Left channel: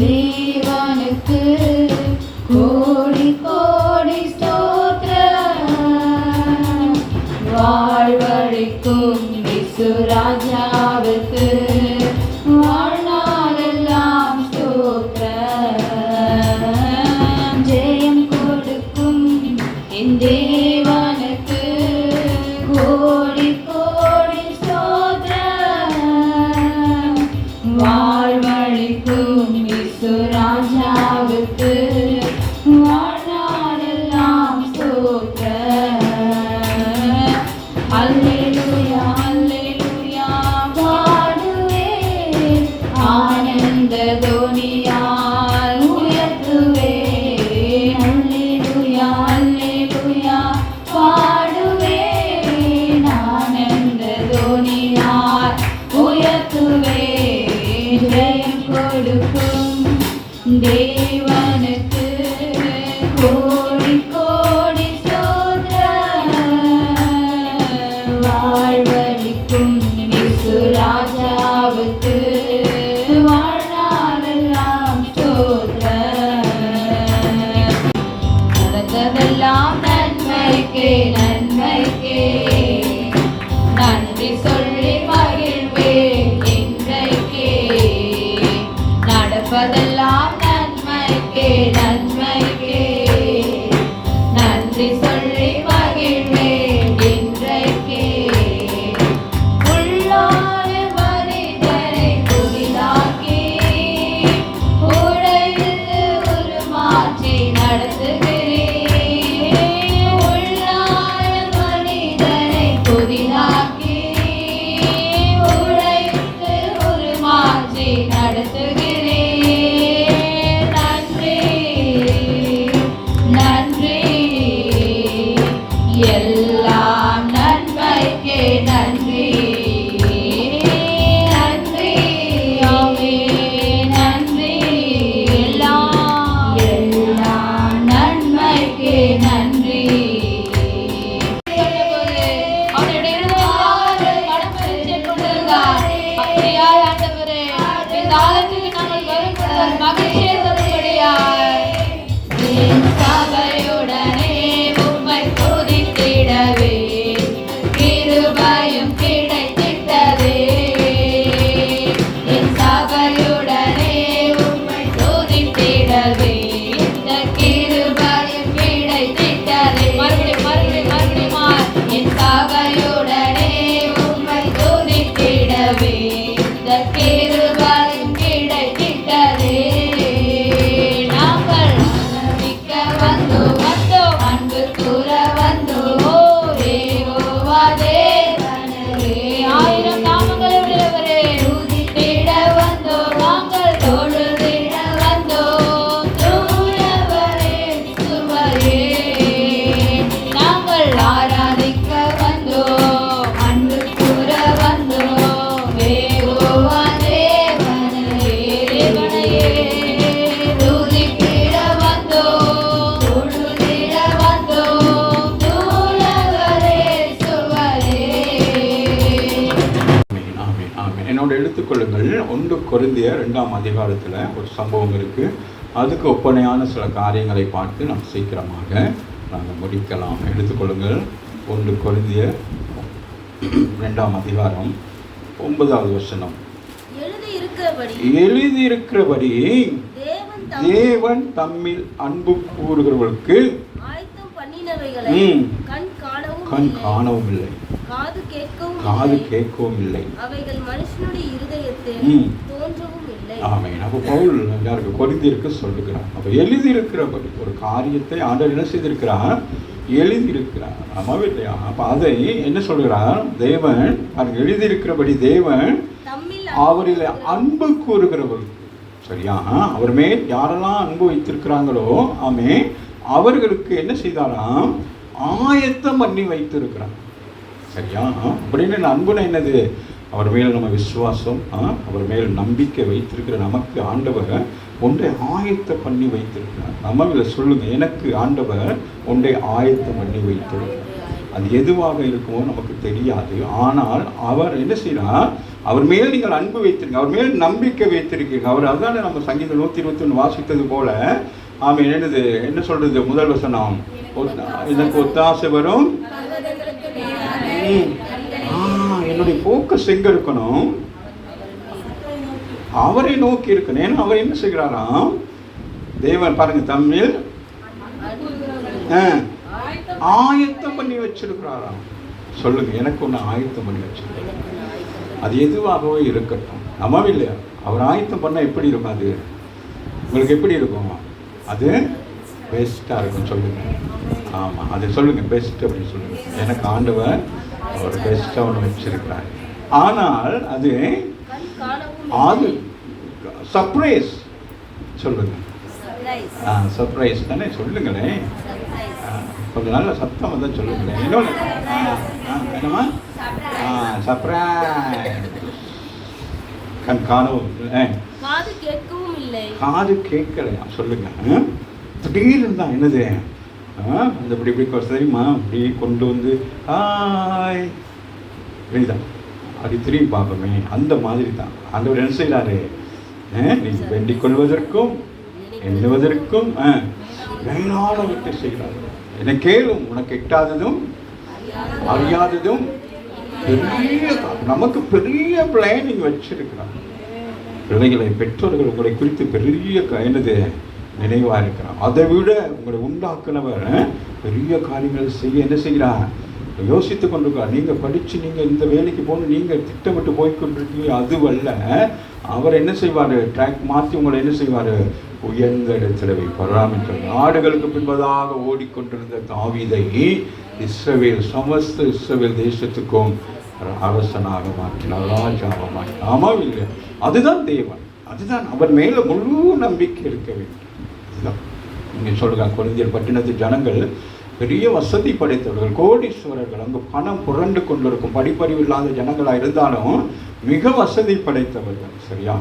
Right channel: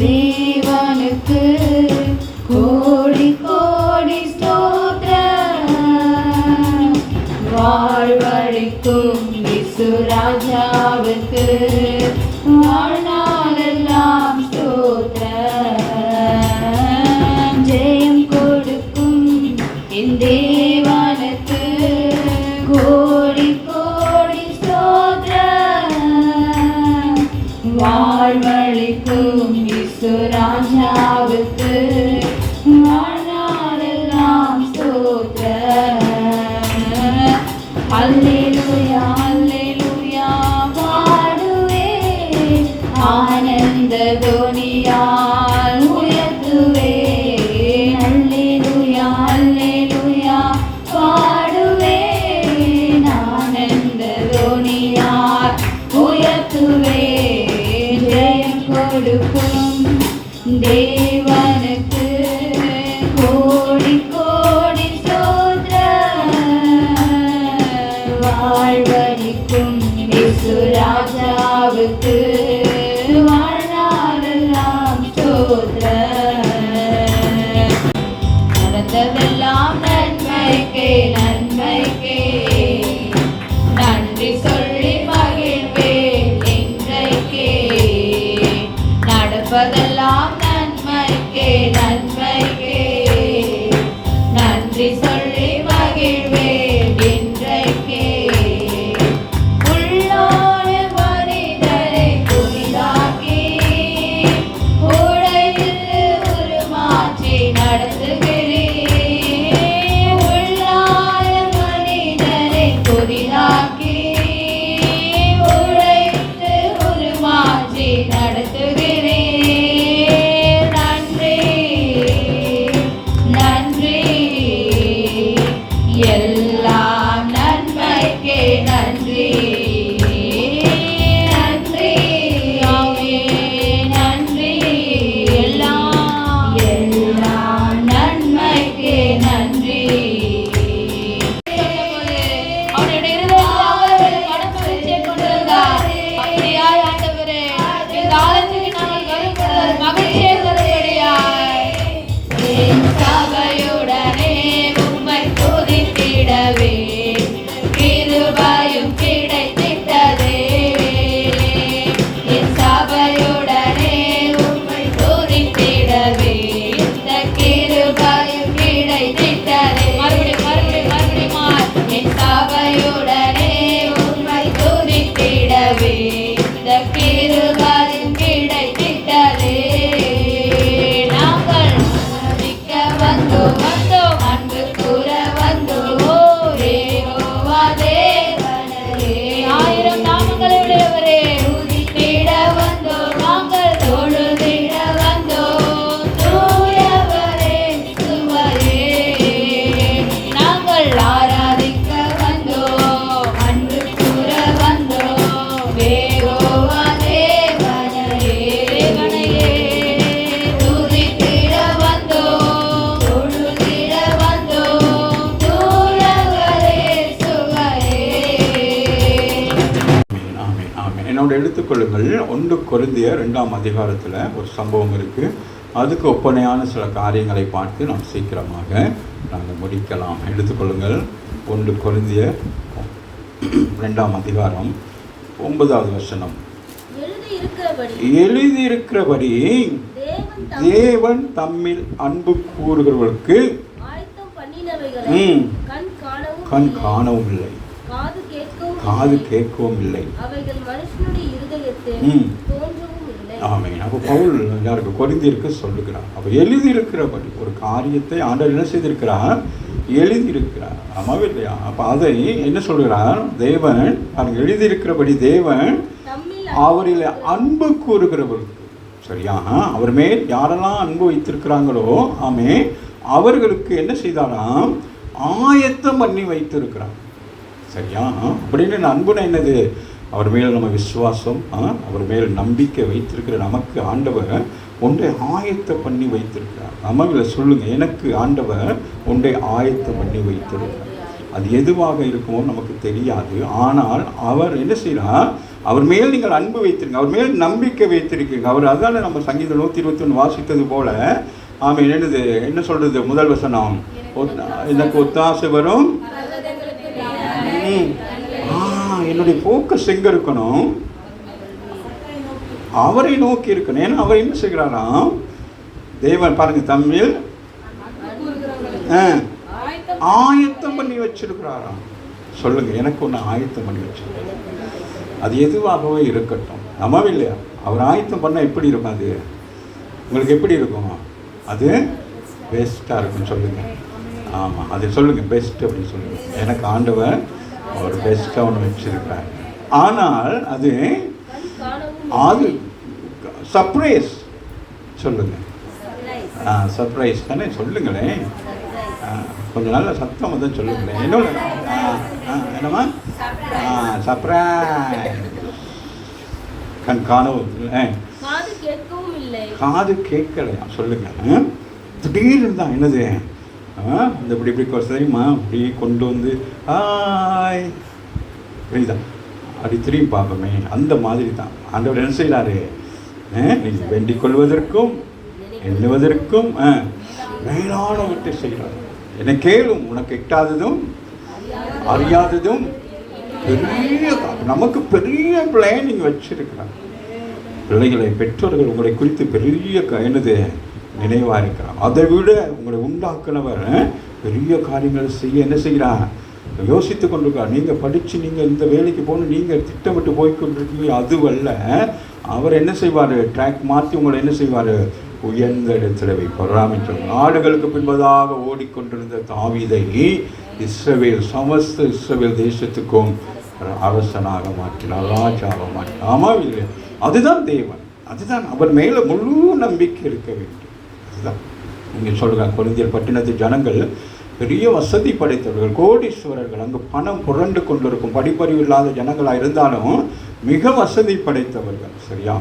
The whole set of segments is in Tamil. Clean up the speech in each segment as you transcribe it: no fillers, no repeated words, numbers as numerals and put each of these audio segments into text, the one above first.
தேவனுக்கு கோடி கோடி ஸ்தோத்திரம். வாழ்வழிக்கும் இயேசு ராஜாவுக்கு வாழ்நாளெல்லாம் ஸ்தோத்திரம். ஜெயம் கொடுக்கும் என் தேவனுக்கு கோடி கோடி ஸ்தோத்திரம். வாழ்வழிக்கும் இயேசு ராஜாவுக்கு வாழ்நாளெல்லாம் ஸ்தோத்திரம். அல்லேலூயா அல்லேலூயா பாடுவேன், ஆனந்த தொனியால் உயர்த்துவேன். அல்லேலூயா அல்லேலூயா பாடுவேன், ஆனந்த தொனியால் உயர்த்துவேன். ஜெயம் கொடுக்கும் தேவனுக்கு கோடி கோடி ஸ்தோத்திரம். வாழ்வழிக்கும் இயேசு ராஜாவுக்கு வாழ்நாளெல்லாம் ஸ்தோத்திரம். நடந்ததெல்லாம் நன்மைக்கே நன்மைக்கே, நன்றி சொல்லி மகிழ்வேன் இன்றைக்கே. நடப்பதெல்லாம் நன்மைக்கே நன்மைக்கே, நன்றி சொல்லி மகிழ்வேன் இன்றைக்கே. உள்ளோன மனிதரை புதிதாக்கி உடையில் உருமாற்றி நடத்துகிறேன். உள்ளான மனிதரை புதிதாக்கி உடையில் உருமாற்றி நடத்துகிறேன். நன்றி நன்றி, எல்லாம் நன்மைக்கே நன்றி. நன்றி நன்றி, எல்லாம் நன்மைக்கே நன்றி. என் சபையுடனே உம்மை துதித்திடவே கிருபையும் கிடைத்திட்டதே. என் சபையுடனே உம்மை துதித்திடவே இந்த கிருபையும் கிடைத்திட்டதே. என் சபையுடனே உம்மை துதித்திடவே இந்த கிருபையும் கிடைத்திட்டதே. நாங்கள் ஆராதிக்க வந்தோம் வந்தோம், அன்பு கூற வந்தோம் யெகோவா தேவனே. ஆயிரம் நாமங்களுடையவரே, துதித்திட வந்தோம் நாங்கள், தொழுதிட வந்தோம் தூயவரே சுவையே. நாங்கள் ஆராதிக்க வந்தோம், அன்பு கூற வந்தோம் யெகோவா தேவனே. துதித்திட வந்தோம், தொழுதிட வந்தோம் தூயவரே சுவையே. ஆமென், ஆமென். என்னோட எடுத்துக்கொள்ளுங்கள். 1 கொரிந்தியர் 2ஆம் அதிகாரத்தில் ஒரு சம்பவம் இருக்குது. அதுக்கு ஒப்பனையான சில காரியங்களை பார்த்து நாம் சீக்கிரமாக நாங்கள் முடிக்கலாம். எடுத்துக்கொள்ளுங்கள். 1 கொரிந்தியர் 2ஆம் அதிகாரம் 9வது வசனம். எழுதியிருக்கிறபடி தேவன் தம்மில் அன்பு கூறுகிறவர்களுக்கு கண் காணவும் இல்லை, காது கேட்கவும் இல்லை. ஆமென். அப்போ பவுல் எல்லாருக்கும் கொரிந்தியருக்கு சொல்லுகிறார். அப்போ எழுதியிருக்கிறபடி ஒரு காரியத்தை ஆண்டவர் என்ன செய்திருக்கிறார்? எழுதியிருக்கிறார். ஆமாவே இல்லையா? அப்போ அதை என்ன சொல்கிறார்? தேவன் அவருக்கு எழுதியிருக்கிறபடி தேவன் அவரில் அன்பு கூறுகிறவர்கள், சரியா, அவர் மேல் யாரெல்லாம் அன்பு வைத்திருக்கிறாங்களோ ஆமே அவர்களுக்கு என்ன செய்தாராம்? ஆயத்தம் பண்ணி வைத்திருக்கிறார். சரியா? அப்படின்னு அன்புனா என்னது? அவர் மேல் நம்ம விசுவாசம், அவர் மேல் நம்பிக்கை வைத்திருக்கிற நமக்கு ஆண்டவர் ஒன்றை ஆயத்தம் பண்ணி வைத்திருக்கிறார். நம்மள சொல்லுங்க, எனக்கு ஆண்டவர் ஒன்றை ஆயத்தம் பண்ணி வைத்திருக்கிறார். அது எதுவாக இருக்குமோ நமக்கு தெரியாது. ஆனால் அவர் என்ன செய்யறார்? அவர் மேல் நீங்கள் அன்பு வைத்திருங்க, அவர் மேல் நம்பிக்கை வைத்திருக்கீங்க. அவர் அதான நம்ம சங்கீதம் 121 வாசித்தது போல. ஆமாம், என்ன சொல்றது முதல் வசனம், எனக்கு ஒத்தாசை வரும். என்னுடைய போக்கஸ் எங்க இருக்கணும்? அவரை நோக்கி இருக்கணும். ஏன்னா அவர் என்ன செய்கிறாராம், தேவன் பாருங்க தமிழ் ஆயத்தம் பண்ணி வச்சிருக்கிறாராம். சொல்லுங்க, எனக்கு ஒன்று ஆயத்தம் பண்ணி வச்சிருக்காரு. அது எதுவாகவே இருக்கட்டும், நம்ம இல்லையா? அவர் ஆயத்தம் பண்ண எப்படி இருக்கும்? அது உங்களுக்கு எப்படி இருக்கும்? அது பெஸ்ட்டாக இருக்கும். சொல்லுங்க. ஆமாம், அது சொல்லுங்க, பெஸ்ட் அப்படின்னு சொல்லுங்க. எனக்கு ஆண்டவர் அவர் பெஸ்ட்டாக ஒன்று வச்சிருக்கிறார். ஆனால் அது சர்ப்ரைஸ். சொல்லுங்க. சர்ப்ரைஸ் தானே? சொல்லுங்களேன், கொஞ்சம் நல்ல சத்தம் வந்து சொல்லுங்களேன். என்னமா சர்ப்ரைஸ்? காது கேட்கலையா? சொல்லுங்க. திடீர்னு தான் என்னது, இந்த இப்படி தெரியுமா, இப்படி கொண்டு வந்து புரியுதா, அப்படி திரும்பி பார்ப்போமே, அந்த மாதிரி தான் ஆண்டவர் என்ன செய்யறாரு, நீங்கள் வேண்டிக் கொள்வதற்கும் எண்ணுவதற்கும் மேலானவற்றை செய்கிறார். என்னை கேளும், உனக்கு எட்டாததும் அறியாததும் பெரிய, நமக்கு பெரிய பிளானிங் வச்சிருக்கிறார். பிள்ளைகளை, பெற்றோர்கள் உங்களை குறித்து பெரிய என்னது நினைவாக இருக்கிறார். அதை விட உங்களை உண்டாக்குனவர் பெரிய காரியங்களை செய்ய என்ன செய்கிறார், யோசித்து கொண்டிருக்கார். நீங்கள் படித்து நீங்கள் இந்த வேலைக்கு போகணும், நீங்கள் திட்டமிட்டு போய்கொண்டிருக்கீங்க, அதுவல்ல. அவர் என்ன செய்வார், ட்ராக் மாற்றி உங்களை என்ன செய்வார், உயர்ந்த இடத்துல வைப்பார். நாடுகளுக்கு பின்பதாக ஓடிக்கொண்டிருந்த தாவீதை இஸ்ரவேல், சமஸ்த இஸ்ரவேல் தேசத்துக்கும் அரசனாக மாற்றினார், ராஜாவாக மாற்றினார். ஆமாம் இல்லை? அதுதான் தேவன், அதுதான். அவர் மேலே முழு நம்பிக்கை இருக்க வேண்டும். அதுதான் நீங்கள் சொல்லுங்க. கொரிந்தியர் பட்டினத்து ஜனங்கள் பெரிய வசதி படைத்தவர்கள், கோடீஸ்வரர்கள். அங்கு பணம் புரண்டு கொண்டிருக்கும் படிப்பறிவு இல்லாத ஜனங்களாக இருந்தாலும் மிக வசதி படைத்தவர்கள். சரியா?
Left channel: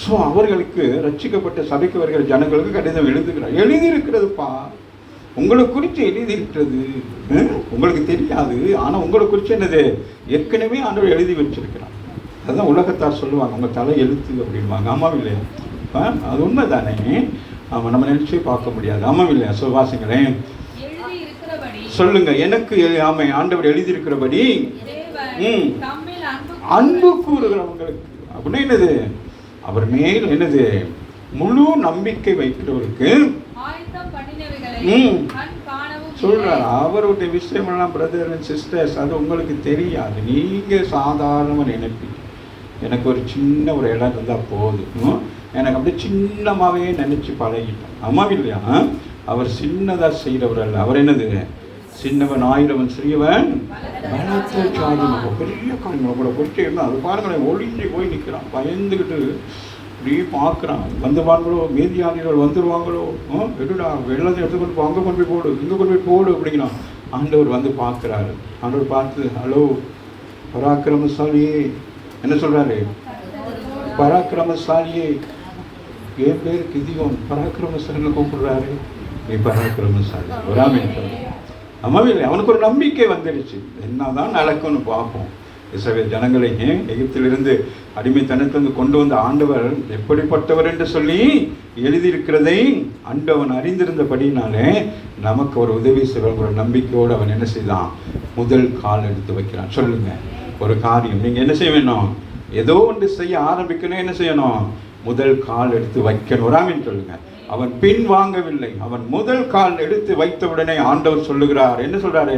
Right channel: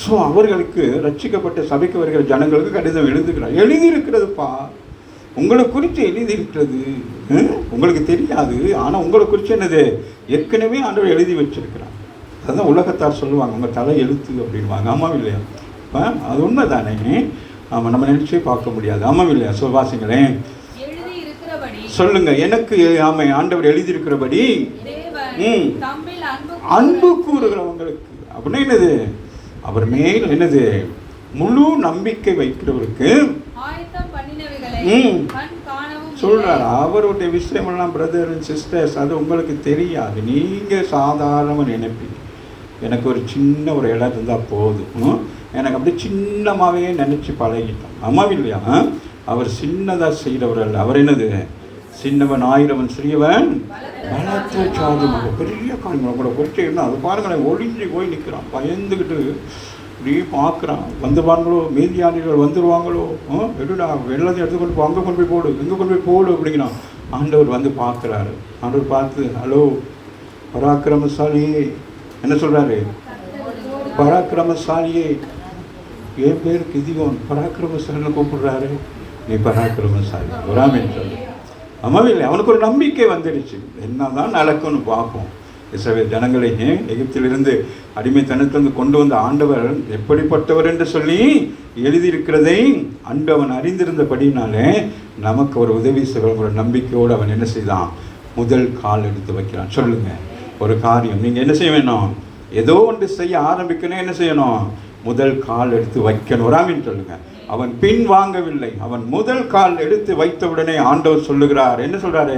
ஸோ அவர்களுக்கு ரட்சிக்கப்பட்ட சபைக்கு வருகிற ஜனங்களுக்கு கடிதம் எழுதுகிறார். எழுதியிருக்கிறதுப்பா, உங்களை குறித்து எழுதியிருக்கிறது, உங்களுக்கு தெரியாது. ஆனால் உங்களை குறித்து என்னது ஏற்கனவே ஆண்டவர் எழுதி வச்சிருக்கிறார். அதுதான் உலகத்தார் சொல்லுவாங்க, நம்ம தலை எழுத்து அப்படின்வாங்க. ஆமாம் இல்லையா? அது உண்மை தானே? ஆமாம், நம்ம நினைச்சே பார்க்க முடியாது. ஆமாம் இல்லையா? வாசிங்களேன், சொல்லுங்க. எனக்கு ஆண்டவர் எழுதியிருக்கிறபடி அன்பு கூறுகிறவங்களுக்கு அப்படின்னா என்னது, அவர் மேல் என்னது முழு நம்பிக்கை வைக்கிறவருக்கு சொல்றாரு. அவருடைய விஷயமெல்லாம் பிரதர் அண்ட் சிஸ்டர்ஸ், அது உங்களுக்கு தெரியாது. நீங்க சாதாரண நினைப்பீங்க, எனக்கு ஒரு சின்ன ஒரு இடம் இருந்தால் போதும், எனக்கு அப்படியே சின்னமாகவே நினைச்சு பழகிட்டோம். ஆமாம் இல்லையா? அவர் சின்னதாக செய்கிறவர் அல்ல. அவர் என்னது, சின்னவன் ஆயிரவன் சிறியவன் பலத்த சாதிமாக. பெரிய காரியங்களை கூட குறிச்சு என்ன, அது பாருங்களேன், ஒளிஞ்சு போய் நிற்கிறான், பயந்துக்கிட்டு இப்படி பார்க்குறான். வந்துடுவாங்களோ, மீதியானிகள் வந்துடுவாங்களோ, விடுடா, வெள்ளத்தை எடுத்துக்கொண்டு அங்கே கொண்டு போய் போடு, இங்கே கொண்டு போய் போடு அப்படிங்கிறான். ஆண்டவர் வந்து பார்க்குறாரு. ஆண்டவர் பார்த்து, ஹலோ பராக்கிரமசாலியே, என்ன சொல்கிறாரு, பராக்கிரமசாலியே, என் பேர் கிதியோன், பராக்கிரமசாலின்னு கூப்பிடுறாரு. நீ பராக்கிரமசாலி வராமே சொல்லு. இல்லை, அவனுக்கு ஒரு நம்பிக்கை வந்துடுச்சு. என்னதான் நடக்கும்னு பார்ப்போம். இஸ்ரவேல் ஜனங்களை எகிப்திலிருந்து அடிமைத்தனத்திலிருந்து கொண்டு வந்த ஆண்டவர் எப்படிப்பட்டவர் என்று சொல்லி எழுதியிருக்கிறதை ஆண்டவன் அறிந்திருந்தபடினாலே நமக்கு ஒரு உதவி செய்ய ஒரு நம்பிக்கையோடு அவன் என்ன செய்தான், முதல் கால் எடுத்து வைக்கிறான். சொல்லுங்க, ஒரு காரியம் நீங்கள் என்ன செய்ய வேணும், ஏதோ ஒன்று செய்ய ஆரம்பிக்கணும், என்ன செய்யணும், முதல் கால் எடுத்து வைக்கணும். வராமின்னு சொல்லுங்க. அவன் பின் வாங்கவில்லை, அவன் முதல் கால் எடுத்து வைத்தவுடனே ஆண்டவர் சொல்லுகிறார். என்ன சொல்றாரு,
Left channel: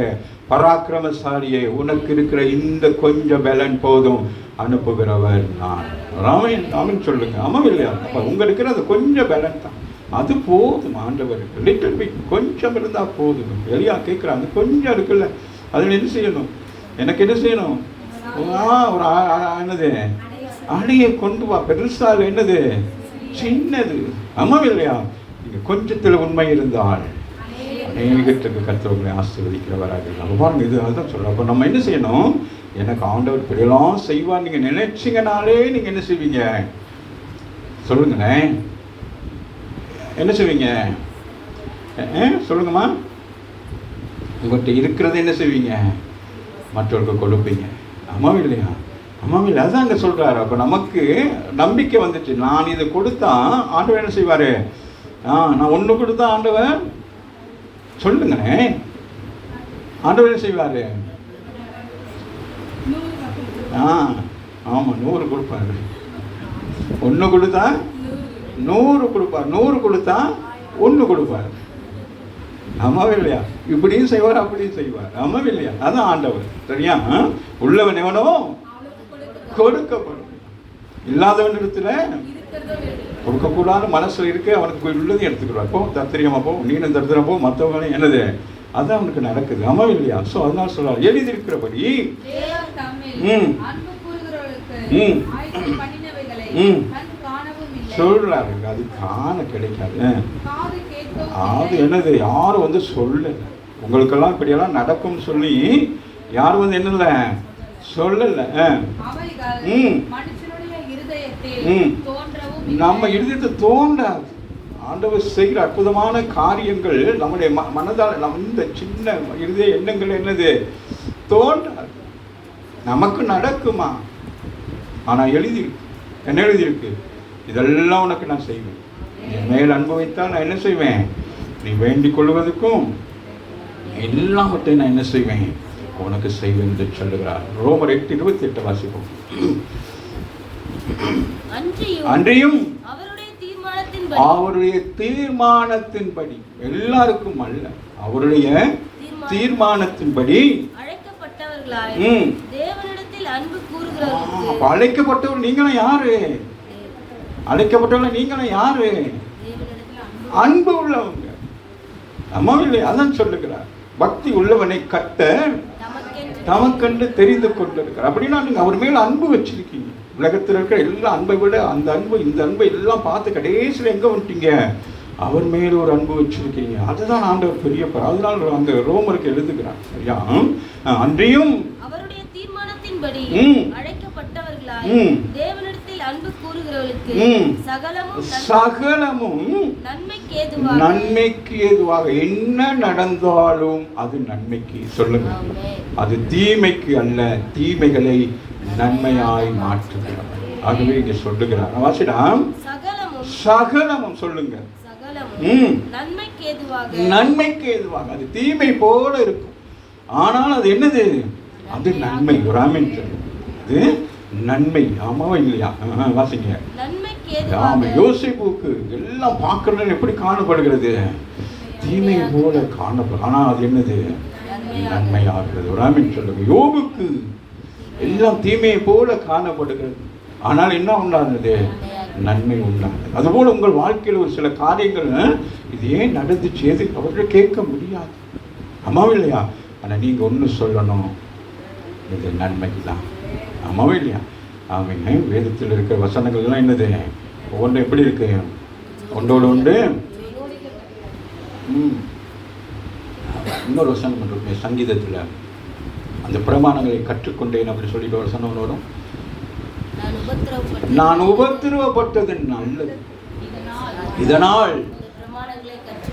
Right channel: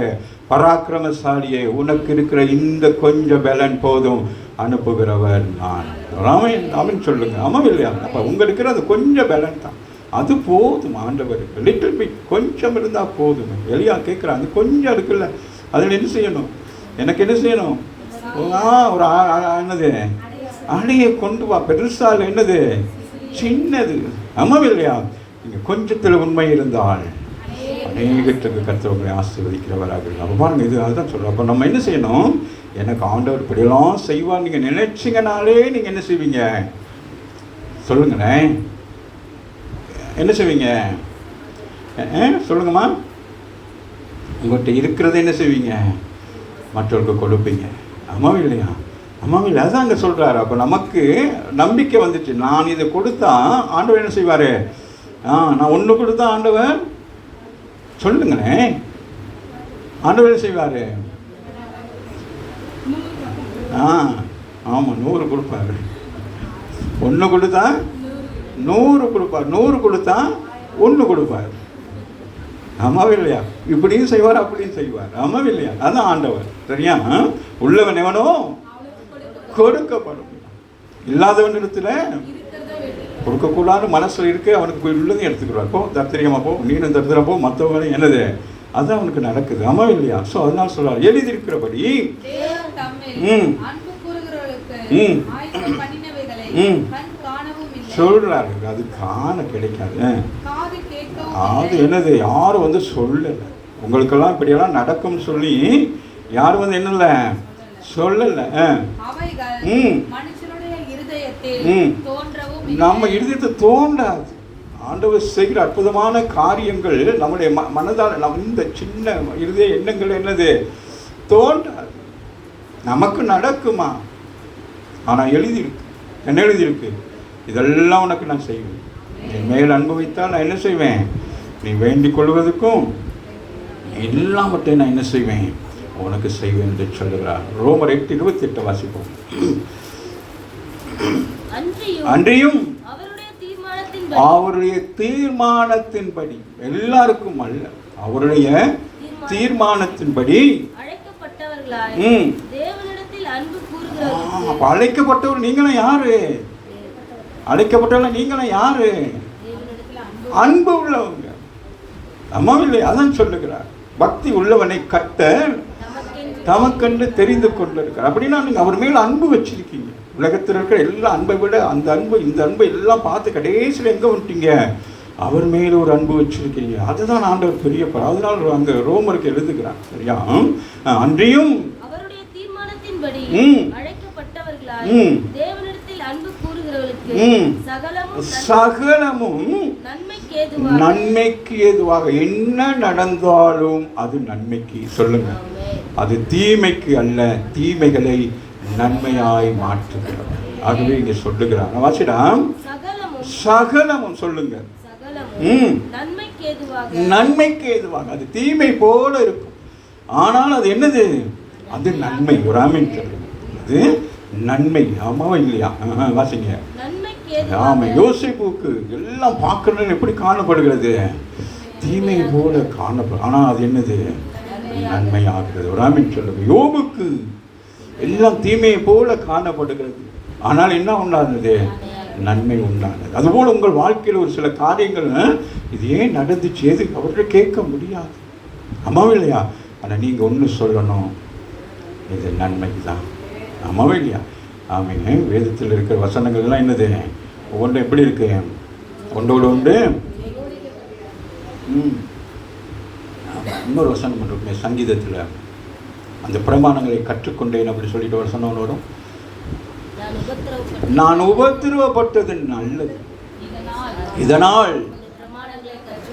பராக்கிரமசாலியே, உனக்கு இருக்கிற இந்த கொஞ்சம் பலன் போதும், அனுப்புகிறவர் நான். ராமன் சொல்லுங்க. ஆமாம் இல்லையா? அப்போ உங்க இருக்கிற அது கொஞ்சம் பலன் தான், அது போதும் ஆண்டவருக்கு. லிட்டில் பிட், கொஞ்சம் இருந்தால் போதும். எலியா கேட்குறாங்க, கொஞ்சம் இருக்குல்ல, அதில் என்ன செய்யணும், எனக்கு என்ன செய்யணும், ஒரு என்னது அணியை கொண்டு வா, பெருசாக என்னது சின்னது. ஆமாம் இல்லையா? இங்கே கொஞ்சத்தில் உண்மை இருந்தால் அநேகத்துக்கு கர்த்தர்களை ஆசீர்வதிக்கிறவராக. நம்ம பாருங்க, இது அதுதான் சொல்கிறோம். அப்போ நம்ம என்ன செய்யணும், எனக்கு ஆண்டவர் இப்படியெல்லாம் செய்வார் நீங்கள் நினைச்சிங்கனாலே நீங்கள் என்ன செய்வீங்க, சொல்லுங்களேன், என்ன செய்வீங்க, சொல்லுங்கம்மா. உங்கள்கிட்ட இருக்கிறத என்ன செய்வீங்க, மற்றவர்களுக்கு கொடுப்பீங்க. ஆமாம் இல்லையா? ஆமாம், அதான் அங்கே சொல்கிறாரு. அப்போ நமக்கு நம்பிக்கை வந்துச்சு. நான் இதை கொடுத்தா ஆண்டவர் என்ன செய்வார்? நான் ஒன்று கொடுத்தா ஆண்டவர் சொல்லுங்கண்ணே, ஆண்டவர் என்ன செய்வார்? ஆமாம், 100 கொடுப்பாரு. 1 கொடுத்தா 100 கொடுப்பார், 100 கொடுத்தா 1 கொடுப்பார். ஆமாவே இல்லையா? இப்படியும் செய்வார், அப்படியும் செய்வார். ஆமாவே இல்லையா? அதான் ஆண்டவர். சரியா? உள்ளவன் எவனோ கொடுக்கப்படும், இல்லாதவன் இடத்துல கொடுக்கக்கூடாது மனசுல இருக்கு. அவனுக்கு உள்ளதையும் எடுத்துக்கிறார். போ தத்திரியமா போ, நீனும் தத்திரப்போ, மற்றவங்களையும் என்னது அதான் அவனுக்கு நடக்குது. ஆமாவே இல்லையா? ஸோ அதனால சொல்றாரு, எழுதியிருக்கிறபடி சொல்றாரு. அது காண கிடைக்காது. அது என்னது, யாரும் வந்து சொல்லலை. உங்களுக்கெல்லாம் இப்படியெல்லாம் நடக்கும் சொல்லி யாரும் வந்து என்னல சொல்லலை. நம்ம இருதயத்தை தோன்றாது. ஆண்டவர் செய்கிற அற்புதமான காரியங்கள் நம்முடைய மனதால் நம்ம இந்த சின்ன இருதய எண்ணங்கள் என்னது தோன்றாது. நமக்கு நடக்குமா? ஆனால் எழுதியிருக்கு. என்ன எழுதியிருக்கு? இதெல்லாம் உனக்கு நான் செய்வேன். என் மேல் அன்பு வைத்தால் நான் என்ன செய்வேன்? நீ வேண்டிக் கொள்வதற்கும் எல்லாவற்றையும் நான் என்ன செய்வேன்? உனக்கு செய்வேன் என்று சொல்லுகிறார். ரோமர் 8:28 வாசிப்போம். அன்றியும் அவருடைய தீர்மானத்தின்படி, எல்லாருக்கும் அல்ல, அவருடைய தீர்மானத்தின்படி அழைக்கப்பட்டவர். நீங்களும் யாரு? அழைக்கப்பட்டவர்கள் நீங்களும் யாரு? அன்பு உள்ளவங்க. அம்மாவில்லை, அதான் சொல்லுகிறார். பக்தி உள்ளவனை கட்ட தமக்கென்று தெரிந்து கொண்டிருக்கிறார். அப்படின்னா நீங்க அவர் மேல அன்பு வச்சிருக்கீங்க. உலகத்தில் இருக்கிற எல்லா அன்பை விட அந்த அன்பு, இந்த அன்பை எல்லாம் பார்த்து கடைசியில் எங்க வந்துட்டீங்க? அவர் மேல ஒரு அன்பு வச்சிருக்கீங்க. அதுதான் ஆண்டவர் பெரியப்பர். அதனால அங்க ரோமருக்கு எழுதுகிறார். சரியா? அன்றியும் அவருடைய தீர்மானத்தின்படி அழைக்கப்பட்டவர்களாய் தேவனிடத்தில் அன்பு கூறுகிறவர்களுக்கு சகலமும் நன்மைக்கு ஏதுவாக என்ன நடந்தாலும் அது நன்மைக்கு. சொல்லுங்க, அது தீமைக்கு அல்ல, தீமைகளை நன்மையாய் மாற்றுகிறார். ஆகவே இங்க சொல்லுகிறார். வாசிடாம், சகலமும் சொல்லுங்க, நன்மைக்கு ஏதுவாக. அது தீமை போல இருக்கும், ஆனால் அது என்னது? அது நன்மை. ஒரு ஆமீன் சொல்லுங்க. அது நன்மை. ஆமாவா இல்லையா? வாசிங்க. ஆமா, யோசிப்புக்கு எல்லாம் பார்க்கறது எப்படி காணப்படுகிறது? தீமை போல காணப்படும், ஆனால் அது என்னது? நன்மையாகிறது. ஒரு ஆமீன் சொல்லுங்க. யோபுக்கு எல்லாம் தீமையை போல காணப்படுகிறது, ஆனால் என்ன உண்டானது? நன்மை உண்டானது. அதுபோல் உங்கள் வாழ்க்கையில் ஒரு சில காரியங்கள் இது ஏன் நடந்துச்சு, எது அவர்கள் கேட்க முடியாது. ஆமாவே இல்லையா? ஆனால் நீங்கள் ஒன்று சொல்லணும், இது நன்மை தான். ஆமாவே இல்லையா? ஆமாங்க. வேதத்தில் இருக்கிற வசனங்கள்லாம் என்னது? ஒவ்வொன்றும் எப்படி இருக்கு? ஒன்றோடு ஒன்று. இன்னொரு வசனம் இருக்கு சங்கீதத்தில், அந்த பிரமாணங்களை கற்றுக்கொண்டேன் அப்படி சொல்லிட்டு வசனம் வரும். நான் உபத்திரவப்பட்டது நல்லது, இதனால்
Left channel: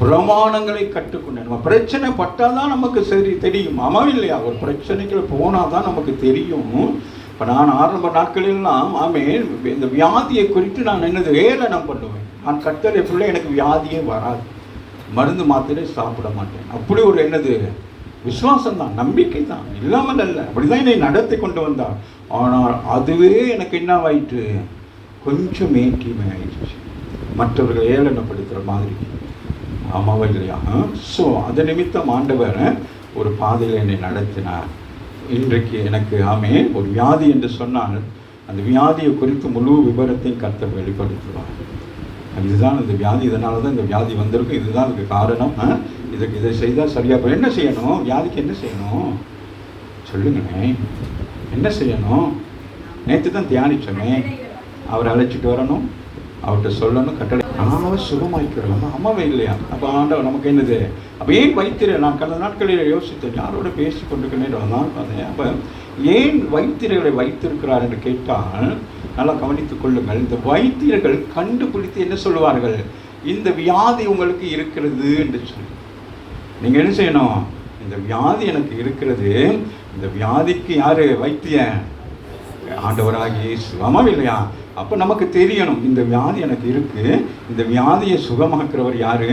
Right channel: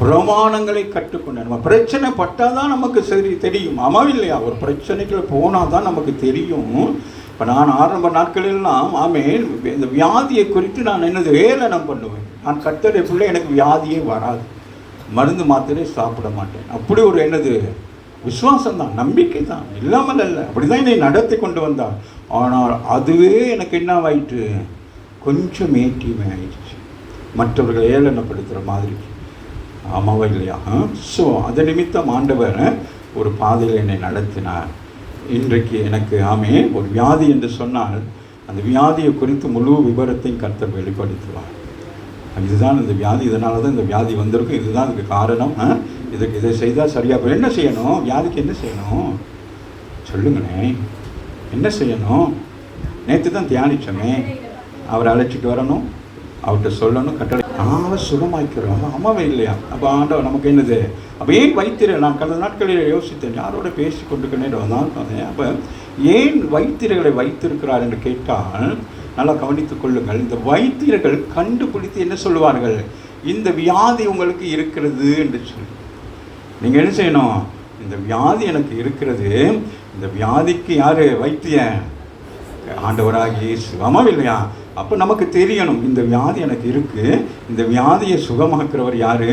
பிரமாணங்களை கற்றுக்கொண்டேன். நம்ம பிரச்சனை பட்டாதான் நமக்கு சரி தெரியும். ஆமாம் இல்லையா? ஒரு பிரச்சனைக்குள்ள போனாதான் நமக்கு தெரியும். இப்போ நான் ஆரம்ப நாட்களெல்லாம் இந்த வியாதியை குறித்து நான் என்னது வேலனம் பண்ணுவேன். நான் கர்த்தரை சொல்ல எனக்கு வியாதியே வராது, மருந்து மாத்திரை சாப்பிட மாட்டேன். அப்படி ஒரு என்னது விசுவாசம் தான், நம்பிக்கை தான், இல்லாமல் அல்ல. அப்படிதான் என்னை நடத்தி கொண்டு வந்தான். ஆனால் அதுவே எனக்கு என்னவாயிற்று? கொஞ்சம் ஏற்றிமை ஆயிடுச்சு, மற்றவர்களை ஏளனப்படுத்துகிற மாதிரி. ஆமாவா இல்லையா? ஸோ அது நிமித்தம் ஆண்டவர் ஒரு பாதையில் என்னை நடத்தினார். இன்றைக்கு எனக்கு ஒரு வியாதி என்று சொன்னால் அந்த வியாதியை குறித்து முழு விவரத்தையும் கர்த்தர் வெளிப்படுத்துவார். இதுதான் இந்த வியாதி, இதனால தான் இந்த வியாதி வந்திருக்கும், இதுதான் இதுக்கு காரணம், இதுக்கு இதை செய்தால் சரியாக. என்ன செய்யணும்? வியாதிக்கு என்ன செய்யணும் சொல்லுங்களே? என்ன செய்யணும்? நேற்று தான் தியானிச்சோமே, அவரை அழைச்சிட்டு வரணும், அவர்கிட்ட சொல்லணும், கட்டளை சுகமாய்க்கிறோம். அம்மாவே இல்லையா? அப்போ ஆண்டவர் நமக்கு என்னது? அப்போ ஏன் வைத்திர, நான் கடந்த நாட்களில் யோசித்தேன், யாரோட பேசி கொண்டிருக்கேன் தான் பார்த்தேன். அப்போ ஏன் வைத்தியர்களை வைத்திருக்கிறார் என்று கேட்டால் நல்லா கவனித்துக் கொள்ளுங்கள். இந்த வைத்தியர்கள் கண்டுபிடித்து என்ன சொல்லுவார்கள்? இந்த வியாதி உங்களுக்கு இருக்கிறது என்று சொல்லி. நீங்கள் என்ன செய்யணும்? இந்த வியாதி எனக்கு இருக்கிறது, இந்த வியாதிக்கு யாரு வைத்தியன்? ஆண்டவராகிய இயேசு. ஆமாம் இல்லையா? அப்போ நமக்கு தெரியணும், இந்த வியாதி எனக்கு இருக்கு, இந்த வியாதியை சுகமாக்குறவர் யாரு?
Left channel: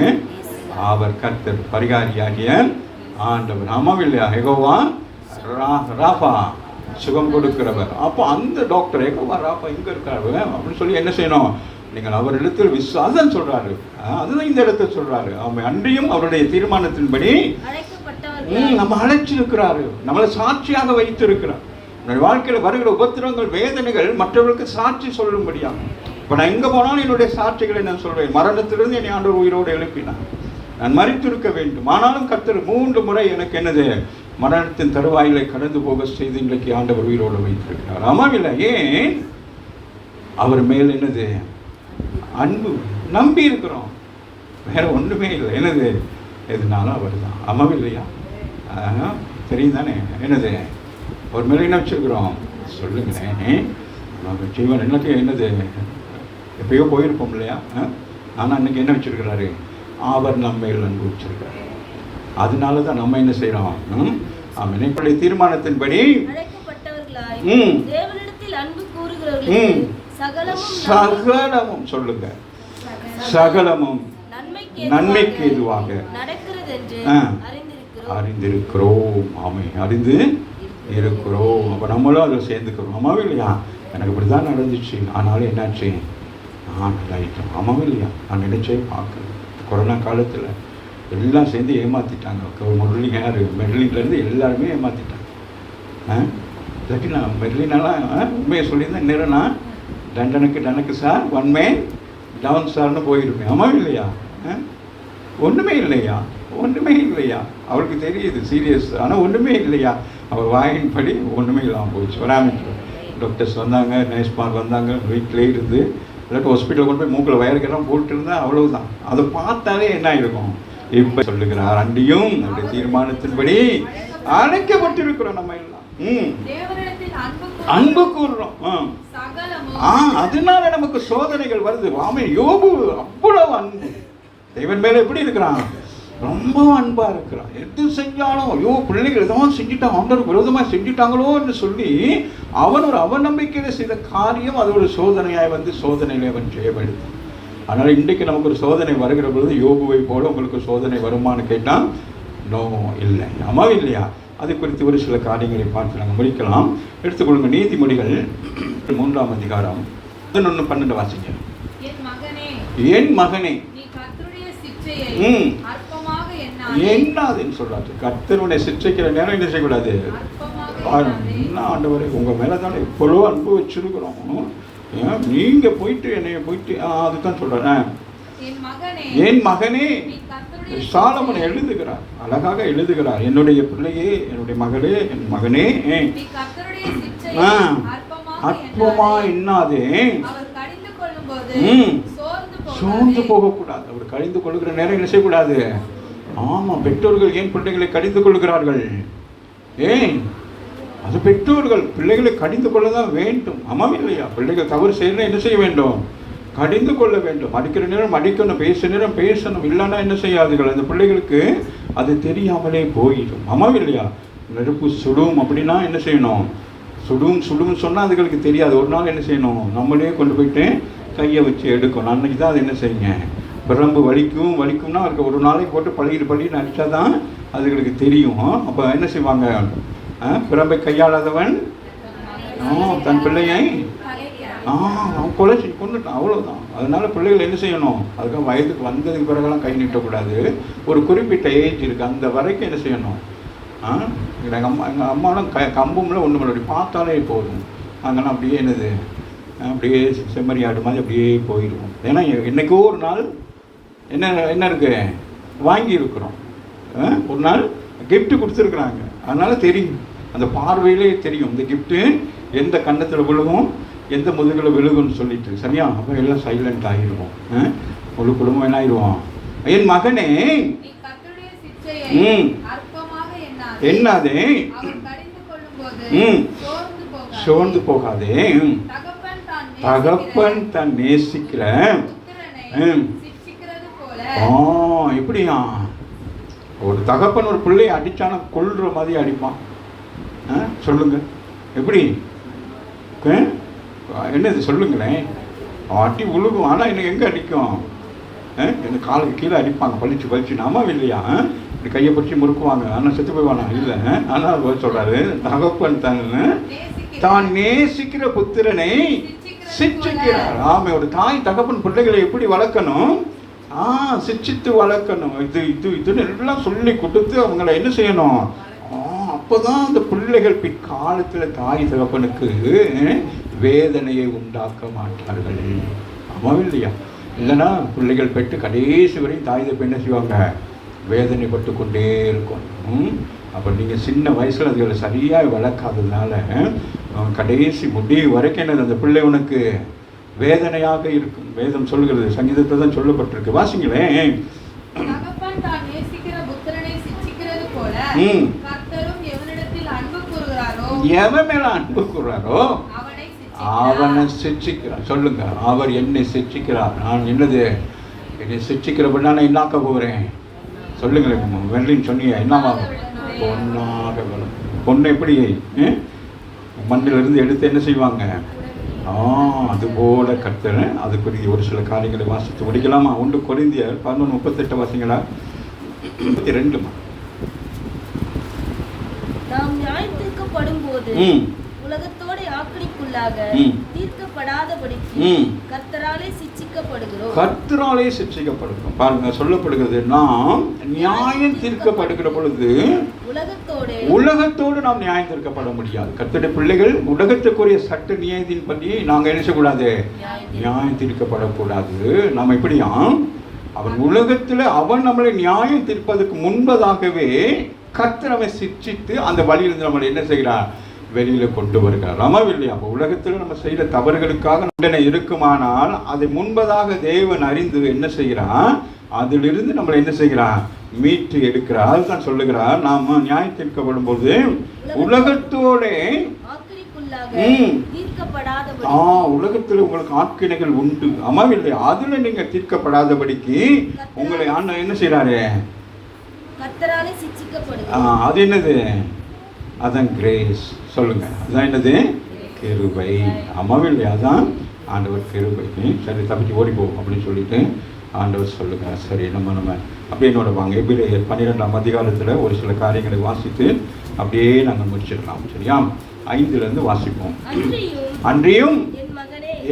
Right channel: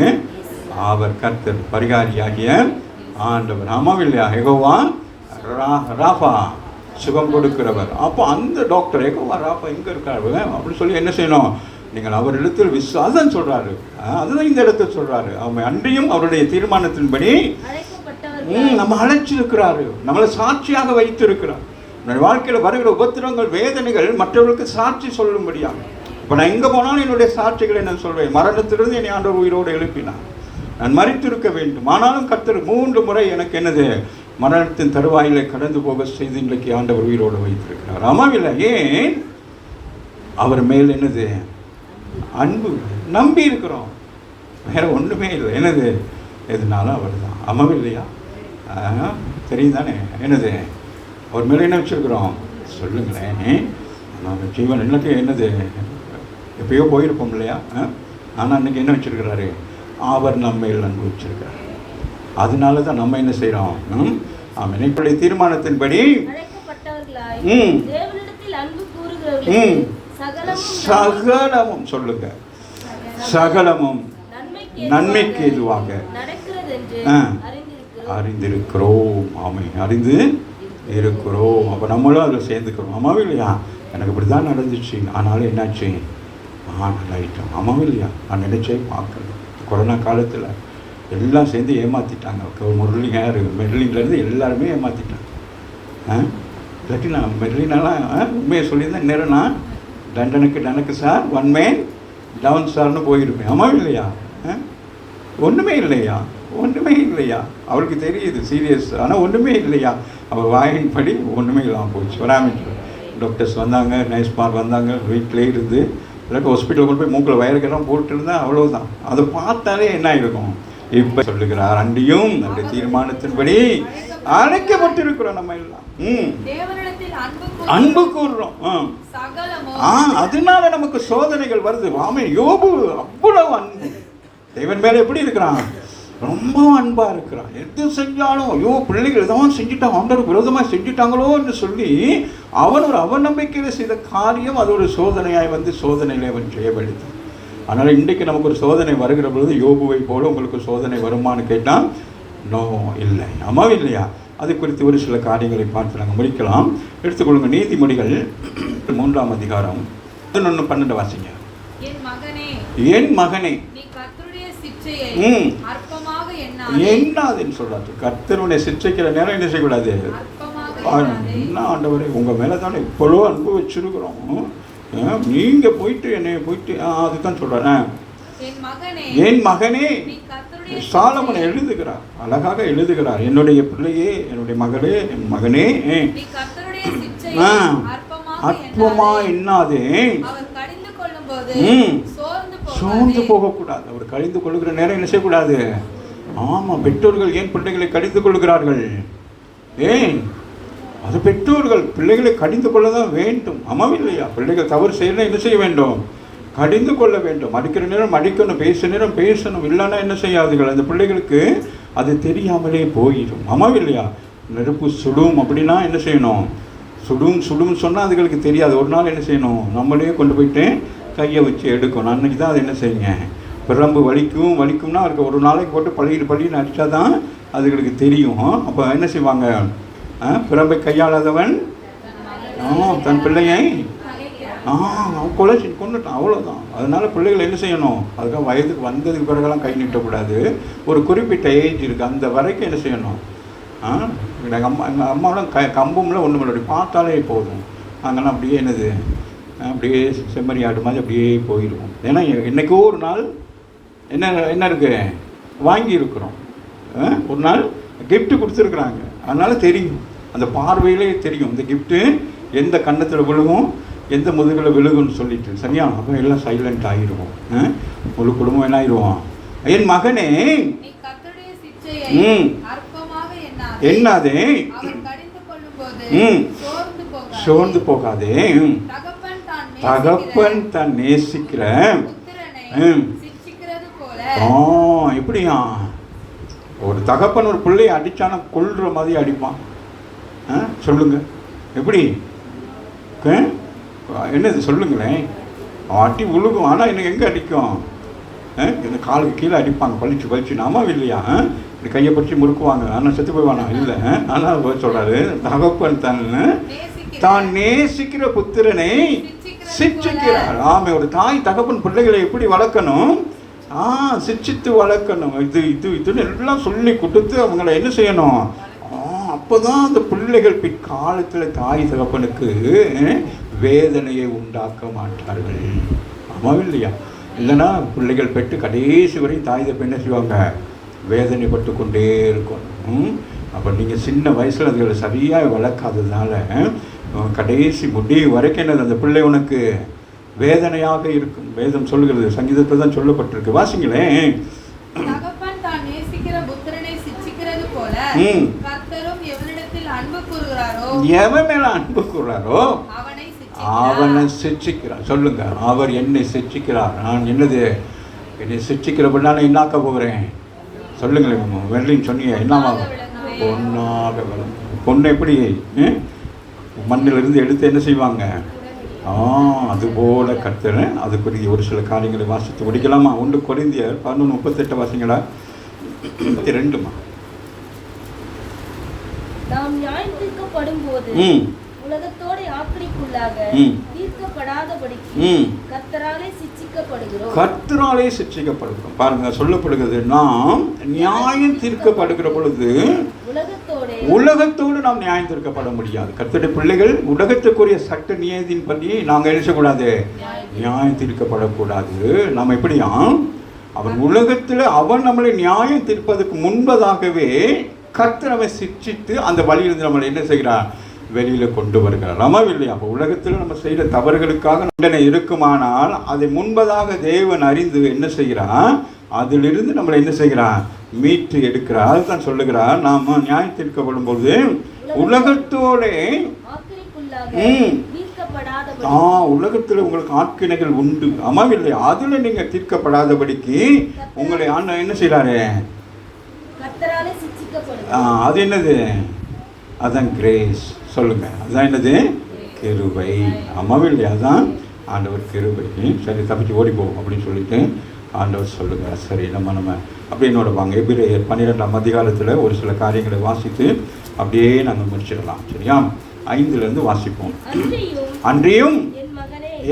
அவர் கர்த்தர், பரிகாரியாகிய ஆண்டவர். ஆமாம் இல்லையா? யெகோவா ராஃபா, சுகம் கொடுக்கிறவர். அப்போ அந்த டாக்டர் யெகோவா ராஃபா எங்கே இருக்காரு அப்படின்னு சொல்லி என்ன செய்யணும்? நீங்கள் அவரிடத்தில் விசுவாசம் சொல்றாரு. அதுதான் இந்த இடத்துல சொல்றாரு. அவன் அன்றியும் அவருடைய தீர்மானத்தின்படி நம்ம அழைச்சிருக்கிறாரு, நம்மளை சாட்சியாக வைத்திருக்கிறார். என்னுடைய வாழ்க்கையில் வருகிற உபத்திரங்கள், வேதனைகள் மற்றவர்களுக்கு சாட்சி சொல்லும்படியாக. இப்போ நான் எங்கே போனாலும் என்னுடைய சாட்சிகளை நான் சொல்வேன். மரணத்திலிருந்து என்னை ஆண்டவர் உயிரோடு எழுப்பினார். நான் மரித்திருக்க வேண்டும், ஆனாலும் கர்த்தர் 3 முறை எனக்கு என்னது, மரணத்தின் தருவாயிலை கடந்து போக செய்து இன்றைக்கு ஆண்டவர் உயிரோடு வைத்திருக்கிறார். ஆமாம் இல்லை? ஏன்? அவர் மேல் என்னது? அன்பு, நம்பி இருக்கிறோம், வேற ஒன்றுமே இல்லை. என்னது? எதுனாலும் அவர் தான். ஆமாம் இல்லையா? தெரியும் தானே? என்னது? அவர் மேலே என்ன வச்சிருக்கிறோம்? சொல்லுங்களேன். நம்ம ஜீவன் எனக்கு என்னது, எப்பயோ போயிருப்போம் இல்லையா? ஆனால் அன்னைக்கு என்ன வச்சிருக்கிறாரு? அவர் நம்ம மேல் அன்பு வச்சிருக்காரு. அதனால தான் நம்ம என்ன செய்கிறோம்? ஆமாம், என்னுடைய தீர்மானத்தின்படி சகலமும் சொல்லுங்க, சகலமும் நன்மைக்கு எதுவாக அறிந்திருக்கிறோம். ஆமாம், அறிந்து இருக்கிறோம். அப்போ நம்மளும் அதில் சேர்ந்துக்கிறோம். அம்மாவும் இல்லையா? எனக்கு இப்படி தான் நடந்துச்சு, ஆனாலும் என்னாச்சு? நல்லாயிட்டேன். அம்மாவும் இல்லையா? நான் நினைச்சே பார்க்கல. கொரோனா காலத்தில் எல்லாம் சேர்ந்து ஏமாற்றிட்டாங்க. மெர்லின்லேருந்து எல்லாருமே ஏமாற்றிட்டாங்க. இல்லாட்டி நான் மெர்லினாலாம் உண்மையை சொல்லியிருந்தேன், நேரம் நான் டனக்கு சார், ஒன் மேன் டவுன் சார்னு போயிருப்பேன். அம்மாவும் இல்லையா? ஒன்றுமே இல்லையா? ஒன்றுமே இல்லையா? அவளுக்கு தெரியுது சீரியஸ், ஆனால் ஒன்றுமே இல்லையா? அவள் வாயின்படி ஒன்றுமே இல்லாமல் போச்சு. வராமல் டாக்டர்ஸ் வந்தாங்க, நர்ஸ்மார் வந்தாங்க, வீட்டிலே இருந்து இல்லாட்டி ஹாஸ்பிட்டலில் கொண்டு போய் மூக்கில் வயலுக்கெல்லாம் போட்டுருந்தா அவ்வளோதான். அதை பார்த்தாலே என்ன இருக்கும்? இப்போ சொல்லுகிறார், அண்டியும் நம்முடைய தீர்மானத்தின்படி அழைக்கப்பட்டிருக்கிறோம். நம்ம எல்லாம் அன்பு கூறுறோம். அதனால நமக்கு சோதனைகள் வருது. ஆமே, யோபு அவ்வளவு அன்பு, தேவன் மேல எப்படி இருக்கிறான்? ரொம்ப அன்பா இருக்கிறான். எது செஞ்சாலும் ஐயோ பிள்ளைகள் தான் செஞ்சுட்டாங்க, ஆண்டவருக்கு விரோதமாக செஞ்சுட்டாங்களோ என்று சொல்லி அவன் ஒரு அவநம்பிக்கையில் செய்த காரியம் அது ஒரு சோதனையாய் வந்து சோதனையிலே அவன் ஜெயப்படுத்தான். அதனால் இன்றைக்கு நமக்கு ஒரு சோதனை வருகிற பொழுது யோபுவை போல உங்களுக்கு சோதனை வருமானு கேட்டால் நோ, இல்லை. ஆமாம் இல்லையா? அது குறித்து ஒரு சில காரியங்களை பார்த்து நாங்கள் முடிக்கலாம். எடுத்துக்கொள்ளுங்க நீதிமொழிகள் 3ஆம் அதிகாரம் 11-12 வாசிங்க. என் மகனே என்னாதுன்னு சொல்றாரு. கர்த்தருடைய சிற்றைக்கிற நேரம் என்ன செய்யக்கூடாது? என்ன ஆண்டவரே, உங்க மேல தானே இவ்வளோ அன்பு வச்சிருக்கிறோம், நீங்க போயிட்டு என்னைய போயிட்டு அதுதான் சொல்றேன். என் மகனே, சாலமோன் எழுதுகிறார், அழகாக எழுதுகிறார். என்னுடைய பிள்ளையே, என்னுடைய மகளே, என் மகனே, அற்பமா என்னாதே, சோர்ந்து போகக்கூடாது. அவர் கடிந்து கொள்ளுகிற நேரம் என்ன செய்யக்கூடாது? ஆமாம், பெற்றோர்கள் ஏன் பிள்ளைகளை கடிந்து கொள்கிறார்கள்? ஏன்? அது பெற்றோர்கள் பிள்ளைகளை கடிந்து கொள்ள தான் வேண்டும். ஆமாம் இல்லையா? பிள்ளைகள் தவறு செய்யணும், என்ன செய்ய வேண்டும்? கடிந்து கொள்ள வேண்டும். அடிக்கிற நேரம் அடிக்கணும், பேசுகிற நேரம் பேசணும். இல்லைன்னா என்ன செய்யாதுகள்? அந்த பிள்ளைகளுக்கு அது தெரியாமலே போயிடும். ஆமாம் இல்லையா? நெருப்பு சுடும் அப்படின்னா என்ன செய்யணும்? சுடும் சொன்னால் அதுகளுக்கு தெரியாது. ஒரு நாள் என்ன செய்யணும்? நம்மளே கொண்டு போயிட்டு கையை வச்சு எடுக்கணும். அன்னைக்கு தான் அது என்ன செய்யுங்க? பிரம்பு வலிக்கும்னா அதுக்கு ஒரு நாளைக்கு போட்டு பள்ளின்னு அடித்தா தான் அதுகளுக்கு தெரியும். அப்போ என்ன செய்வாங்க? பிரம்பை கையாளாதவன் தன் பிள்ளையை கொலை கொண்டுட்டான், அவ்வளோதான். அதனால பிள்ளைகள் என்ன செய்யணும்? அதுக்காக வயதுக்கு வந்ததுக்கு பிறகுலாம் கை நீட்டக்கூடாது. ஒரு குறிப்பிட்ட ஏஜ் இருக்குது, அந்த வரைக்கும் என்ன செய்யணும்? எங்கள் அம்மாலாம் கம்பும்ல ஒன்று முன்னாடி பார்த்தாலே போதும். நாங்கள்லாம் அப்படியே என்னது அப்படியே செம்மறி ஆடு மாதிரி அப்படியே போயிடுவோம். ஏன்னா என்றைக்கோ ஒரு நாள் என்ன இருக்கு வாங்கியிருக்கிறோம். ஒரு நாள் கிஃப்ட்டு கொடுத்துருக்குறாங்க. அதனால் தெரியும், அந்த பார்வையிலே தெரியும் இந்த கிஃப்ட்டு எந்த கன்னத்தில் விழுகும், எந்த முதுகில் விழுகும்னு சொல்லிட்டு. சரியா? அப்போ எல்லாம் சைலண்ட் ஆகிடுவோம். முழு குடும்பம் என்ன ஆயிடுவோம்? என் மகனே என்னாதே, சோர்ந்து போகாதே. தகப்பன் தன் நேசிக்கிற எப்படியா? ஒரு தகப்பன் ஒரு பிள்ளையை அடிச்சானா கொல்ற மாதிரி அடிப்பான். சொல்லுங்க எப்படி? என்னது சொல்லுங்களேன். அடி உழுகும், ஆனால் எனக்கு எங்கே அடிக்கும்? இந்த காலுக்கு கீழே அடிப்பாங்க, பழிச்சு பழிச்சு. அம்மாவும் இல்லையா? இந்த கையை பிடிச்சி முறுக்குவாங்க, ஆனால் செத்து போய்வானா? இல்லை. ஆனால் சொல்கிறாரு, தகப்பன் தான் நேசிக்கிற புத்திரனை சிட்சிக்கிறார். ஆமாம், ஒரு தாய் தகப்பன் பிள்ளைகளை எப்படி வளர்க்கணும்? சிட்சித்து வளர்க்கணும். இதுன்னு எல்லாம் சொல்லி கொடுத்து அவங்கள என்ன செய்யணும்? அப்போதான் அந்த பிள்ளைகள் பிற்காலத்தில் தாய் தகப்பனுக்கு வேதனையை உண்டாக்க மாட்டார்கள். ஆமாம் இல்லையா? இல்லைன்னா பிள்ளைகள் பெற்று கடைசி வரை தாய் தகப்பன் என்ன செய்வாங்க? வேதனைப்பட்டு கொண்டே இருக்கும். அப்போ நீங்கள் சின்ன வயசில் அதுகளை சரியாக வளர்க்காததுனால கடைசி முடிவு வரைக்கும் என்னது, அந்த பிள்ளை உனக்கு வேதனையாக இருக்கும். வேதம் சொல்கிறது, சங்கீதத்தில் தான் சொல்லப்பட்டிருக்கு. வாசிங்களேன். தகப்பன் தான் நேசிக்கிற புத்திரனை சிட்சிக்கிறது போல கர்த்தரும் எவனிடத்தில் அன்பு கூறுகிறாரோ, எவன் மேல அன்பு கூறுகிறாரோ அவனை சிட்சிக்கிறார். சொல்லுங்க, அவர் என்னை சிட்சிக்கிறார். நான் என்னது, என்னை சிட்சிக்கிறப்ப நான் என்னாக்க போகிறேன்? சொல்லுங்களேன். வெள்ளின்னு சொன்னீங்க, என்னவா? பொண்ணாக. பொண்ணு எப்படி மண்ணிலிருந்து எடுத்து என்ன செய்வாங்க? அதுபோல கர்த்தர். அதுக்குரிய ஒரு சில காரியங்களை வாசித்து முடிக்கலாமா? 1 கொரிந்தியர் 11:38 வாசிங்களா? 32. நாம் நியாயத்தீர்க்கப்படும் போது உலகத்தோட ஆக்கிரமிப்புள்ளாக தீர்க்கப்படாதபடிக்கு கர்த்தராலே சிட்சிக்கப்படுகிறோம். கர்த்தராலே சிட்சிக்கப்படுகிறோம். பாருங்க, சொல்லப்படுகிறது, நாம் நியாயம் தீர்க்கப்படுகிற பொழுது உலகத்தோடு நாம் நியாயம் தீர்க்கப்பட முடியாது. கர்த்தருடைய பிள்ளைகள் உலகத்துக்குரிய சட்ட நியதியின் படி நாங்கள் எழுதக்கூடாது, நியாயம் தீர்க்கப்படக்கூடாது. நாம் எப்படியா? அவன் உலகத்தில் அவன் நம்மளை நியாயம் தீர்ப்பதற்கு முன்பதாகவே கர்த்தர் அவன் சிட்சித்து அந்த வழியிலிருந்து நம்மளை என்ன செய்கிறார்? வெளியில் கொண்டு வருகிறார். ஆமாம் இல்லையா? அப்போ உலகத்தில் நம்ம செய்கிற தவறுகளுக்காக தண்டனை இருக்குமானால் அதை முன்பதாக தேவன் அறிந்து என்ன செய்கிறான்? அதிலிருந்து நம்மளை என்ன செய்கிறான்? மீட்டு எடுக்கிறார். அதுதான் சொல்லுகிறார், நாம் நியாயம் தீர்க்கப்படும் போது உலகத்தோட உலகத்தில் உங்களுக்கு ஆட்கிணைகள் உண்டு. ஆமாம் இல்லையா? அதுல நீங்க தீர்க்கப்படாதபடிக்கு உங்களை ஆண்டவர் என்ன செய்யறாரு? அது என்னது? அதான் கிரேஸ். சொல்லுங்க, அதான் என்னது? கிருபை. ஆமாம் இல்லையா? அதான் ஆண்டவர் கிருபை. சரி, தப்பிச்சு ஓடி போகும் அப்படின்னு சொல்லிட்டு ஆண்டவர் சொல்லுங்க. சரி, நம்ம அப்படியே என்னோட வாங்க. எபிரேயர் 12ஆம் அதிகாரத்தில் ஒரு சில காரியங்களை வாசித்து அப்படியே நாங்கள் முடிச்சிடலாம். சரியா? 5 வாசிப்போம். அன்றியும்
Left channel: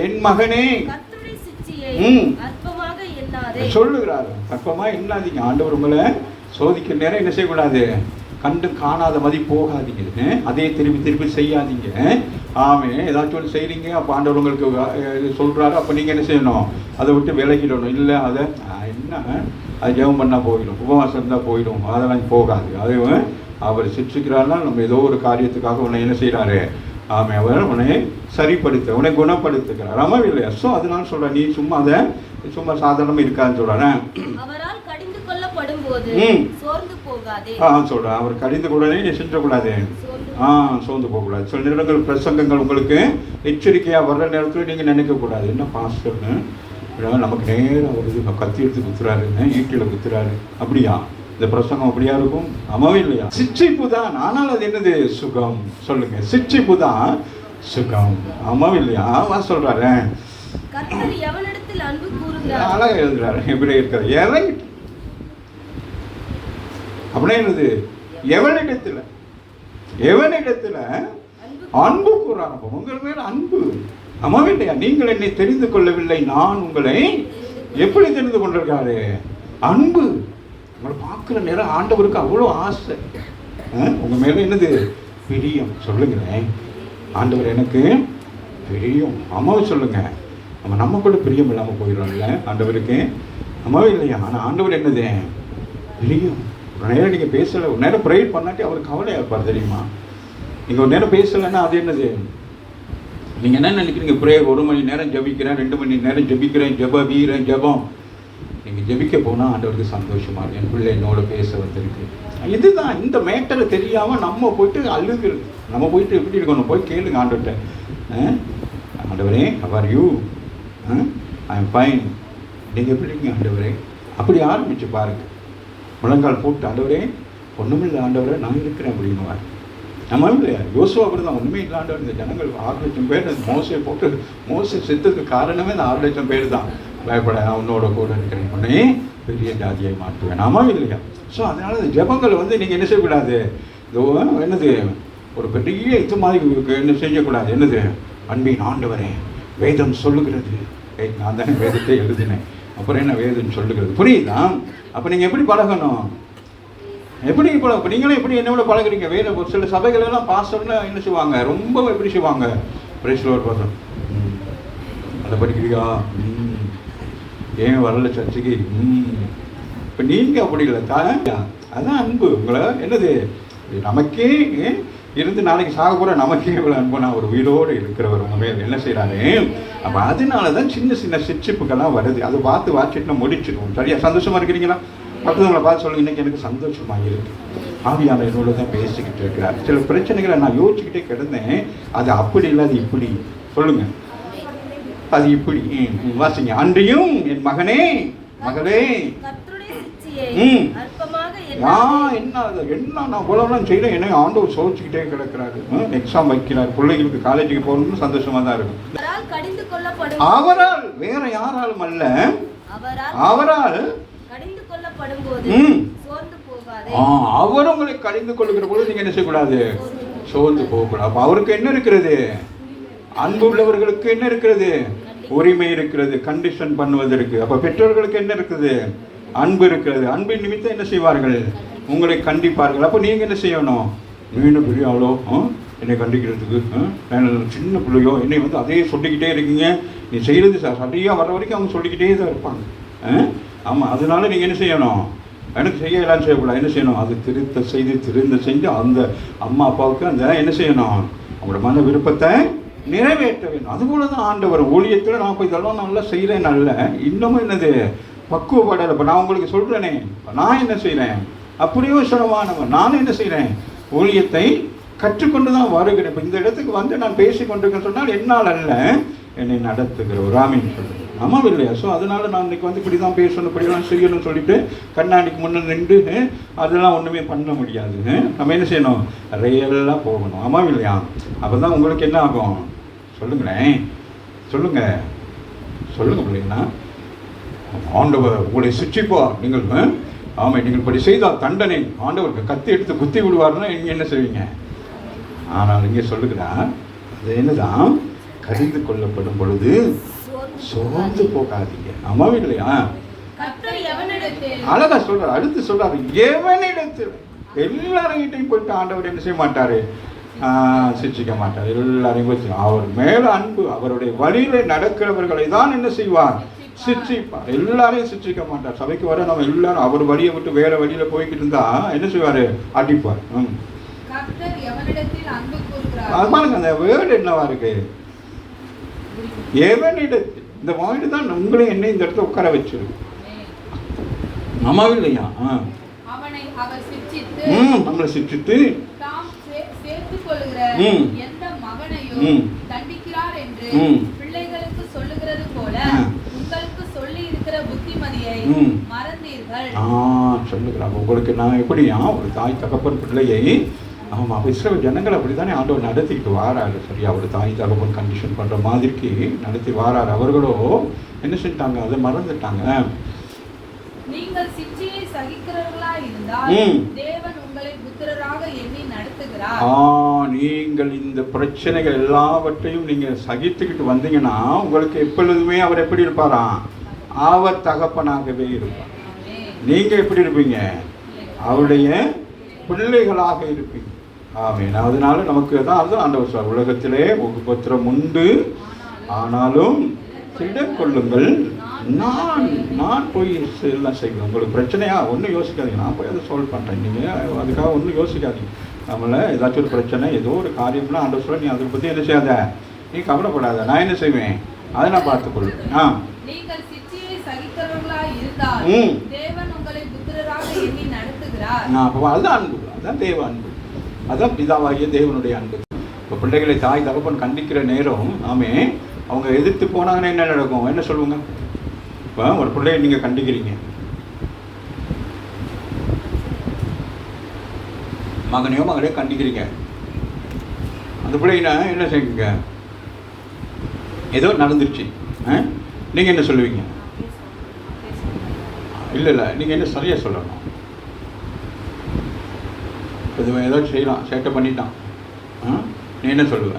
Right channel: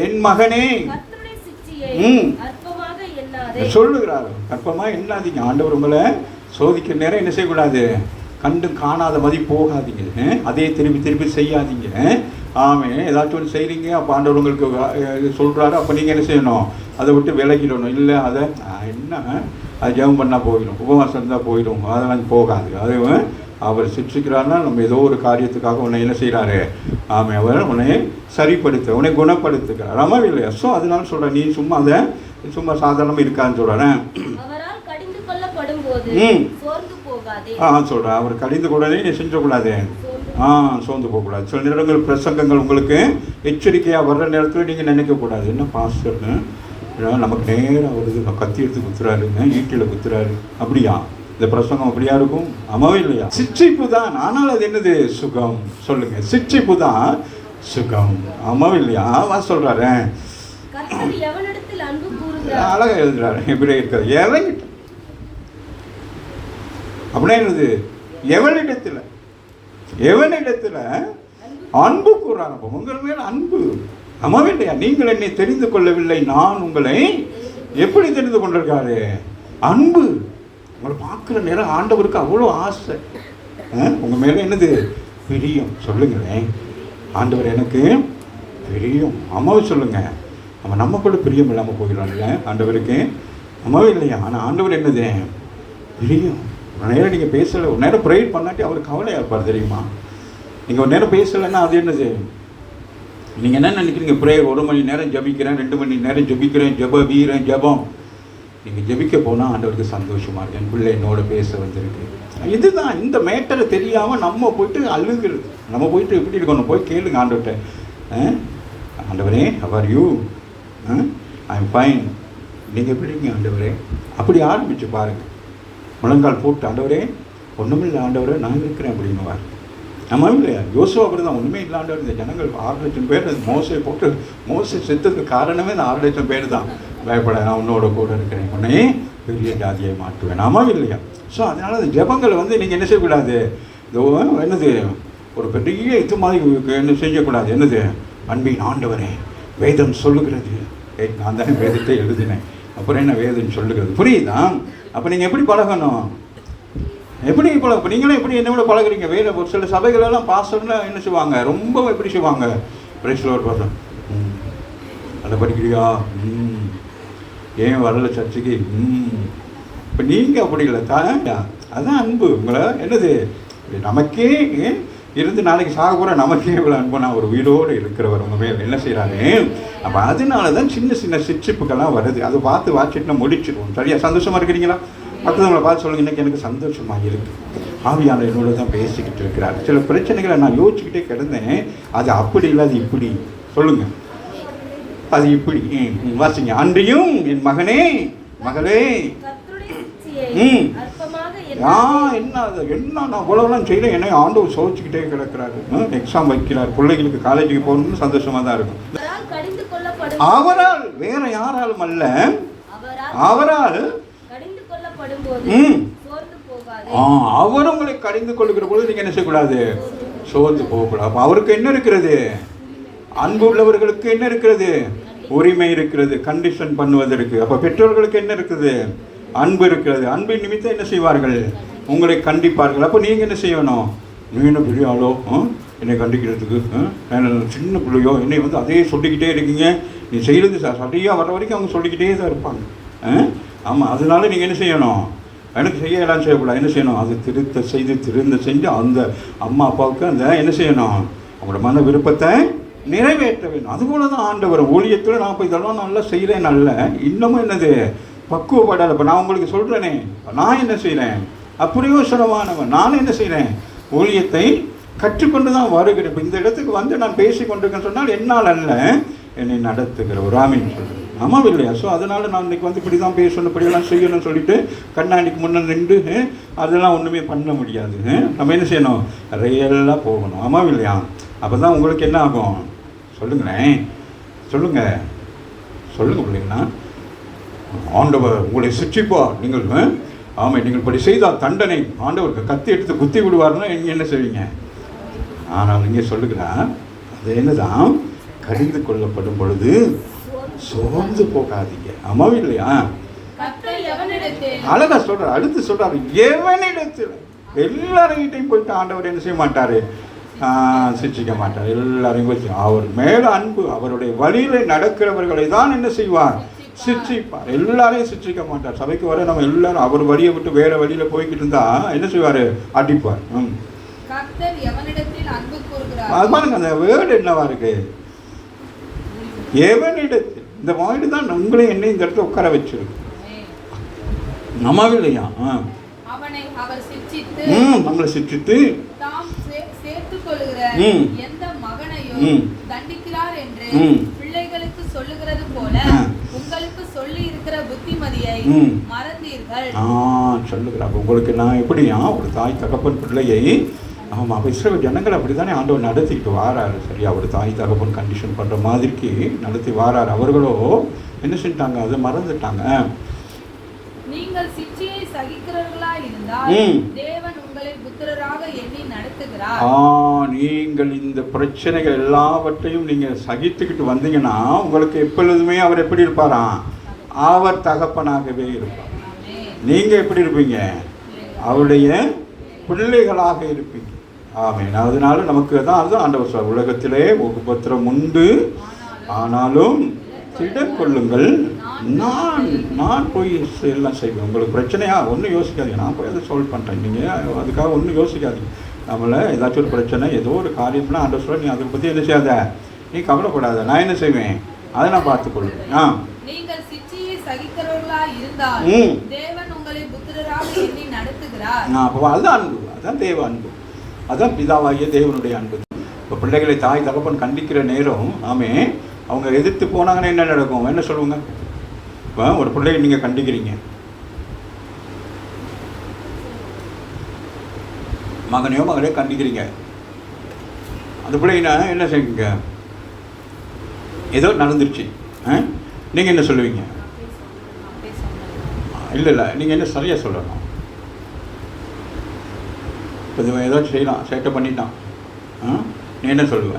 என் மகனே சொல்லுகிறாரு, அற்பமா எண்ணாதீங்க. ஆண்டவர் உங்களை சோதிக்கிற நேரம் என்ன செய்யக்கூடாது? கண்டும் காணாத மதி போகாதீங்க. அதே திருப்பி செய்யாதீங்க. ஏதாச்சும் ஒன்று செய்கிறீங்க, அப்போ ஆண்டவர் உங்களுக்கு சொல்கிறாரு, அப்போ நீங்கள் என்ன செய்யணும்? அதை விட்டு விலகிடணும். இல்லை, அதை என்ன அது ஜெபம் பண்ணால் போயிடும், உபவாசம் இருந்தால் போயிடும், அதெல்லாம் போகாது. அது அவர் சிக்ஷிக்கிறாருன்னா நம்ம ஏதோ ஒரு காரியத்துக்காக உன்னை என்ன செய்கிறாரு? அவர் உன்னை சரிப்படுத்த, உன்னை குணப்படுத்துகிறார். ஆமாம் இல்லையா? ஸோ அதனால சொல்கிறேன், நீ சும்மா அதை சும்மா சாதாரணமாக இருக்கான்னு சொல்கிறேன். சொல்கிறேன், அவர் கடிந்து கூடனே நீ செஞ்சக்கூடாது, சோர்ந்து போகக்கூடாது. சில நேரங்கள் பிரசங்கங்கள் உங்களுக்கு எச்சரிக்கையாக வர்ற நேரத்தில் நீங்கள் நினைக்கக்கூடாது, என்ன பாஸ்டர்னு நமக்கு நேரம் வருது, கத்தி எடுத்து குத்துறாருன்னு, ஈட்டியில் குத்துறாரு, அப்படியா இந்த பிரசங்கம் அப்படியா இருக்கும்? ஆமாவே இல்லையா? சிட்சிப்பு தான். ஆனால் அது என்னது? சுகம். சொல்லுங்க, சிட்சிப்பு தான் சுகம். ஆமாவே இல்லையா? சொல்றாரு, அழகா எழுதுறாரு. எப்படி இருக்கிறது? எவன் அப்படின்னா என்னது? எவனிடத்துல அன்பு கூறாங்க. உங்கள் மேல அன்பு. ஆமாவே இல்லையா? நீங்கள் என்னை தெரிந்து கொள்ளவில்லை, நான் உங்களை எப்படி தெரிந்து கொண்டிருக்காரு? அன்பு. உங்களை பார்க்குற நேரம் ஆண்டவருக்கு அவ்வளோ ஆசை. உங்கள் மேலே என்னது? பிரியம். சொல்லுங்களேன், ஆண்டவர் எனக்கு பிரியம். அம்மாவை சொல்லுங்க, நம்ம கூட பிரியம் இல்லாமல் போயிடலாம்ல ஆண்டவருக்கு? அம்மாவே இல்லையா? ஆனால் ஆண்டவர் என்னது? பிரியம். ஒரு நேரம் நீங்கள் பேசலை, ஒரு நேரம் ப்ரேயர் பண்ணாட்டி அவர் கவலையாக இருப்பார் தெரியுமா? நீங்கள் ஒரு நேரம் பேசலைன்னா அது என்னது? நீங்கள் என்ன நினைக்கிறீங்க? ப்ரேயர் 1 மணி நேரம் ஜபிக்கிறேன், 2 மணி நேரம் ஜபிக்கிறேன், ஜபம். நீங்கள் ஜபிக்க போனால் ஆண்டவருக்கு சந்தோஷமா இருக்கு, என் பிள்ளை என்னோட பேச வந்திருக்கு. இதுதான் இந்த மேட்டரை தெரியாமல் நம்ம போட்டு அழுகிறது. நம்ம போயிட்டு எப்படி இருக்கணும்? போய் கேளுங்க ஆண்டவர்கிட்ட, ஆண்டவரே how you? I am fine. நீங்கள் எப்படி இருக்கீங்க ஆண்டவரே? அப்படி ஆரம்பிச்சு பாருங்க. முழங்கால் போட்டு, ஆண்டவரே ஒன்றுமில்லை ஆண்டவரே நான் இருக்கிறேன் அப்படின்னுவார். நம்ம இல்லையா? யோசுவா அப்படி தான், ஒன்றுமே இல்லாண்டவர் இந்த ஜனங்கள் 6,00,000 பேர் மோசை போட்டு மோசை செத்துக்கு காரணமே இந்த 6,00,000 பேர் தான். பயப்பட, நான் உன்னோட கூட இருக்கிறேன், உடனே பெரிய ஜாதியை மாற்றுவேன். நாம இல்லையா? ஸோ அதனால் அந்த ஜெபங்களை வந்து நீங்கள் என்ன செய்யக்கூடாது, என்னது ஒரு பெரிய இது மாதிரி என்ன செய்யக்கூடாது. என்னது? அன்பின் ஆண்டவரே, வேதம் சொல்லுகிறது. நான் தானே வேதத்தை எழுதினேன், அப்புறம் என்ன வேதம் சொல்லுகிறது? புரியுதா? அப்போ நீங்கள் எப்படி பழகணும்? எப்படி இப்போ நீங்களும் எப்படி என்னோட பழகுறீங்க? வேற ஒரு சில சபைகளெல்லாம் பாஸ்டர்னா என்ன செய்வாங்க, ரொம்ப எப்படி செய்வாங்க, பிரேஸ்லோர் பார்த்தோம், அதை படிக்கிறியா, ஏன் வரல சர்ச்சைக்கு, இப்போ நீங்கள் அப்படி இல்லை தானே. அதுதான் அன்பு. உங்களை என்னது, நமக்கே இருந்து நாளைக்கு சாக போகிற நமக்கே இவ்வளோ அன்பு, நான் ஒரு வீடோடு இருக்கிறவர் மேல் என்ன செய்கிறாரு. அப்போ அதனால தான் சின்ன சின்ன சிரிப்புக்கெல்லாம் வருது. அதை பார்த்து வாட்சிட்டு நம்ம முடிச்சிடுவோம். சரியா? சந்தோஷமாக இருக்கிறீங்களா? அடுத்தவங்களை பார்த்து சொல்லுங்க, இன்றைக்கி எனக்கு சந்தோஷமாக இருக்குது, ஆவியானவர் என்னோட தான் பேசிக்கிட்டு இருக்கிறார். சில பிரச்சனைகளை நான் யோசிச்சுக்கிட்டே கிடந்தேன், அது அப்படி இல்லை, அது இப்படி. சொல்லுங்கள், அது இப்படி. வாசிங்க. அன்றியும் என் மகனே மகளே, என்ன நான் அவ்வளோலாம் செய்யறேன், என்னை ஆண்டவர் சோதிச்சுக்கிட்டே கிடக்கிறாரு. எக்ஸாம் வைக்கிறார், பிள்ளைகளுக்கு காலேஜுக்கு போகணும்னு சந்தோஷமாக தான் இருக்கும். அவரால், வேற யாராலும் அல்ல, அவரால் அவர் உங்களை கடிந்து கொள்ளுகிற போது நீங்க என்ன செய்யக்கூடாது, சோர்ந்து போகக்கூடாது. அப்ப அவருக்கு என்ன இருக்கிறது, அன்பு உள்ளவர்களுக்கு என்ன இருக்கிறது, உரிமை இருக்கிறது, கண்டிஷன் பண்ணுவதற்கு. அப்ப பெற்றோர்களுக்கு என்ன இருக்குது, அன்பு இருக்கிறது. அன்பின் நிமித்தம் என்ன செய்வார்கள், உங்களை கண்டிப்பார்கள். அப்போ நீங்க என்ன செய்யணும், நீ என்ன பெரிய ஆளோ என்னை கண்டிக்கிறதுக்கு, சின்ன பிள்ளையோ என்னை வந்து அதே சொல்லிக்கிட்டே இருக்கீங்க, நீ செய்யறது சரியாக வர வரைக்கும் அவங்க சொல்லிக்கிட்டே தான் இருப்பாங்க. ஆமாம், அதனால நீங்கள் என்ன செய்யணும், எனக்கு செய்யலாம் செய்யக்கூடாது, என்ன செய்யணும், அது திருந்த செஞ்சு அந்த அம்மா அப்பாவுக்கு அந்த என்ன செய்யணும், அவங்களோட மன விருப்பத்தை நிறைவேற்ற வேணும். அதுபோல தான் ஆண்டவர் ஊழியத்தில் நான் இப்போ இதெல்லாம் நல்லா செய்கிறேன், நல்ல இன்னமும் என்னது பக்குவப்படாத. இப்போ நான் உங்களுக்கு சொல்கிறேனே, நான் என்ன செய்கிறேன், அப்பிரயோசனமானவன் நான் என்ன செய்கிறேன், ஊழியத்தை கற்றுக்கொண்டு தான் வருகிறேன். இப்போ இந்த இடத்துக்கு வந்து நான் பேசி கொண்டிருக்கேன்னு சொன்னால் என்னால் அல்ல, என்னை நடத்துகிற ஒரு ஆமீன் சொல்லுங்கள். ஆமாம் இல்லையா? ஸோ அதனால் நான் இன்றைக்கி வந்து இப்படி தான் பேசணும், இப்படிலாம் செய்யணும்னு சொல்லிட்டு கண்ணாடிக்கு முன்னே நின்று அதெல்லாம் ஒன்றுமே பண்ண முடியாது. நம்ம என்ன செய்யணும், ரியலாக போகணும். ஆமாம் இல்லையா? அப்போ தான் உங்களுக்கு என்ன ஆகும், சொல்லுங்களேன், சொல்லுங்கள் அப்படின்னா, ஆண்டவர் உங்களை சிற்றிப்பார், நீங்கள் ஆமாம் நீங்கள் இப்படி செய்தால் தண்டனை ஆண்டவருக்கு கத்தி எடுத்து குத்தி விடுவார்னா நீங்கள் என்ன செய்வீங்க. ஆனால் இங்கே சொல்லுகிறா, அது என்னதான், கடிந்து கொள்ளப்படும் பொழுது சோர்ந்து போகாதீங்க. ஆமாம் இல்லையா? அழகா சொல்றாரு, அடுத்து சொல்றாரு, எவனிடத்தில், எல்லாரையும் போயிட்டு ஆண்டவர் என்ன செய்ய மாட்டாரு, சிரிச்சிக்க மாட்டார். எல்லாரையும் வச்சு அவர் மேல அன்பு, அவருடைய வழியில நடக்கிறவர்களை தான் என்ன செய்வார், சிரிச்சிப்பார். எல்லாரையும் சிரிச்சிக்க மாட்டார். சபைக்கு வர நம்ம எல்லாரும் அவர் வழியை விட்டு வேற வழியில போய்கிட்டு இருந்தா என்ன செய்வாரு, அடிப்பார். அதான் அந்த வேர்டு என்னவா இருக்கு, எவனிடத்தில். இந்த வேர்டு தான் உங்களே என்ன இந்த இடத்துல உட்கார வச்சு நம்ம இல்லையா, நம்மளை சிரிச்சிட்டு எந்த மகனையும் தண்டிக்கிறார் என்று பிள்ளைகளுக்கு சொல்லுகிறது போல உங்களுக்கு சொல்லி இருக்கிற புத்திமதியை மறந்தீர்கள். சொல்லுகிறார். உங்களுக்கு நான் எப்படியா ஒரு தாய் தகப்பன் பிள்ளையை, ஆமாம், அப்போ இஸ்ரேல் ஜனங்கள் அப்படி தானே ஆண்டவர் நடத்திக்கிட்டு வாராரு. சரியா? ஒரு தாய் தகப்பன் கண்டிஷன் பண்ணுற மாதிரிக்கு நடத்தி வாராரு. அவர்களோ என்ன செஞ்சிட்டாங்க, அதை மறந்துட்டாங்க. நீங்கள் சிற்றியை சகிக்கிறவர்களா இருந்தால் தேவன் உங்களை புத்திரராக எண்ணி நடத்துகிறார். நீங்கள் இந்த பிரச்சனைகள் எல்லாவற்றையும் நீங்க சகித்துக்கிட்டு வந்தீங்கன்னா உங்களுக்கு எப்பொழுதுமே அவர் எப்படி இருப்பாராம், அவர் தகப்பனாகவே இருப்பார். நீங்க எப்படி இருப்பீங்க, அவருடைய பிள்ளைகளாக இருப்பீங்க. ஆமீன். அதனால நமக்கு தான் அது ஆண்டவர் சொல்றார், உலகத்திலே உபத்திரம் உண்டு, ஆனாலும் திடக்கொள்ளுங்கள், நான் போய் எல்லாம் செய்வேன். உங்களுக்கு பிரச்சனையா ஒன்றும் யோசிக்காதீங்க, நான் போய் அதை சால்வ் பண்ணுறேன். நீங்கள் அதுக்காக ஒன்றும் யோசிக்காதீங்க. நம்மளை ஏதாச்சும் ஒரு பிரச்சனை, ஏதோ ஒரு காரியம்னா ஆண்டவர் சொல்ல, நீ அதை பற்றி என்ன செய்யாத, நீ கவலைப்படாத, நான் என்ன செய்வேன், அதை நான் பார்த்துக்கொள்வேன். நீங்கள் சிற்றியை சகிக்கிறவர்களா இருந்தால் தேவன் உங்களை புத்திரராக எண்ணி நடத்துகிறார். அதுதான் அன்பு, அதுதான் தேவ அன்பு, அதுதான் பிதாவாகிய தேவனுடைய அன்பு. இப்போ பிள்ளைகளை தாய் தகப்பன் கண்டிக்கிற நேரம் ஆமே அவங்க எதிர்த்து போனாங்கன்னா என்ன நடக்கும், என்ன சொல்லுவாங்க. இப்போ ஒரு பிள்ளையை நீங்கள் கண்டிக்கிறீங்க, மகனையோ மகளையோ கண்டிக்கிறீங்க, அந்த பிள்ளைங்க என்ன செய்யுங்க, ஏதோ நடந்துருச்சு, நீங்கள் என்ன சொல்லுவீங்க? இல்லை நீங்கள் என்ன சரியாக சொல்லணும். இது ஏதோ செய்யலாம், சேட்டை பண்ணிட்டான், நீ என்ன சொல்லுவ?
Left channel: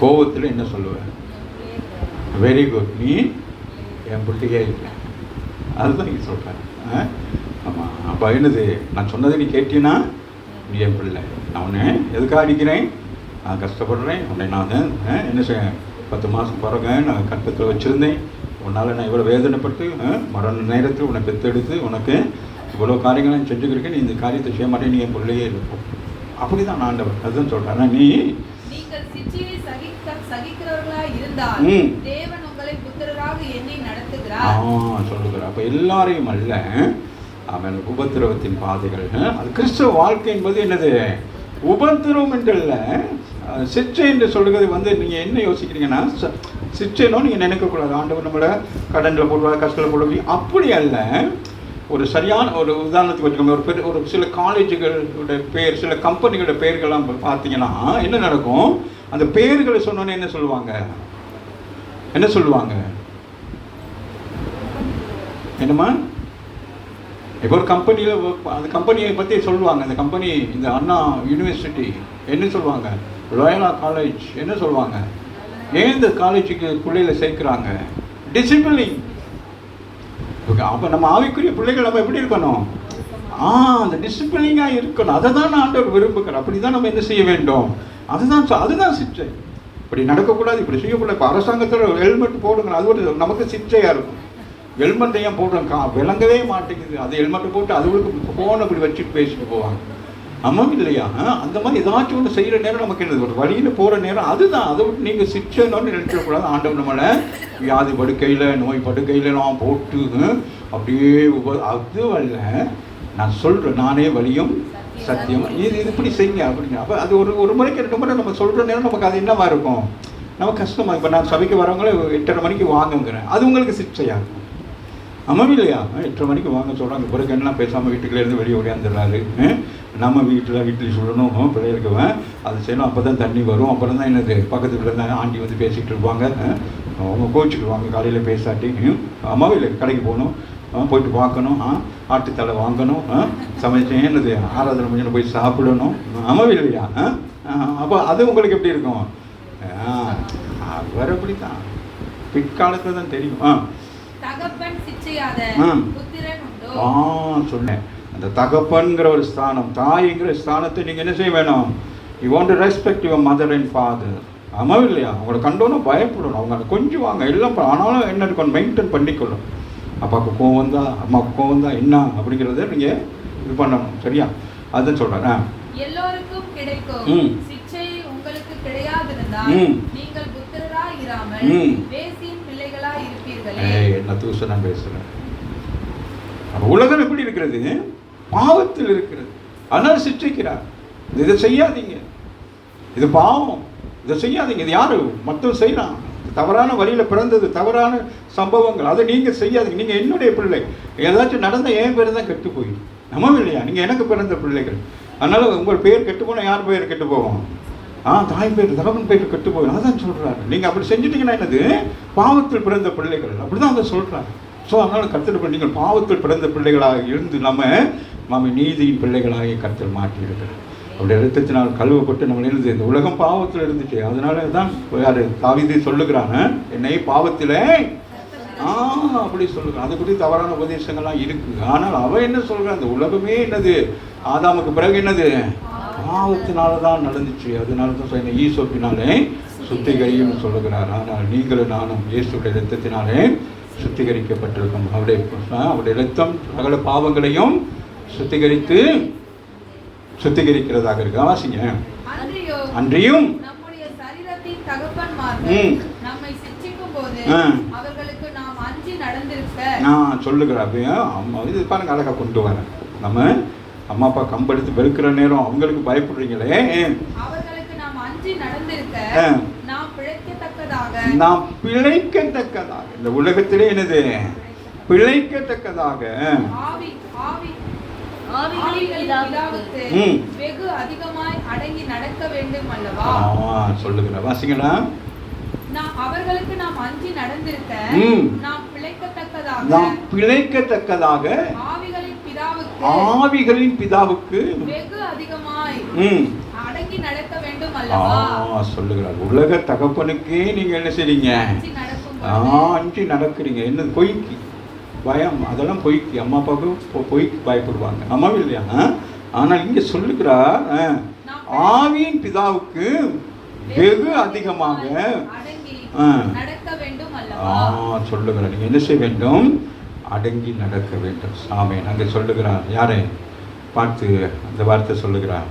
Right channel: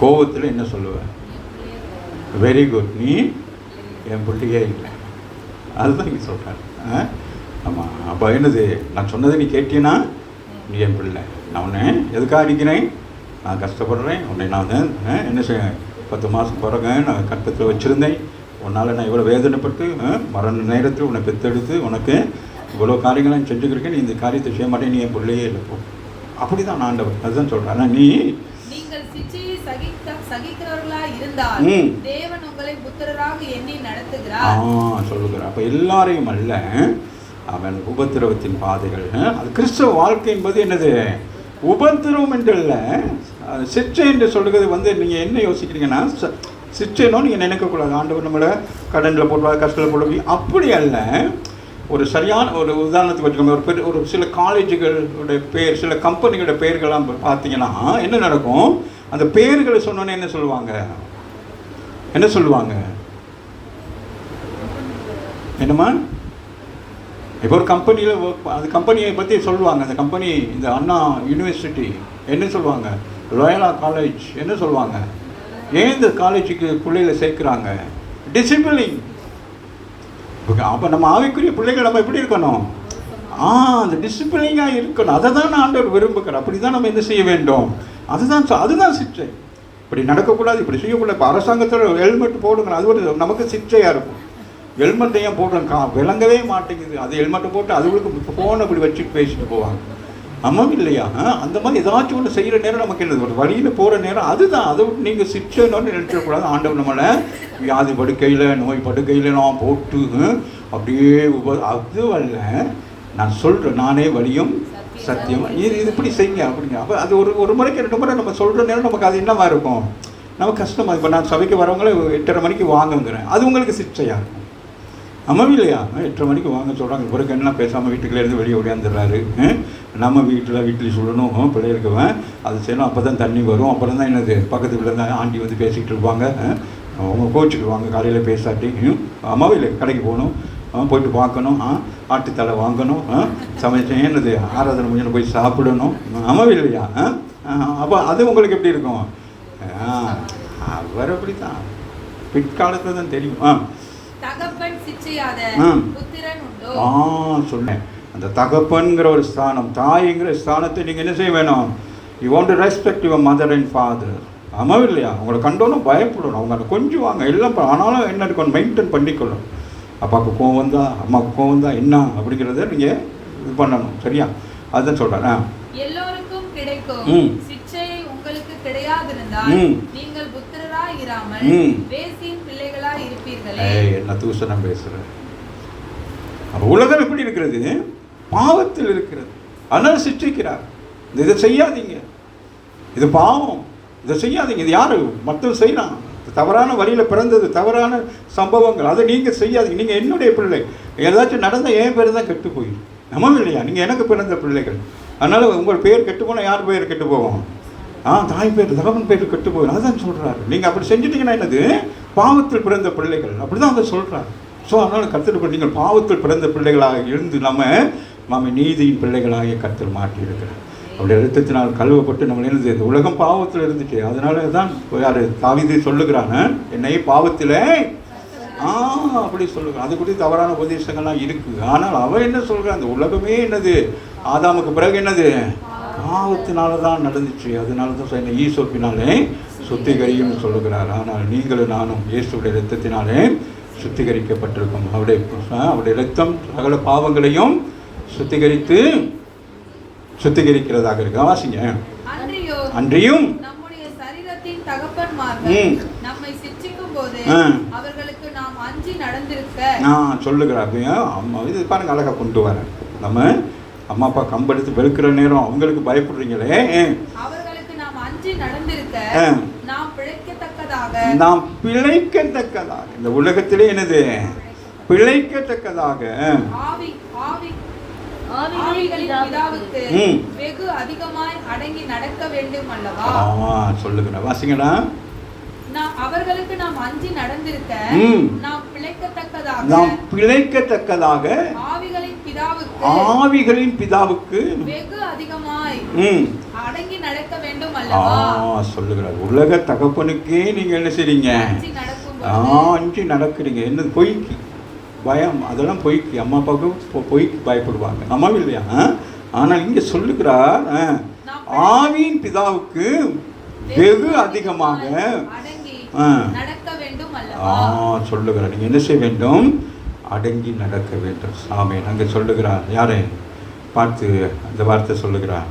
கோபத்தில் என்ன சொல்லுவ? வெரி குட், நீ என் பிள்ளையே இல்லை. அதுதான் நீங்கள் சொல்கிறேன். ஆமாம், அப்போ என்னது, நான் சொன்னதை நீ கேட்டீன்னா நீ என் பிள்ளை. நான் உன்னை எதுக்காக அடிக்கிறேன்? நான் கஷ்டப்படுறேன் உன்னை. நான் என்ன செய்வேன், 10 மாதம் பிறகு நான் கற்பத்தில் வச்சுருந்தேன். உன்னால் நான் இவ்வளோ வேதனைப்பட்டு மரண நேரத்தில் உன்னை பெற்றெடுத்து உனக்கு இவ்வளோ காரியங்களாம் செஞ்சுக்கிறேன். நீ இந்த காரியத்தை செய்ய மாட்டேன், நீ என் பிள்ளையே இல்லை. அப்படி தான் ஆண்டவர் அதுதான் சொல்கிறேன். ஆனால் நீங்கள் சிட்சையை சகிக்கிறவர்களாக இருந்தால் தேவன் உங்களை புத்திரராக எண்ணி நடத்துகிறார் சொல்லுகிறார். அப்போ எல்லாரையும் அல்ல, அவன் உபத்திரவத்தின் பாதைகள். அது கிறிஸ்தவ வாழ்க்கை என்பது என்னது, உபத்திரவம் என்று இல்லை, அது சிற்றை என்று சொல்கிறது. நீங்கள் என்ன யோசிக்கிறீங்கன்னா, சிற்றைனோ நீங்கள் நினைக்கக்கூடாது ஆண்டவர் நம்மளை கடனில் போடுவார், கஷ்டத்தில் போடுவாங்க, அப்படி அல்ல. ஒரு சரியான ஒரு உதாரணத்துக்கு வச்சுக்கோங்க, ஒரு சில காலேஜுகளுடைய பேர், சில கம்பெனிகளோட பெயர்கள்லாம் பார்த்தீங்கன்னா என்ன நடக்கும், அந்த பெயர்களை சொன்னோன்னே என்ன சொல்லுவாங்க, என்னம்மா, இப்போ ஒரு கம்பெனியில் அந்த கம்பெனியை பற்றி சொல்லுவாங்க. அந்த கம்பெனி இந்த அண்ணா யூனிவர்சிட்டி என்ன சொல்லுவாங்க, லோயலா காலேஜ் என்ன சொல்லுவாங்க, ஏன் இந்த காலேஜுக்கு பிள்ளைகளை சேர்க்குறாங்க, டிசிப்ளின். அப்போ நம்ம ஆவிக்குரிய பிள்ளைகள் நம்ம எப்படி இருக்கணும், அந்த டிசிப்ளினாக இருக்கணும். அதை தான் ஆண்டவர் விரும்புகிறார். அப்படி தான் நம்ம என்ன செய்ய வேண்டும், அதுதான் சிற்றை. இப்படி நடக்கக்கூடாது, இப்படி செய்யக்கூடாது. இப்போ அரசாங்கத்தில் ஹெல்மெட் போடுங்க, அது ஒரு நமக்கு சிற்றையாக இருக்கும். ஹெல்மெட்டை ஏன் போடுறோம், விளங்கவே மாட்டேங்குது. அது ஹெல்மெட்டை போட்டு அதுகளுக்கு ஃபோன் அப்படி வச்சுட்டு பேசிட்டு போவாங்க. ஆமாம் இல்லையா? அந்த மாதிரி ஏதாச்சும் ஒன்று செய்கிற நேரம் நமக்கு என்னது, ஒரு வழியில் போகிற நேரம் அதுதான். அதை விட்டு நீங்கள் சிற்றைன்னு நினைச்சிடக்கூடாது. ஆண்டவர் நம்மளை வியாதி படுக்கையில், நோய் படுக்கையிலாம் போட்டு அப்படியே அது அல்ல. நான் சொல்கிறேன், நானே வழியும் சத்தியம், இது இப்படி செய்யுங்க அப்படிங்க. அப்போ அது ஒரு முறைக்கு 2 முறை நம்ம சொல்கிற நேரம் நமக்கு அது என்னமா இருக்கும், நமக்கு கஷ்டமாக. இப்போ நான் சபைக்கு வரவங்களே 8:30 மணிக்கு வாங்குங்கிறேன், அது உங்களுக்கு சிற்றையா? ஆமாம் இல்லையா? 8:30 மணிக்கு வாங்க சொல்கிறாங்க. பிறகு என்ன பேசாமல் வீட்டுக்குள்ளேருந்து வெளியே ஓடியாந்துடுறாரு. நம்ம வீட்டில் சொல்லணும், பிள்ளைகளுக்குவேன் அது செய்யணும், அப்போ தான் தண்ணி வரும். அப்புறம் தான் என்னது, பக்கத்துக்குள்ள தான் ஆண்டி வந்து பேசிக்கிட்டு இருப்பாங்க, அவங்க கோச்சிக்கிடுவாங்க காலையில் பேசாட்டி. அம்மாவும் இல்லை, கடைக்கு போகணும், போயிட்டு பார்க்கணும், ஆட்டுத்தலை வாங்கணும், சமைச்சு என்னது ஆராதனை முடிஞ்சு போய் சாப்பிடணும். அம்மாவும் இல்லையா? அப்போ அது உங்களுக்கு எப்படி இருக்கும்? அவர் அப்படி தான் பிற்காலத்தில் தான் தெரியும். சொன்னேன், அந்த தகப்பன்கிற ஒரு ஸ்தானம், தாய்ங்கிற ஸ்தானத்தை நீங்கள் என்ன செய்ய வேணும், you want to respect your mother and father. ஆமாம் இல்லையா? அவங்களை கண்டோன்னு பயப்படணும், அவங்க கொஞ்சம் வாங்க எல்லாம். ஆனாலும் என்ன இருக்கணும், மெயின்டைன் பண்ணிக்கணும். அப்பாவுக்கு கோவம் தான், அம்மாவுக்கு கோவம் தான், என்ன அப்படிங்கிறத நீங்கள் இது பண்ணணும். சரியா? அதுதான் சொல்கிறேன். எல்லோருக்கும் கிடைக்கும் சிட்சை உங்களுக்கு கிடையாதிருந்தால் நீங்கள் புத்திரராய் இராமல் வேசியின் பிள்ளைகளாய் இருப்பீர்களே. என்ன தூசணா பேசுகிறேன். உலகம் எப்படி இருக்கிறது, பாவத்தில் இருக்கிறது. ஆனால் சிற்றிக்கிறார், இதை செய்யாதீங்க, இது பாவம், இதை செய்யாதீங்க. இது யாரு, மற்றவங்க செய்யலாம். தவறான வழியில் பிறந்தது, தவறான சம்பவங்கள், அதை நீங்கள் செய்யாதீங்க. நீங்கள் என்னுடைய பிள்ளை, ஏதாச்சும் நடந்த என் பேர் தான் கெட்டு போயிடும். நம்ம இல்லையா? நீங்கள் எனக்கு பிறந்த பிள்ளைகள். அதனால் உங்கள் பேர் கெட்டு போனால் யார் பேர் கெட்டு போகும்? தாய் பேர், தகவன் பேர் கெட்டு போகும். அதான் சொல்கிறாரு. நீங்கள் அப்படி செஞ்சுட்டீங்கன்னா என்னது, பாவத்தில் பிறந்த பிள்ளைகள். அப்படி தான் அவங்க சொல்கிறார். ஸோ அதனால் கர்த்தர் நீங்கள் பாவத்தில் பிறந்த பிள்ளைகளாக இருந்து நம்ம நீதியின் பிள்ளைகளாக கர்த்தர் மாற்றியிருக்கிறார். அவருடைய இரத்தத்தினால் கழுவப்பட்டு நம்ம இருந்தது. இந்த உலகம் பாவத்தில் இருந்துச்சு. அதனால தான் யார் தாவீது சொல்லுகிறாங்க, என்னை பாவத்திலே அப்படி சொல்லுகிறான். அது குறித்து தவறான உபதேசங்கள்லாம் இருக்குது. ஆனால் அவன் என்ன சொல்கிறான், அந்த உலகமே என்னது, ஆதாமுக்கு பிறகு என்னது, பாவத்தினால தான் நடந்துச்சு. அதனால தான் என்ன ஈசோப்பினாலே சுத்திகரியும் சொல்லுகிறார். ஆனால் நீங்களும் நானும் இயேசுடைய இரத்தத்தினாலே சுத்திகரிக்கப்பட்டிருக்கோம். அவருடைய இரத்தம் சகல பாவங்களையும் சுத்திகரிக்கிறதாக இருக்கு. வாசிங்க. அன்றியும் நம்முடைய சரீரத்தின் தகப்பன்மார்கள் நம்மை சிட்சிக்கும் போது அவர்களுக்கு நாம் அஞ்சி நடந்திருக்க சொல்லுகிறார். இது பாருங்க, அழகா கொண்டு வர. நம்ம அம்மா அப்பா கம்பெடுத்து வெறுக்கிற நேரம் அவங்களுக்கு பயப்படுறீங்களே, அவர்களுக்கு நாம் அஞ்சி நடந்திருக்க நாம் பிழைக்கத்தக்கதாக, இந்த உலகத்திலே என்னது பிழைக்கத்தக்கதாக ஆவிகளின் பிதாவுக்கு வெகு அதிகமாய் அடங்கி நடக்க வேண்டும் அல்லவா? சொல்லுங்க, வாசிங்களா. அவர்களுக்கு நாம் அஞ்சி நடந்திருக்க நாம் பிழைக்கத்தக்கதாக ஆவிகளின் பிதாவுக்கு வெகு அதிகமாய் அடங்கி நடக்க வேண்டும் அல்லவா? சொல்லுகிறார். உலக தகப்பனுக்கே நீங்க என்ன செய்றீங்க? அஞ்சி நடக்கிறீங்க. என்ன பொய்க்கு பயம், அதெல்லாம் பொய்க்கு. அம்மா அப்பாவுக்கு பொய்க்கு பயப்படுவாங்க, அம்மா இல்லையா? ஆனா இங்க சொல்லுகிறார், ஆவியின் பிதாவுக்கு வெகு அதிகமாக நடக்க வேண்டும் அல்லவா? சொல்லுகிறார். நீங்க என்ன செய்ய வேண்டும்? அடங்கி நடக்க வேண்டும். சாமி அங்க சொல்லுகிறார். யாரை பார்த்து அந்த வார்த்தை சொல்லுகிறார்?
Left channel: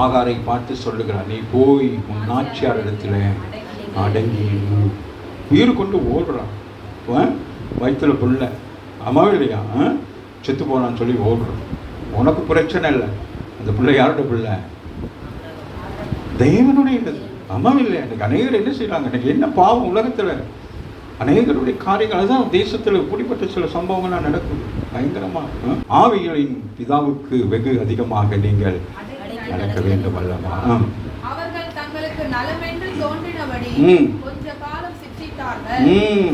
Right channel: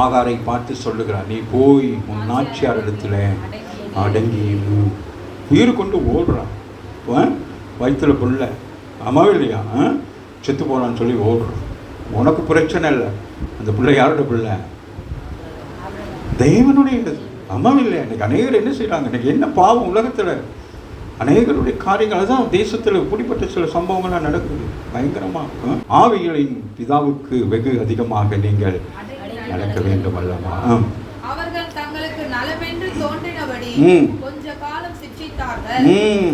ஆகாரை பார்த்து சொல்லுகிறார், நீ போய் உன் நாச்சியார் இடத்துல அடங்கி. உயிர் கொண்டு ஓடுறான், வயிற்றுல புள்ள, அம்மாவே இல்லையா, செத்து போனான்னு சொல்லி ஓடுறான். உனக்கு பிரச்சனை இல்லை, அந்த பிள்ளை யாரோட பிள்ளை? தேவனுடைய அம்மாவே இல்லையா? இன்னைக்கு அநேகர் என்ன செய்யறாங்க? இன்னைக்கு என்ன பாவம் உலகத்துல, அநேகருடைய காரியங்கள். அதுதான் தேசத்துல இப்படிப்பட்ட சில சம்பவங்கள்லாம் நடக்குது பயங்கரமா. ஆவிகளின் பிதாவுக்கு வெகு அதிகமாக நீங்கள் நடக்க வேண்டும் அல்லவா? அவர்கள் தங்களுக்கு நலமென்று தோன்றினபடி கொஞ்ச காலம் சிற்றிட்டார்கள்.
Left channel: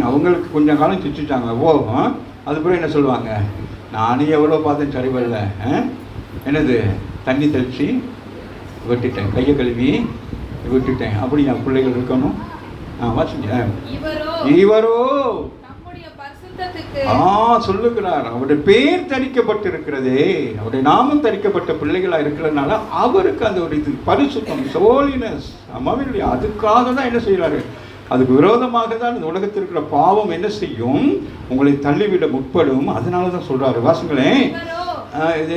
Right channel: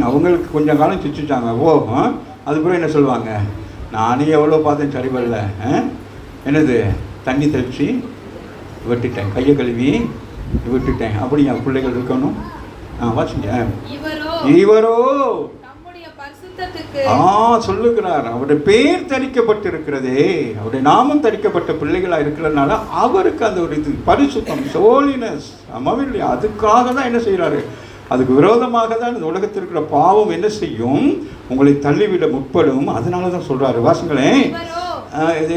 அவங்களுக்கு கொஞ்ச காலம் சிற்றிட்டாங்க. அது கூட என்ன சொல்லுவாங்க? நானே எவ்வளோ பார்த்தேன், சரி வரல, என்னது தண்ணி தெளிச்சு விட்டுட்டேன், கையை கழுவி விட்டுட்டேன், அப்படி என் பிள்ளைகள் இருக்கணும். வாசிங்க. இவரோ சொல்லுகிறார், அவருடைய பேர் தரிக்கப்பட்டிருக்கிறதே, அவருடைய நாமம் தரிக்கப்பட்ட பிள்ளைகளா இருக்கிறதுனால அவருக்கு அந்த ஒரு இது பரிசுத்தம், ஹோலினஸ், அம்மாவில்லையா? அதுக்காக தான் என்ன செய்யறாரு? அதுக்கு விரோதமாக தான் இந்த உலகத்தில் இருக்கிற பாவம் என்ன செய்யும்? உங்களை தள்ளிவிட முற்படும். அதனால தான் சொல்றாரு. வாசிங்களேன்,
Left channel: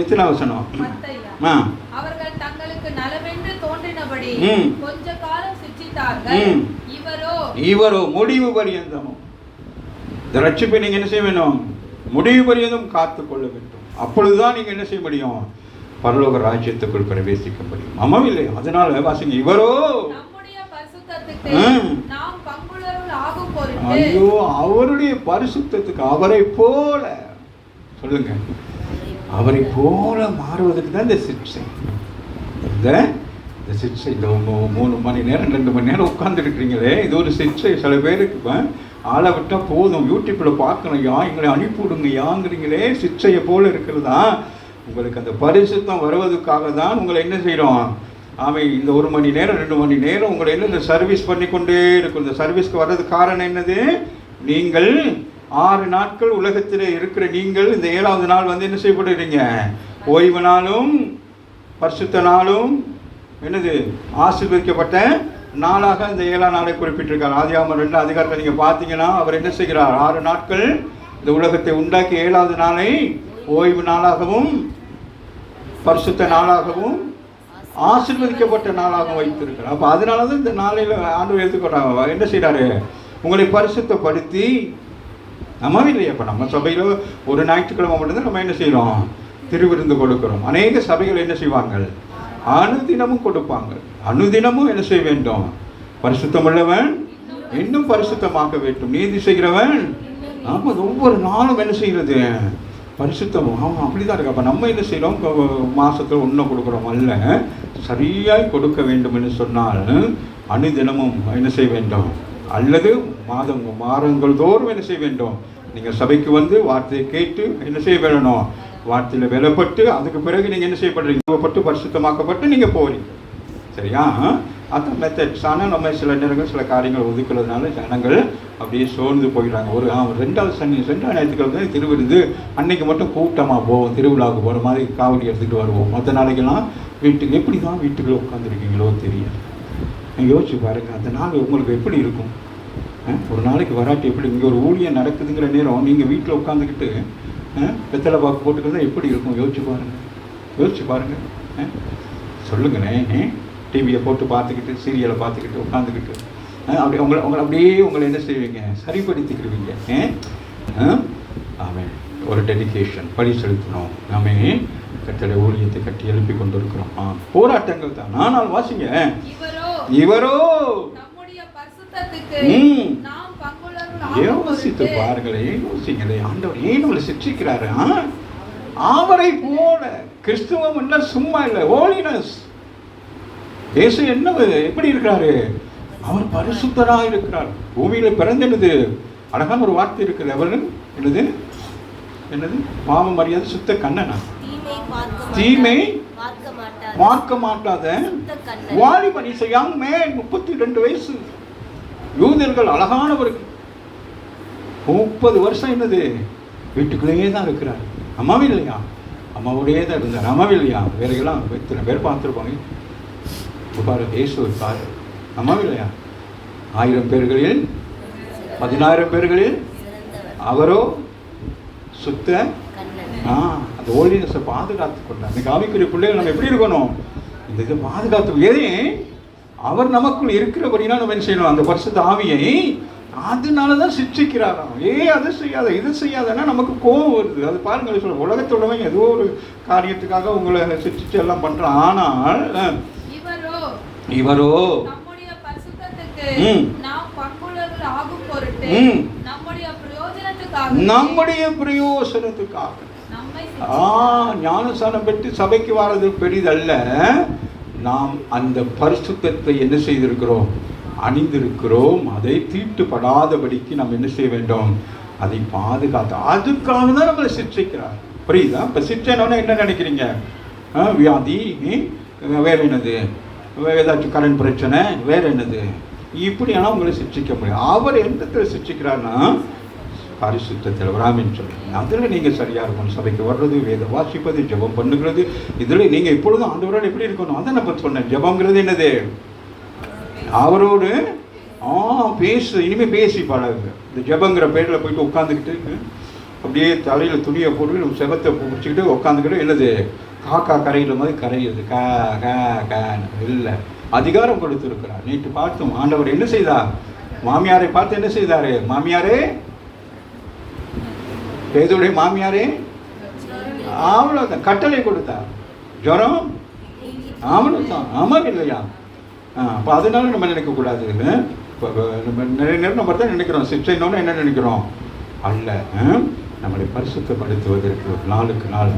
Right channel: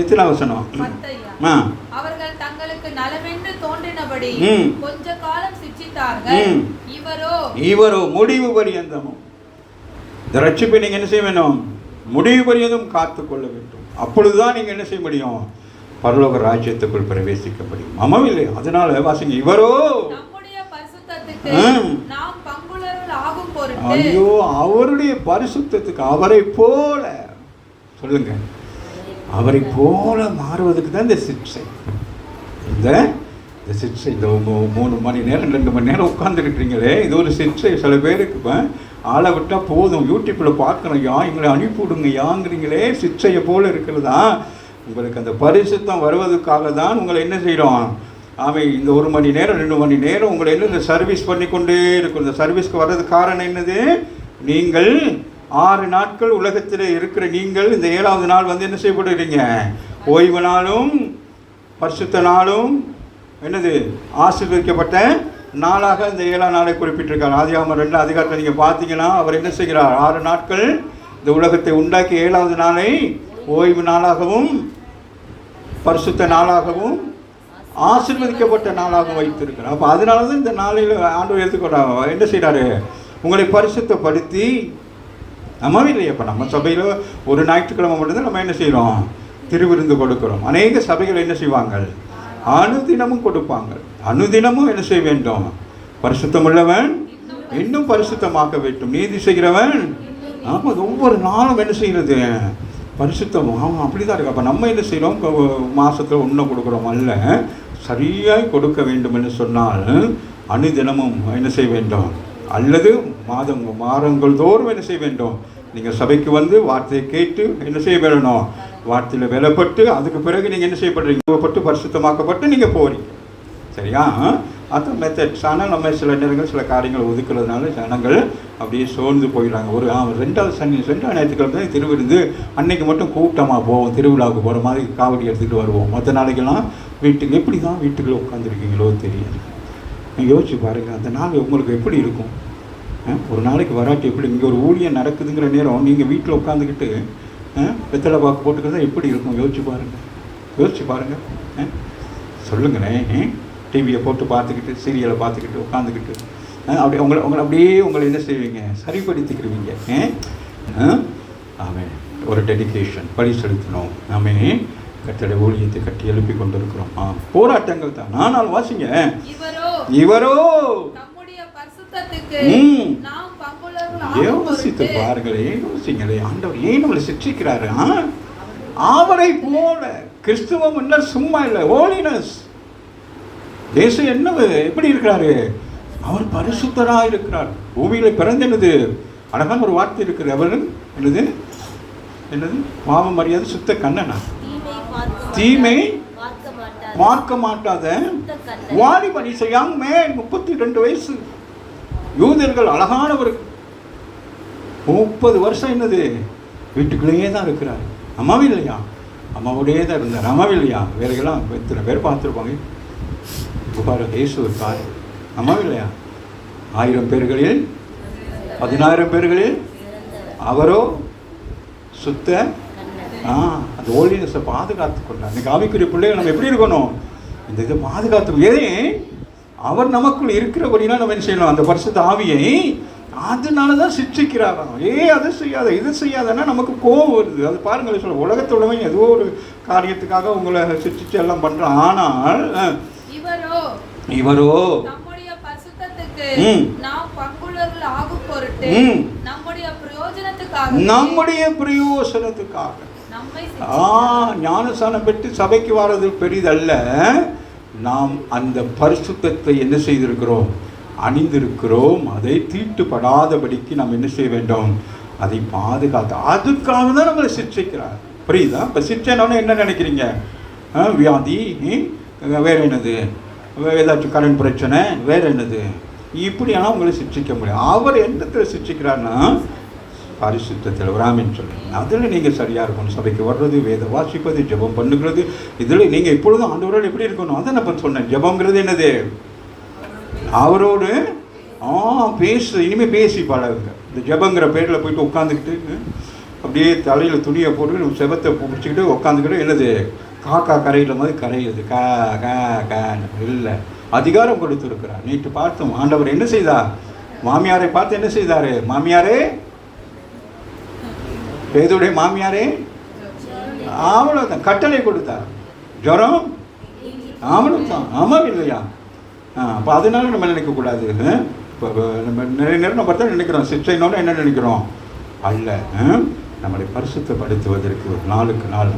எத்தனை வசனம்? அவர்கள் தங்களுக்கு நலமென்று தோன்றினபடி கொஞ்ச காலம் சிற்றித்தார்கள். இவரோ முடிவு பரியந்தமும். இந்த ரட்சிப்பை நீங்க என்ன செய்ய வேண்டும்? முடிவு பரியந்தம் காத்துக்கொள்ள வேண்டும். அப்பொழுதுதான் நீங்க என்ன செய்ய முடியும்? பரலோக ராஜ்யத்துக்குள் பிரவேசிக்க முடியும். ஆமாம் இல்லை? அதனால வாசிங்க, இவரோ ஐயோ அவருடைய பரிசுத்தத்துக்கு, அவரை போல சொல்லுங்க, அவரை போல மாறுவதற்கு தான் இந்த சிக்ஷை. இந்த சிக்ஷை, இந்த 3 மணி நேரம் 2 மணி நேரம் உட்கார்ந்துருக்கிறீங்களே, இது ஒரு சிக்ஷை. சில பேருக்கு ஆளை விட்டால் போதும், யூடியூப்பில் பார்க்கணும், எங்களை அனுப்பிவிடுங்க யாங்கிறீங்களே, சிக்ஷையை போல இருக்கிறதா? உங்களுக்கு அந்த பரிசுத்தம் வருவதற்காக தான் உங்களை என்ன செய்கிறோம்? அவன் இந்த 1 மணி நேரம் 2 மணி நேரம் உங்களை என்ன இந்த சர்வீஸ் பண்ணி கொண்டே இருக்கும். இந்த சர்வீஸ்க்கு வர்றதுக்கு காரணம் என்னது? நீங்கள் 6 நாட்கள் உலகத்தில் இருக்கிற நீங்கள் இந்த 7வது நாள் என்ன செய்யப்படுறீங்க? ஓய்வு நாளும் பரிசுத்த நாளும் என்னது ஆசீர்வதிக்கப்பட்ட நாளாக இந்த 7ஆம் நாளை குறிப்பிட்டிருக்கார். ஆதியாகமம் 2 அதிகாரத்தை நீங்கள் பார்த்தீங்கன்னா அவர் என்ன செய்கிறார்? 6 நாட்கள் இந்த உலகத்தை உண்டாக்கி 7வது நாளை ஓய்வு நாளாகவும் பரிசுத்த நாளாகவும் ஆசீர்வதிக்கப்பட்ட நாளாகவும் வைத்திருக்கிறார். அப்போ அதனால தான் இந்த நாளில் ஆண்டவர் எடுத்துக்கிறாங்க. என்ன செய்கிறாரு? உங்களை பரிசுத்தப்படுத்தி, நம்மவே இல்லையா? இப்போ நம்ம சபையில் ஒரு ஞாயிற்றுக்கிழமை மட்டும்தான் நம்ம என்ன செய்கிறோம்? திருவிருந்து கொடுக்கிறோம். அநேக சபைகள் என்ன செய்வாங்க? அனுதினமும் கொடுப்பாங்க. அனுதினமும் என்ன செய்ய வேண்டும்? பரிசுத்தம் உள்ளவன் இன்னும் பரிசுத்தமாக்க வேண்டும், நீதி செய்கிறவன். ஆமாம், ஒவ்வொரு நாளும் என்ன செய்கிறது? பரிசுத்தம். ஆமாம், அப்படிதான் இருக்கு. அப்போ நம்ம என்ன செய்கிறோம்? மாதத்தில் ஒன்றும் கொடுக்குறோம் அல்ல, சரியாக கொடுக்க வேண்டும் என்று சொன்னால் அனுதினமும் என்ன செய்ய வேண்டும்? அல்லது மாதங்கள் தோறும் என்ன செய்ய வேண்டும்? நீங்கள் சபைக்கு வந்து வார்த்தையை கேட்டு என்ன செய்ய வேணும்? வார்த்தையில் வெலப்பட்டு அதுக்கு பிறகு நீங்கள் என்ன செய்யப்படுறீங்க? பரிசுத்தமாக்கப்பட்டு நீங்கள் போகிறீங்க. சரியா? அது மெத்தட்ஸ். ஆனால் நம்ம சில நேரங்கள் சில காரியங்களை ஒதுக்குறதுனால ஜனங்கள் அப்படியே சோர்ந்து போயிடுறாங்க. ஒரு 2வது ஞாயிற்றுக்கிழமை தான் திருவிருந்து, அன்னைக்கு மட்டும் கூட்டமாக போவோம், திருவிழாவுக்கு போகிற மாதிரி காவடி எடுத்துகிட்டு வருவோம். மற்ற நாளைக்கெல்லாம் வீட்டுக்கு எப்படி தான் வீட்டுக்குள்ளே உட்காந்துருக்கீங்களோ தெரியாது. நீங்கள் யோசிச்சு பாருங்கள், அந்த நாள் உங்களுக்கு எப்படி இருக்கும்? ஒரு நாளைக்கு வராட்டி எப்படி? இங்கே ஒரு ஊழியம் நடக்குதுங்கிற நேரம் நீங்கள் வீட்டில் உட்காந்துக்கிட்டு வெத்தலை பாக்கு போட்டுக்கிறதா எப்படி இருக்கும்? யோசிச்சு பாருங்கள். சொல்லுங்கண்ணே. டிவியை போட்டு பார்த்துக்கிட்டு, சீரியலை பார்த்துக்கிட்டு உட்காந்துக்கிட்டு அப்படி உங்களை என்ன செய்வீங்க? சரிப்படுத்திக்கிடுவீங்க. ஆமாம், ஒரு டெடிகேஷன் படி செலுத்தணும். நாமே கட்டளை ஊழியத்தை கட்டி எழுப்பி கொண்டிருக்கிறோம். போராட்டங்கள் தான். ஆனால் வாசிங்க, இவரோ யோசித்து பாருங்களே, யோசிங்களே, ஆண்டவர் ஏன் நம்மளை சிக்ஷிக்கிறாரு? அவரை போல கிறிஸ்துவம் என்ன சும்மா இல்லை, ஹோலினஸ். இயேசு என்ன எப்படி இருக்கிறாரு? அவர் பரிசுத்தராக இருக்கிறார். பூமியில பிறந்தெழுது அழகான ஒரு வார்த்தை இருக்குது. அவர் என்னது என்னது பாவம் அறியாத சுத்த கண்ணனா, தீமை பார்க்க மாட்டாத வாலிபன். இஸ் யங் மேன், 32 வயசு. யூதர்கள் அழகானவர்கள். 30 வருஷம் என்னது வீட்டுக்குள்ளேயே தான் இருக்கிறார். அம்மாவே இல்லையா? அம்மாவோடே தான் இருந்தார். அம்மாவே இல்லையா? வேறையெல்லாம் எத்தனை பேர் பார்த்துருப்பாங்க. இயேசு இருக்கார். அம்மாவே இல்லையா? 1000 பேர்களில் 10000 பேர்களில் அவரோ சுத்த அந்த ஹோலினஸை பாதுகாத்து கொண்டார். இன்னைக்கு ஆவிக்குரிய பிள்ளைகள் நம்ம எப்படி இருக்கணும்? இந்த இதை பாதுகாத்து. ஏதே அவர் நமக்குள் இருக்கிறபடினா நம்ம என்ன செய்யணும்? அந்த பரிசுத்த ஆவியை அதனால தான் சிக்ஷிக்கிறாராம். அது செய்யாத இது செய்யாதன்னா நமக்கு கோபம் வருது. அது பாருங்கள், சொல்ல உலகத்தோடவே ஏதோ ஒரு காரியத்துக்காக உங்களை சிக்ஷிச்சு எல்லாம் பண்றோம். ஆனால் இவரோ நம்முடைய பரிசுத்தத்துக்கு நாம் பங்குள்ளவர்கள் ஆகும் பொருட்டு நம்முடைய பிரயோஜனத்துக்காக ஞானஸ்நானம் பெற்று சபைக்கு வர்றது பெரிதல்ல. நாம் அந்த பரிசுத்தத்தை என்ன செய்திருக்கிறோம்? அணிந்திருக்கிறோம். அதை தீட்டுப்படாதபடிக்கு நாம் என்ன செய்ய வேண்டும்? அதை பாதுகாத்து. அதுக்காக தான் நம்மளை சிக்ஷிக்கிறார். புரியுதா? இப்போ சிக்ஷைன்னு என்ன நினைக்கிறீங்க? வியாதி, வேற என்னது, ஏதாச்சும் கடன் பிரச்சனை, வேற என்னது, இப்படியெல்லாம் உங்களை சிக்ஷிக்க முடியும். அவர் எந்த சிக்ஷிக்கிறார்னா பரிசுத்தத்தில் வராமின்னு சொல்லுங்க. அதில் நீங்கள் சரியாக இருக்கணும். சபைக்கு வர்றது, வேத வாசிப்பது, ஜெபம் பண்ணுகிறது, இதில் நீங்கள் எப்பொழுதும் ஆண்டவரோடு எப்படி இருக்கணும்? அதை நான் சொன்னேன். ஜெபங்கிறது என்னது? அவரோடு பேசு. இனிமேல் பேசி பழகுங்க. இந்த ஜெபங்கிற பேரில் போயிட்டு உட்காந்துக்கிட்டு அப்படியே தலையில் துணியை போட்டு செபத்தை பிடிச்சிக்கிட்டு உட்காந்துக்கிட்டு என்னது காக்கா கரையில் மாதிரி கரையுது. இல்லை, அதிகாரம் கொடுத்துருக்கிறார். நேற்று பார்த்தோம். ஆண்டவர் என்ன செய்தார்? மாமியாரை பார்த்து என்ன செய்தாரு? மாமியாரே, பேதுடைய மாமியாரே, அவ்வளோதான் கட்டளை கொடுத்தார். ஜுரம் அவ்வளோதான். ஆமாம் இல்லையா? அப்போ அதனால நம்ம நினைக்கக்கூடாது. நிறைய நேரம் நம்ம தான் நினைக்கிறோம் சிக்ஷைனோட என்ன நினைக்கிறோம்? அல்ல, நம்மளை பரிசுத்தப்படுத்துவதற்கு ஒரு நாளுக்கு நாள்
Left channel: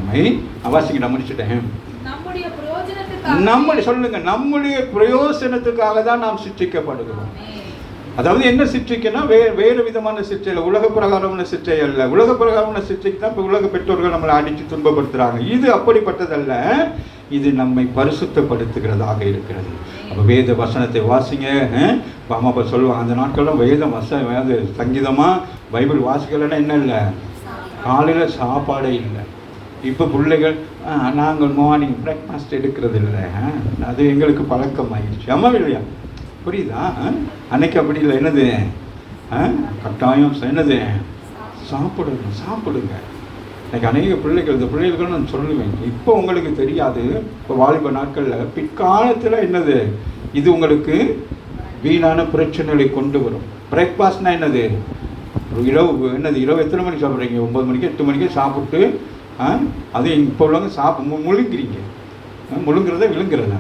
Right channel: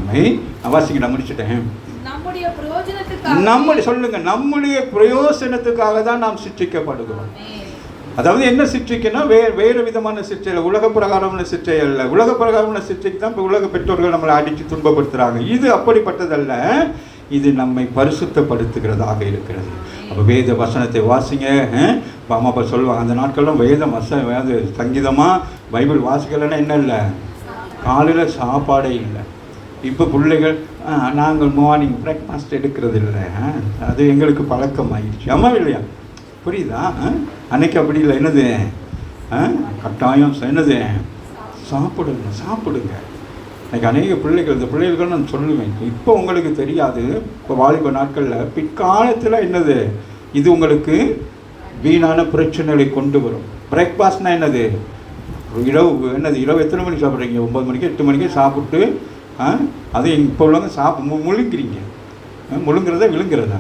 வாசிக்க நான் முடிச்சுட்டேன். நம்முடைய சொல்லுங்க, நம்முடைய பிரயோசனத்துக்காக தான் நாம் சிக்ஷிக்கப்படுகிறோம். அதாவது என்ன சிக்ஷைக்குன்னா வேறு விதமான சிக்ஷை இல்லை, உலக பிரகாரமான சிக்ஷை இல்லை. உலக பிரகாரமான சிக்ஷைக்கு தான் இப்போ உலக பெற்றோர்கள் நம்மளை அடித்து துன்பப்படுத்துகிறாங்க. இது அப்படிப்பட்டதல்ல, இது நம்மை பரிசுத்தப்படுத்துகிறதாக இருக்கிறது. அப்போ வேத வசனத்தை வாசிங்க. அம்மா அப்பா சொல்லுவாங்க, அந்த நாட்கள்லாம் வேத சங்கீதமாக பைபிள் வாசிக்கலைன்னா என்ன இல்லை, காலையில் சாப்பாடே இல்லை. இப்போ பிள்ளைகள் நாங்கள் மார்னிங் பிரேக்ஃபாஸ்ட் எடுக்கிறது இல்லை, அது எங்களுக்கு பழக்கம் ஆகிடுச்சு. அம்மா இல்லையா? புரியுதா? அன்னைக்கு அப்படி இல்லை. என்னது கட்டாயம் என்னது? சாப்பிடுங்க சாப்பிடுங்க. எனக்கு அநேக பிள்ளைகள், இந்த பிள்ளைகளுக்கு நான் சொல்லுவேன், இப்போ உங்களுக்கு தெரியாது, இப்போ வாலிப நாட்களில் பிற்காலத்தில் என்னது இது உங்களுக்கு வீணான பிரச்சனைகளை கொண்டு வரும். பிரேக்ஃபாஸ்ட்னா என்னது? இரவு என்னது, இரவு எத்தனை மணிக்கு சாப்பிட்றீங்க? 9 மணிக்கு 8 மணிக்கு சாப்பிட்டு அது இப்போ உள்ளவங்க முழுங்குறீங்க. முழுங்குறத விழுங்குறதா?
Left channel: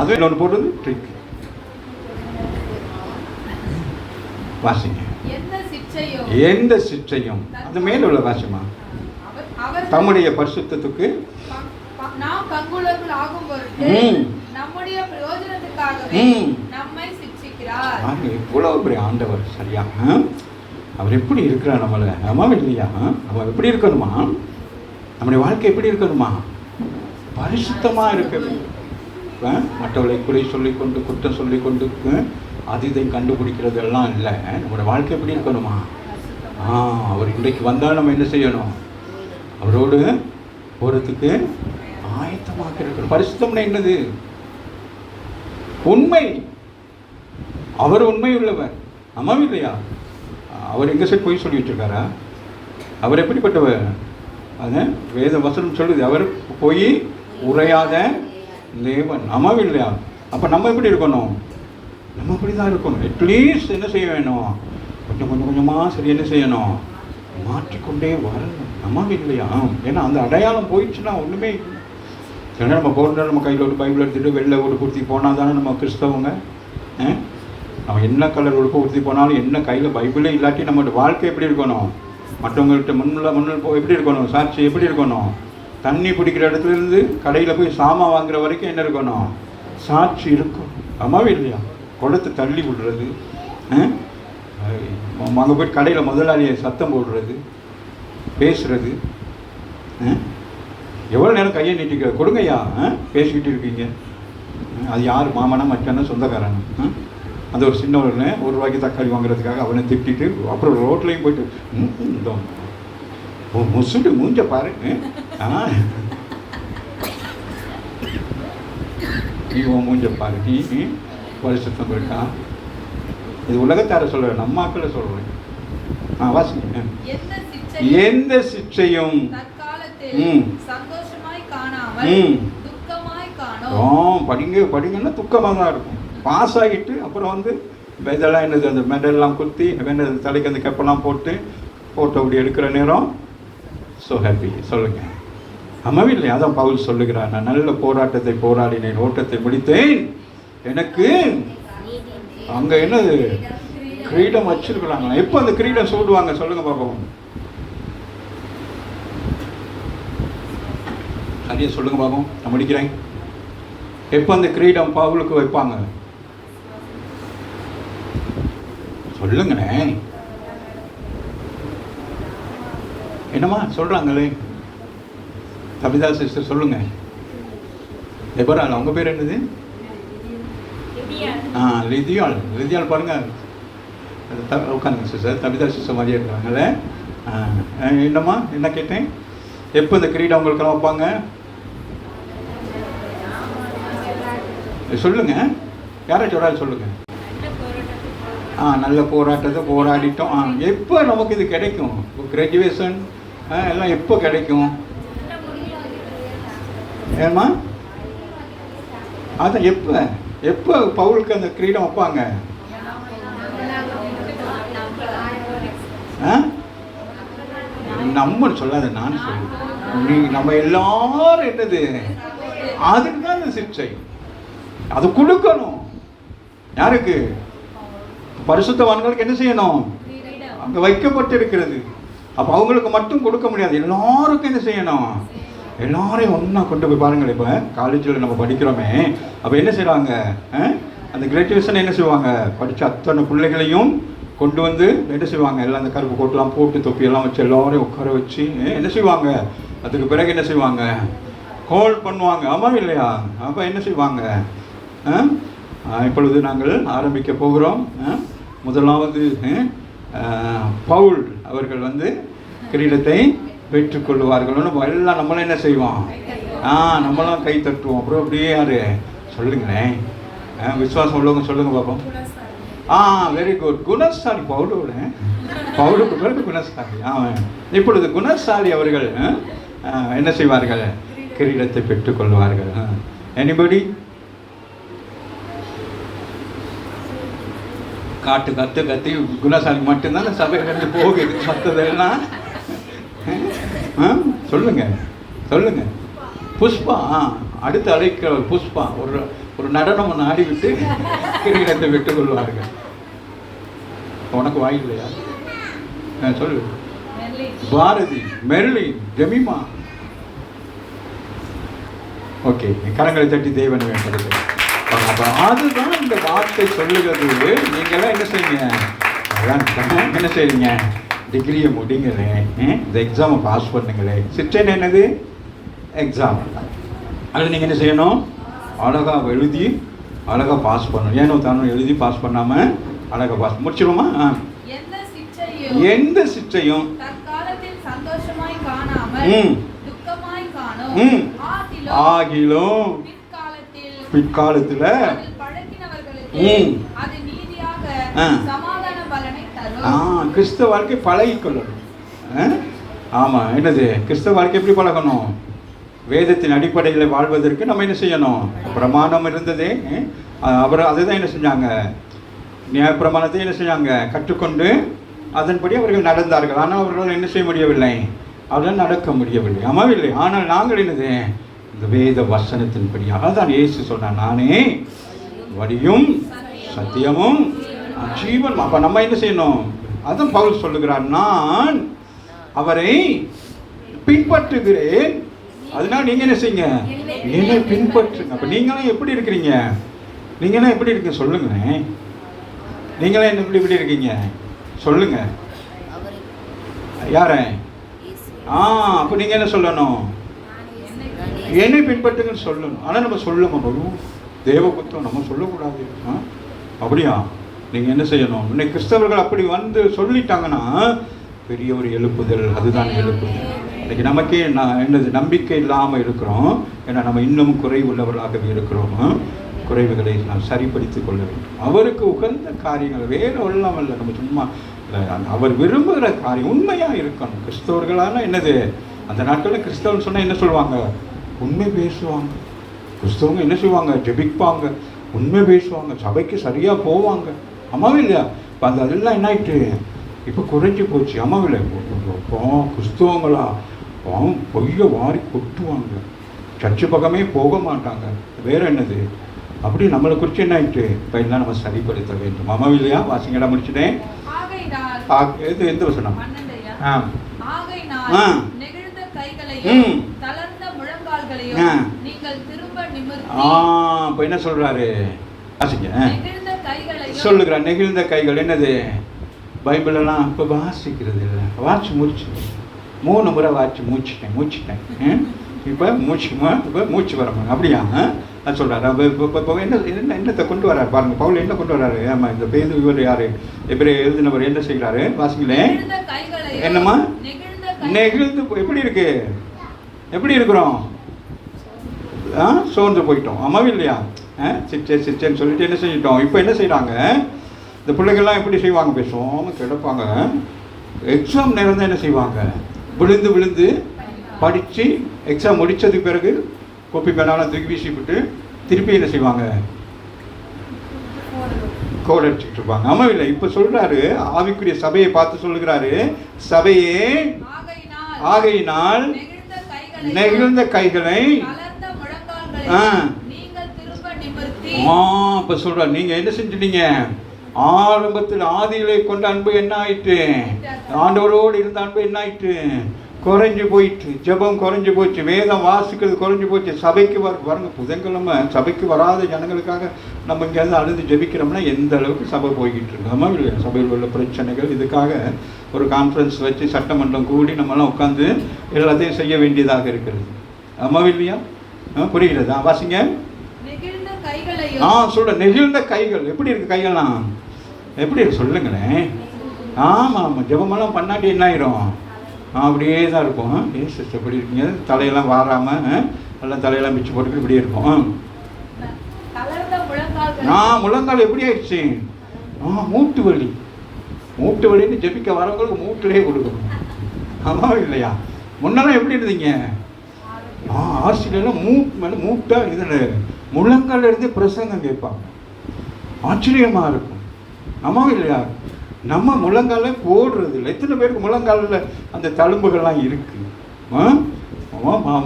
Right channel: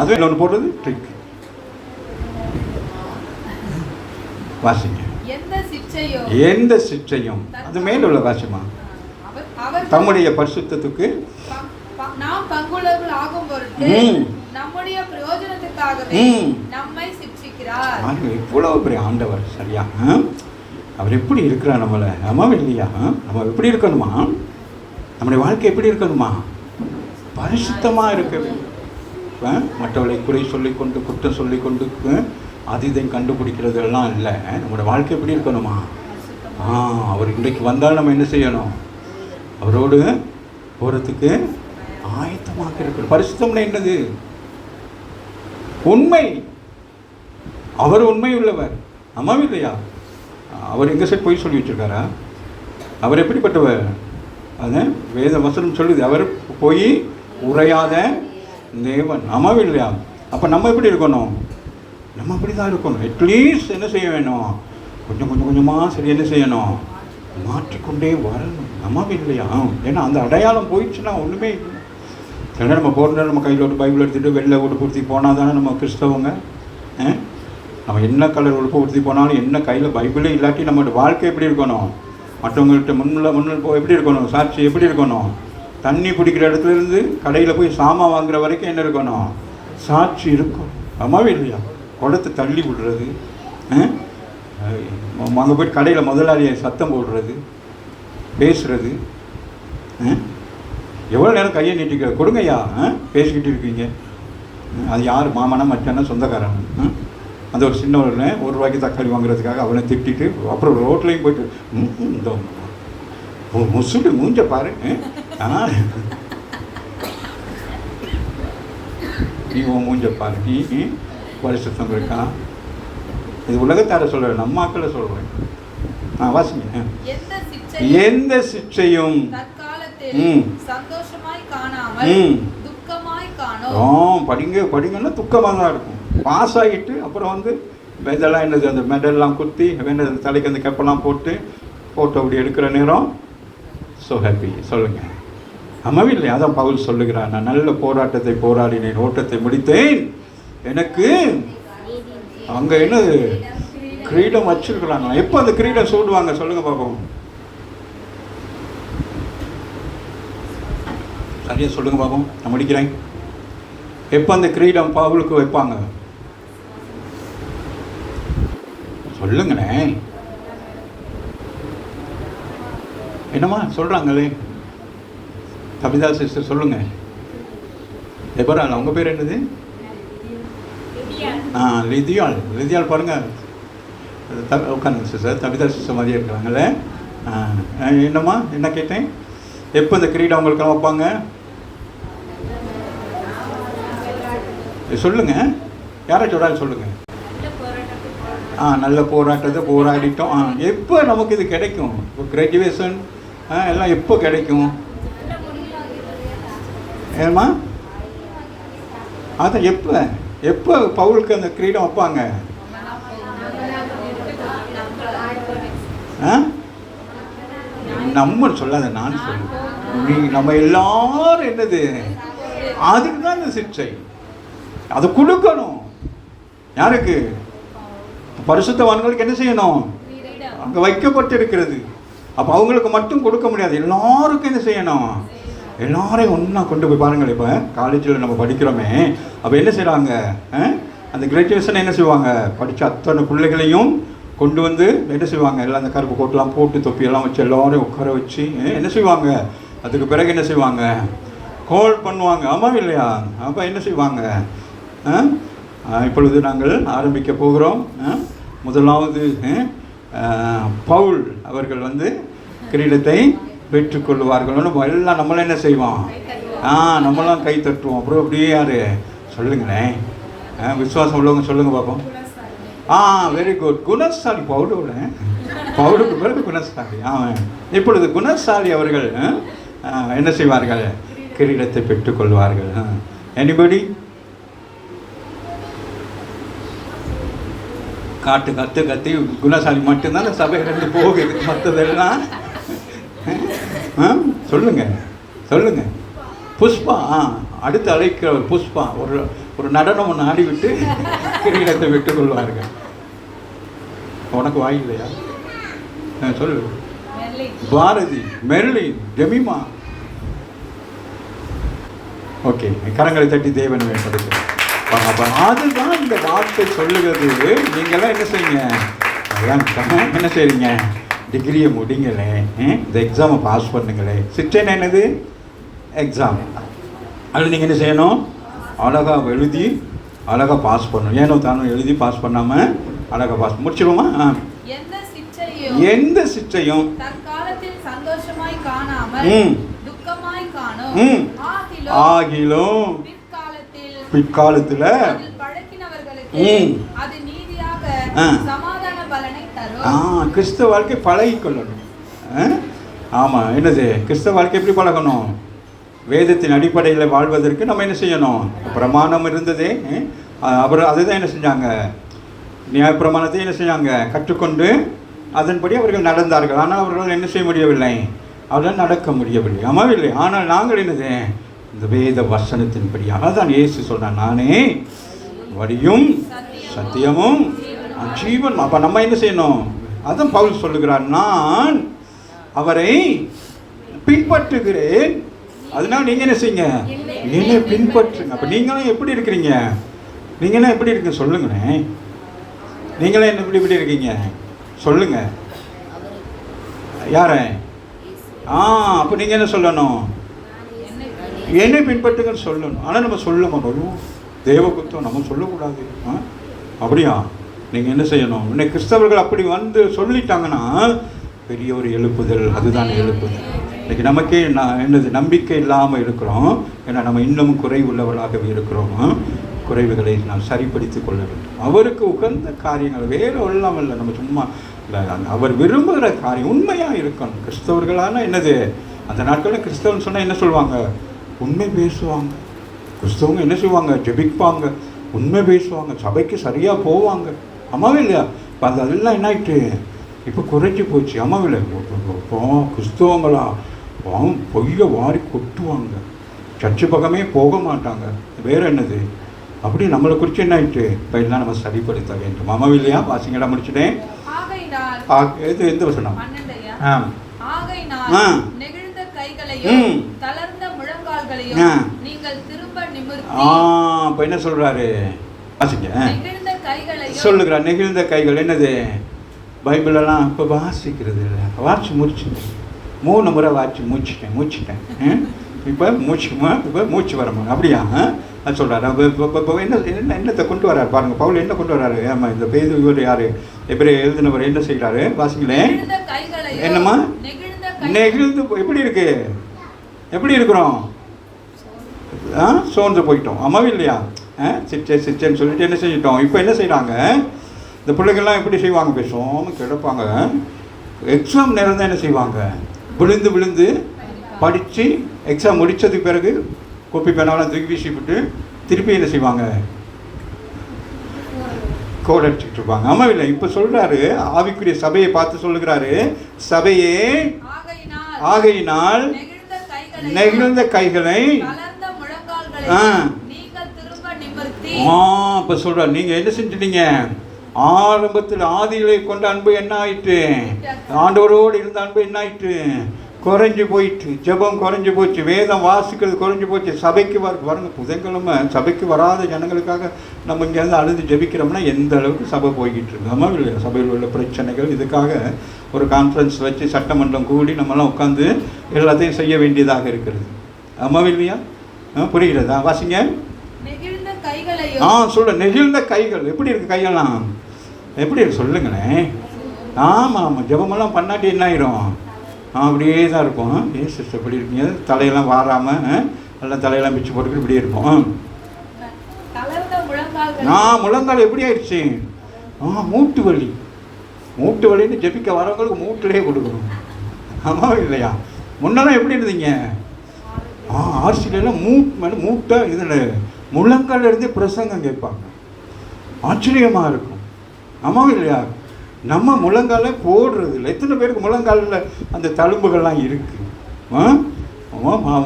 அது இன்னொன்று போடுறது ட்ரிக். வாசிங்க. எந்த சிற்றையும் அது மேல உள்ள வாசிமா தம்முடைய பரிசுத்தத்துக்கு நாம் பங்குள்ளவர்கள் ஆகும் பொருட்டு நம்முடைய பிரயோஜனத்துக்காகவே நம்மை சிக்ஷிக்கிறார். இவ்வளவு பெரிய ஆண்டவர். சரியா? அவர் எப்படி இருக்கிறார் நம்மளை? அம்மா இல்லையா? நம்ம எப்படி இருக்கணுமா? நம்முடைய வாழ்க்கை எப்படி இருக்கணுமா? பரிசுத்தமா இருக்கணும். மற்றவர்களை குறை சொல்லிக்கொண்டு குற்றம் சொல்லிக்கொண்டு அது இதை கண்டுபிடிக்கிறது எல்லாம் இல்லை. நம்மளோட வாழ்க்கை எப்படி இருக்கணுமா? அவர் இன்றைக்கு வந்தால் நம்ம என்ன செய்யணும்? அவரோடு போகிறதுக்கு ஆயத்தமாக இருக்கணும். பரிசுத்தம்னா என்னது? உண்மை. அவர் உண்மை உள்ளவர். அம்மா இல்லையா? அவர் எங்கே சைடு போய் சொல்லி வச்சிருக்காரா? அவர் எப்படிப்பட்டவர்? அது வேத வசனம் சொல்லுது, அவர் போய் உரையாத தேவன். அம்மா இல்லையா? அப்போ நம்ம எப்படி இருக்கணும்? நம்ம அப்படி தான் இருக்கணும். அட்லீஸ்ட் என்ன செய்ய வேணும்? கொஞ்சம் கொஞ்சமாக சரி என்ன செய்யணும்? மாற்றிக்கொண்டே வரணும். அம்மா இல்லையா? ஏன்னா அந்த அடையாளம் போயிடுச்சுன்னா ஒன்றுமே ஏன்னா நம்ம போகிறதால நம்ம கையில் ஒரு பைபிள் எடுத்துகிட்டு வெளில உடுப்புடுத்தி போனால் தானே நம்ம கிறிஸ்தவங்க. அவன் என்ன கலர் உடுப்புடுத்தி போனாலும் என்ன கையில் பைபிளே இல்லாட்டி நம்மளோட வாழ்க்கை எப்படி இருக்கணும், மற்றவங்கள்ட்ட முன்னில் போய் எப்படி இருக்கணும், சாட்சி எப்படி இருக்கணும், தண்ணி பிடிக்கிற இடத்துலேருந்து கடையில் போய் சாமான் வாங்குற வரைக்கும் என்ன இருக்கணும், சாட்சி இருக்கும். அம்மாவே இல்லையா? குடத்தை தள்ளி விடுறது, அங்கே போய் கடையில் முதலாளியை சத்தம் போடுறது, பேசுகிறது, எவ்வளோ நேரம் கையை நீட்டிக்கிற கொடுங்கய்யா, பேசிக்கிட்டு இருக்கீங்க. அது யார் மாமனா மச்சானா சொந்தக்காரன். அந்த ஒரு சின்ன ஒரு ரூபாய்க்கு தக்காளி வாங்குறதுக்காக அவனை திட்டிட்டு அப்புறம் ரோட்லேயும் போயிட்டு இந்த முசுடு மூஞ்ச பாரு, நீ உன் மூஞ்ச பாரு, நீ பரிசுத்தம் இருக்கா. இது உலகத்தார சொல்கிறேன், நம்ம ஆக்களை சொல்கிறேன். வாசிங்க. எந்த சிக்ஷையும் படிங்கன்னா துக்கமாக தான் இருக்கும். பாஸ் ஆகிட்டு அப்புறம் இதெல்லாம் என்னது, அந்த மெடல்லாம் குத்தி வேண்டது தலைக்கு அந்த கப்பெல்லாம் போட்டு அப்படி எடுக்கிற நேரம் ஸோ ஹாப்பி. சொல்லுங்க, அம்மாவே இல்லை? அதான் பவுல் சொல்லுகிறார், நான் நல்ல போராட்டத்தை போராடினேன், ஓட்டத்தை முடித்தேன், எனக்கு அங்கே என்னது கிரீடம் வச்சிருக்கிறாங்களா? எப்போ அந்த கிரீடம் சூடுவாங்க சொல்லுங்க பார்ப்போம். சரியா சொல்லுங்க பார்ப்போம், நான் முடிக்கிறேன். எப்போ அந்த கிரீடம் பவுலுக்கு வைப்பாங்க சொல்லுங்கண்ணே? என்னம்மா சொல்றாங்களே? கவிதா சிஸ்டர் சொல்லுங்க. எப்பரா அவங்க பேர் என்னது? லிதியால் பாருங்க, உட்காந்து சிஸ்டர் கவிதா சிஸ்டர் மாதிரியே இருக்கிறாங்களே. என்னம்மா என்ன கேட்டேன்? எப்போ இந்த கிரீடம் அவங்களுக்கெல்லாம் வைப்பாங்க சொல்லுங்க, யாராச்சும் ஒரு சொல்லுங்க. நல்ல போராட்டத்தை போராடிட்டோம். எப்போ நமக்கு இது கிடைக்கும்? கிராஜுவேஷன் எல்லாம் எப்போ கிடைக்கும்? ஏமா அதான் எப்போ பவுலுக்கு அந்த கிரீடம் வைப்பாங்க? நம்ம சொல்லாத, நான் சொல்லுவேன். நம்ம எல்லாரும் என்னது, அதுக்கு தான் இந்த சிக்ஷை. அது கொடுக்கணும். யாருக்கு? பரிசுத்தவான்களுக்கு என்ன செய்யணும்? அங்கே வைக்கப்பட்டிருக்கிறது. அப்போ அவங்களுக்கு மட்டும் கொடுக்க முடியாது, எல்லாருக்கும் என்ன செய்யணும்? எல்லாரையும் ஒன்றா கொண்டு போய் பாருங்கள். இப்போ காலேஜில் நம்ம படிக்கிறோமே, அப்போ என்ன செய்வாங்க? அந்த கிராஜுவேஷன் என்ன செய்வாங்க? படித்த அத்தனை பிள்ளைகளையும் கொண்டு என்ன செய்வாங்க? எல்லாம் அந்த கருப்பு கோட்டெலாம் போட்டு தொப்பியெல்லாம் வச்சு எல்லாரையும் உட்கார வச்சு என்ன செய்வாங்க? அதுக்கு பிறகு என்ன செய்வாங்க? கோல் பண்ணுவாங்க. ஆமாம் இல்லையா? அப்போ என்ன செய்வாங்க? இப்பொழுது நாங்கள் ஆரம்பிக்க போகிறோம். முதலாவது பவுல் அவர்கள் கிரீடத்தை பெற்றுக்கொள்வார்கள். நம்ம எல்லாம் நம்மளாம் என்ன செய்வோம்? நம்மளாம் கை தட்டுவோம். அப்புறம் அப்படியே யாரு சொல்லுங்களேன், விசுவாசம் உள்ளவங்க சொல்லுங்க பார்ப்போம். Very good. குணசாலி பவுலுக்கு பிறகு குணசாலி. இப்பொழுது குணசாலி அவர்கள் என்ன செய்வார்கள்? கிரீடத்தை பெற்றுக்கொள்வார்கள். எனிபடி? கத்தி குணசாலி மட்டும்தான் சபையிலிருந்து போகுது. மற்றதெல்லாம் சொல்லுங்க. புஷ்பா அடுத்து அழைக்கிறவர் புஷ்பா ஒரு நடனம் ஒன்று ஆடிவிட்டு கிரீடத்தை விட்டுக் கொள்வார்கள். உனக்கு வாயில்லையா? சொல்லு. பாரதி, மெர்லி, ஜெமிமா. ஓகே, கரங்களை தட்டி தேவன் வேண்டும். அதுதான் இந்த வார்த்தை சொல்லுகிறது. நீங்களாம் என்ன செய்யுங்க? என்ன செய்றீங்க? டிகிரியை முடிங்களே, இந்த எக்ஸாமை பாஸ் பண்ணுங்களே. சிக்ஷன் என்னது? எக்ஸாம். அது நீங்கள் என்ன செய்யணும்? அழகாக எழுதி அழகாக பாஸ் பண்ணணும். ஏனோ தானும் எழுதி பாஸ் பண்ணாமல் அழகாக பாஸ் முடிச்சிருவோமா? எந்த சிக்ஷையும் ஆகிலும் பிற்காலத்தில் கிறிஸ்தவ வாழ்க்கை பழகிக்கொள்ளணும். ஆமாம், என்னது கிறிஸ்தவ வாழ்க்கை எப்படி பழகணும்? வேதத்தின் அடிப்படையில் வாழ்வதற்கு நம்ம என்ன செய்யணும்? பிரமாணம் இருந்ததே, அவர் அதுதான் என்ன செஞ்சாங்க? நியாயப்பிரமாணத்தை என்ன செஞ்சாங்க? கற்றுக்கொண்டு அதன்படி அவர்கள் நடந்தார்கள். ஆனால் அவர்களால் என்ன செய்ய முடியவில்லை? அவர்களால் நடக்க முடியவில்லை. ஆமாவில்லை. ஆனால் நாங்கள் என்னது இந்த வேத வசனத்தின்படியாக தான் இயேசு சொன்னார், நானே வழியும் சத்தியமும் ஜீவன். அப்ப நம்ம என்ன செய்யணும்? அதான் பவுல் சொல்லுகிறார், நான் அவரை பின்பற்றுகிறேன், அதனால நீங்க என்ன செய்யுங்க? என்னை பின்பற்றுங்க. அப்ப நீங்களும் எப்படி இருக்கிறீங்க? நீங்களாம் எப்படி இருக்கீங்க சொல்லுங்களேன். நீங்களே என்ன இப்படி இருக்கீங்க சொல்லுங்க. யார? அப்ப நீங்க என்ன சொல்லணும்? என்னை பின்பற்றுங்கன்னு சொல்லணும். ஆனா நம்ம சொல்ல மாட்டோம். தேவபக்தம் நம்ம சொல்லக்கூடாது. அப்படியா? நீங்க என்ன செய்யணும்? இன்னைக்கு கிறிஸ்தவர்கள் அப்படி வந்து சொல்லிட்டாங்கன்னா பெரிய ஒரு எழுப்புதல், அதுதான் எழுப்புதல். இன்னைக்கு நமக்கே என்னது நம்பிக்கை இல்லாமல் இருக்கிறோம். ஏன்னா நம்ம இன்னும் குறைவுள்ளவர்களாகவே இருக்கிறோம். குறைவுகளை நாம் சரிப்படுத்திக் கொள்ள வேண்டும். அவருக்கு உகந்த காரியங்கள் வேறு உள்ளமல்ல, நம்ம சும்மா அவர் விரும்புகிற காரியம் உண்மையாக இருக்கணும். கிறிஸ்தவர்களான என்னது, அந்த நாட்களில் கிறிஸ்தவன் சொன்னால் என்ன சொல்லுவாங்க? உண்மை பேசுவாங்க. கிறிஸ்தவங்க என்ன செய்வாங்க? ஜெபிப்பாங்க, உண்மை பேசுவாங்க, சபைக்கு சரியாக போவாங்க. அம்மாவே இல்லையா? இப்போ அதெல்லாம் என்ன ஆயிட்டு இப்போ குறைஞ்சி போச்சு. அம்மாவே இல்லை? கிறிஸ்தவங்களா பொய்ய வாரி கொட்டுவாங்க, சர்ச்சு பக்கமே போக மாட்டாங்க. வேற என்னது? அப்படி நம்மளை குறித்து என்ன ஆயிட்டு இப்போ என்ன நம்ம சரிப்படுத்த வேண்டும். அம்மாவே இல்லையா? வாசிங்கடா முடிச்சுட்டேன். எது எந்த வசனம்? இப்ப என்ன சொல்றாரு? சொல்லுகிறார், நெகிழ்ந்த கைகள். என்னது? பைபிள் எல்லாம் இப்ப வாசிக்கிறது இல்லை. வாட்சி முடிச்சு 3 முறை வாட்சி மூச்சுட்டேன். இப்ப மூச்சு வரணும். அப்படியா? நான் சொல்றாரு. என்னத்தை கொண்டு வர்றாரு பாருங்க. பவுல் என்ன கொண்டு வர்றாரு? ஆமா, இந்த பேது இவர் யாரு? எபிரேயர் எழுதினவர் என்ன செய்கிறாரு? வாசிங்களேன். என்னம்மா? நெகிழ்ந்து. எப்படி இருக்கு? எப்படி இருக்கிறோம்? சோர்ந்து போயிட்டோம். அம்மாவே இல்லையா? சிச்சேன்னு சொல்லிட்டு என்ன செஞ்சிட்டோம்? இப்போ என்ன செய்யறாங்க? இந்த பிள்ளைகள்லாம் எப்படி செய்வாங்க? பேசுவோம், கிடப்பாங்க. எக்ஸாம் நேரம் தான் என்ன செய்வாங்க? விழுந்து படித்து எக்ஸாம் முடித்ததுக்கு பிறகு கோப்பி பேனாலும் தூக்கி வீசிவிட்டு திருப்பி என்ன செய்வாங்க? கோட் அடிச்சுட்டு இருப்பாங்க. ஆமாம் இல்லை? இப்போ சொல்கிறாரு, ஆவிக்குரிய சபையை பார்த்து சொல்லுகிறாரு, சபையே ஆகையினால் நெகிழ்ந்த கைகளை இப்போ சொல்கிறார், நீங்கள் என்ன செஞ்சிட்டீங்க? ஆரம்பத்தில் ஆதிகளை கொண்ட அன்பு என்ன ஆயிட்டு? ஆண்டவரோடு இருந்த அன்பு என்ன ஆயிட்டு? குறைஞ்சி போயிட்டு. ஜெபம் குறைஞ்சி போச்சு, வேதம் வாசிக்கிறது குறைஞ்சி போச்சு. சபைக்கு வரங்க புதன்கிழமை சபைக்கு வராத ஜனங்களுக்காக நம்ம இங்கேருந்து அழுது ஜெபிக்கிறோம்னா எந்த அளவுக்கு சபை போய்கிட்டு இருக்கோமா இல்லையா? சபையில் உள்ள பிரச்சனைகள், இதுக்காக ஒரு கான்ஃபரன்ஸ் வச்சு சட்டமன்றம் கூடி நம்மளாம் உட்காந்து எல்லாத்தையும் செய்ய வேண்டியதாக இருக்கிறது. அம்மாவும் இல்லையா? புரிகிறதா? வாசிங்க. சொல்ல நெகிழ்ந்த கைகள். எப்படி இருக்கு கைகள்லாம்? எப்படி இருக்கு சொல்லுங்களேன். ஆமாம், ஜெபமெல்லாம் பண்ணாட்டி என்ன ஆயிரும்? அப்படியே தான் இருக்கும். சிஸ்டர் எப்படி இருக்கீங்க? தலையெல்லாம் வாராமல் எல்லாம் தலையெல்லாம் பிச்சு போட்டுக்கிட்டு இப்படியே இருக்கும். முழங்கால் எப்படி ஆயிடுச்சு? மூட்டு வலின்னு ஜெபிக்க வரவங்களுக்கு மூட்டிலே கொடுக்கணும். ஆமாம் இல்லையா? முன்னெல்லாம் எப்படி இருந்தீங்க? ஆர்சிலாம் மூட்டை இதில் முழங்கால் இருந்து பிரசங்கம் கேட்பாங்க. ஆச்சரியமாக இருக்கும். ஆமாம் இல்லையா? நம்ம முழங்கால போடுறது இல்லை. எத்தனை பேருக்கு முழங்காலில் அந்த தழும்புகள்லாம் இருக்கு?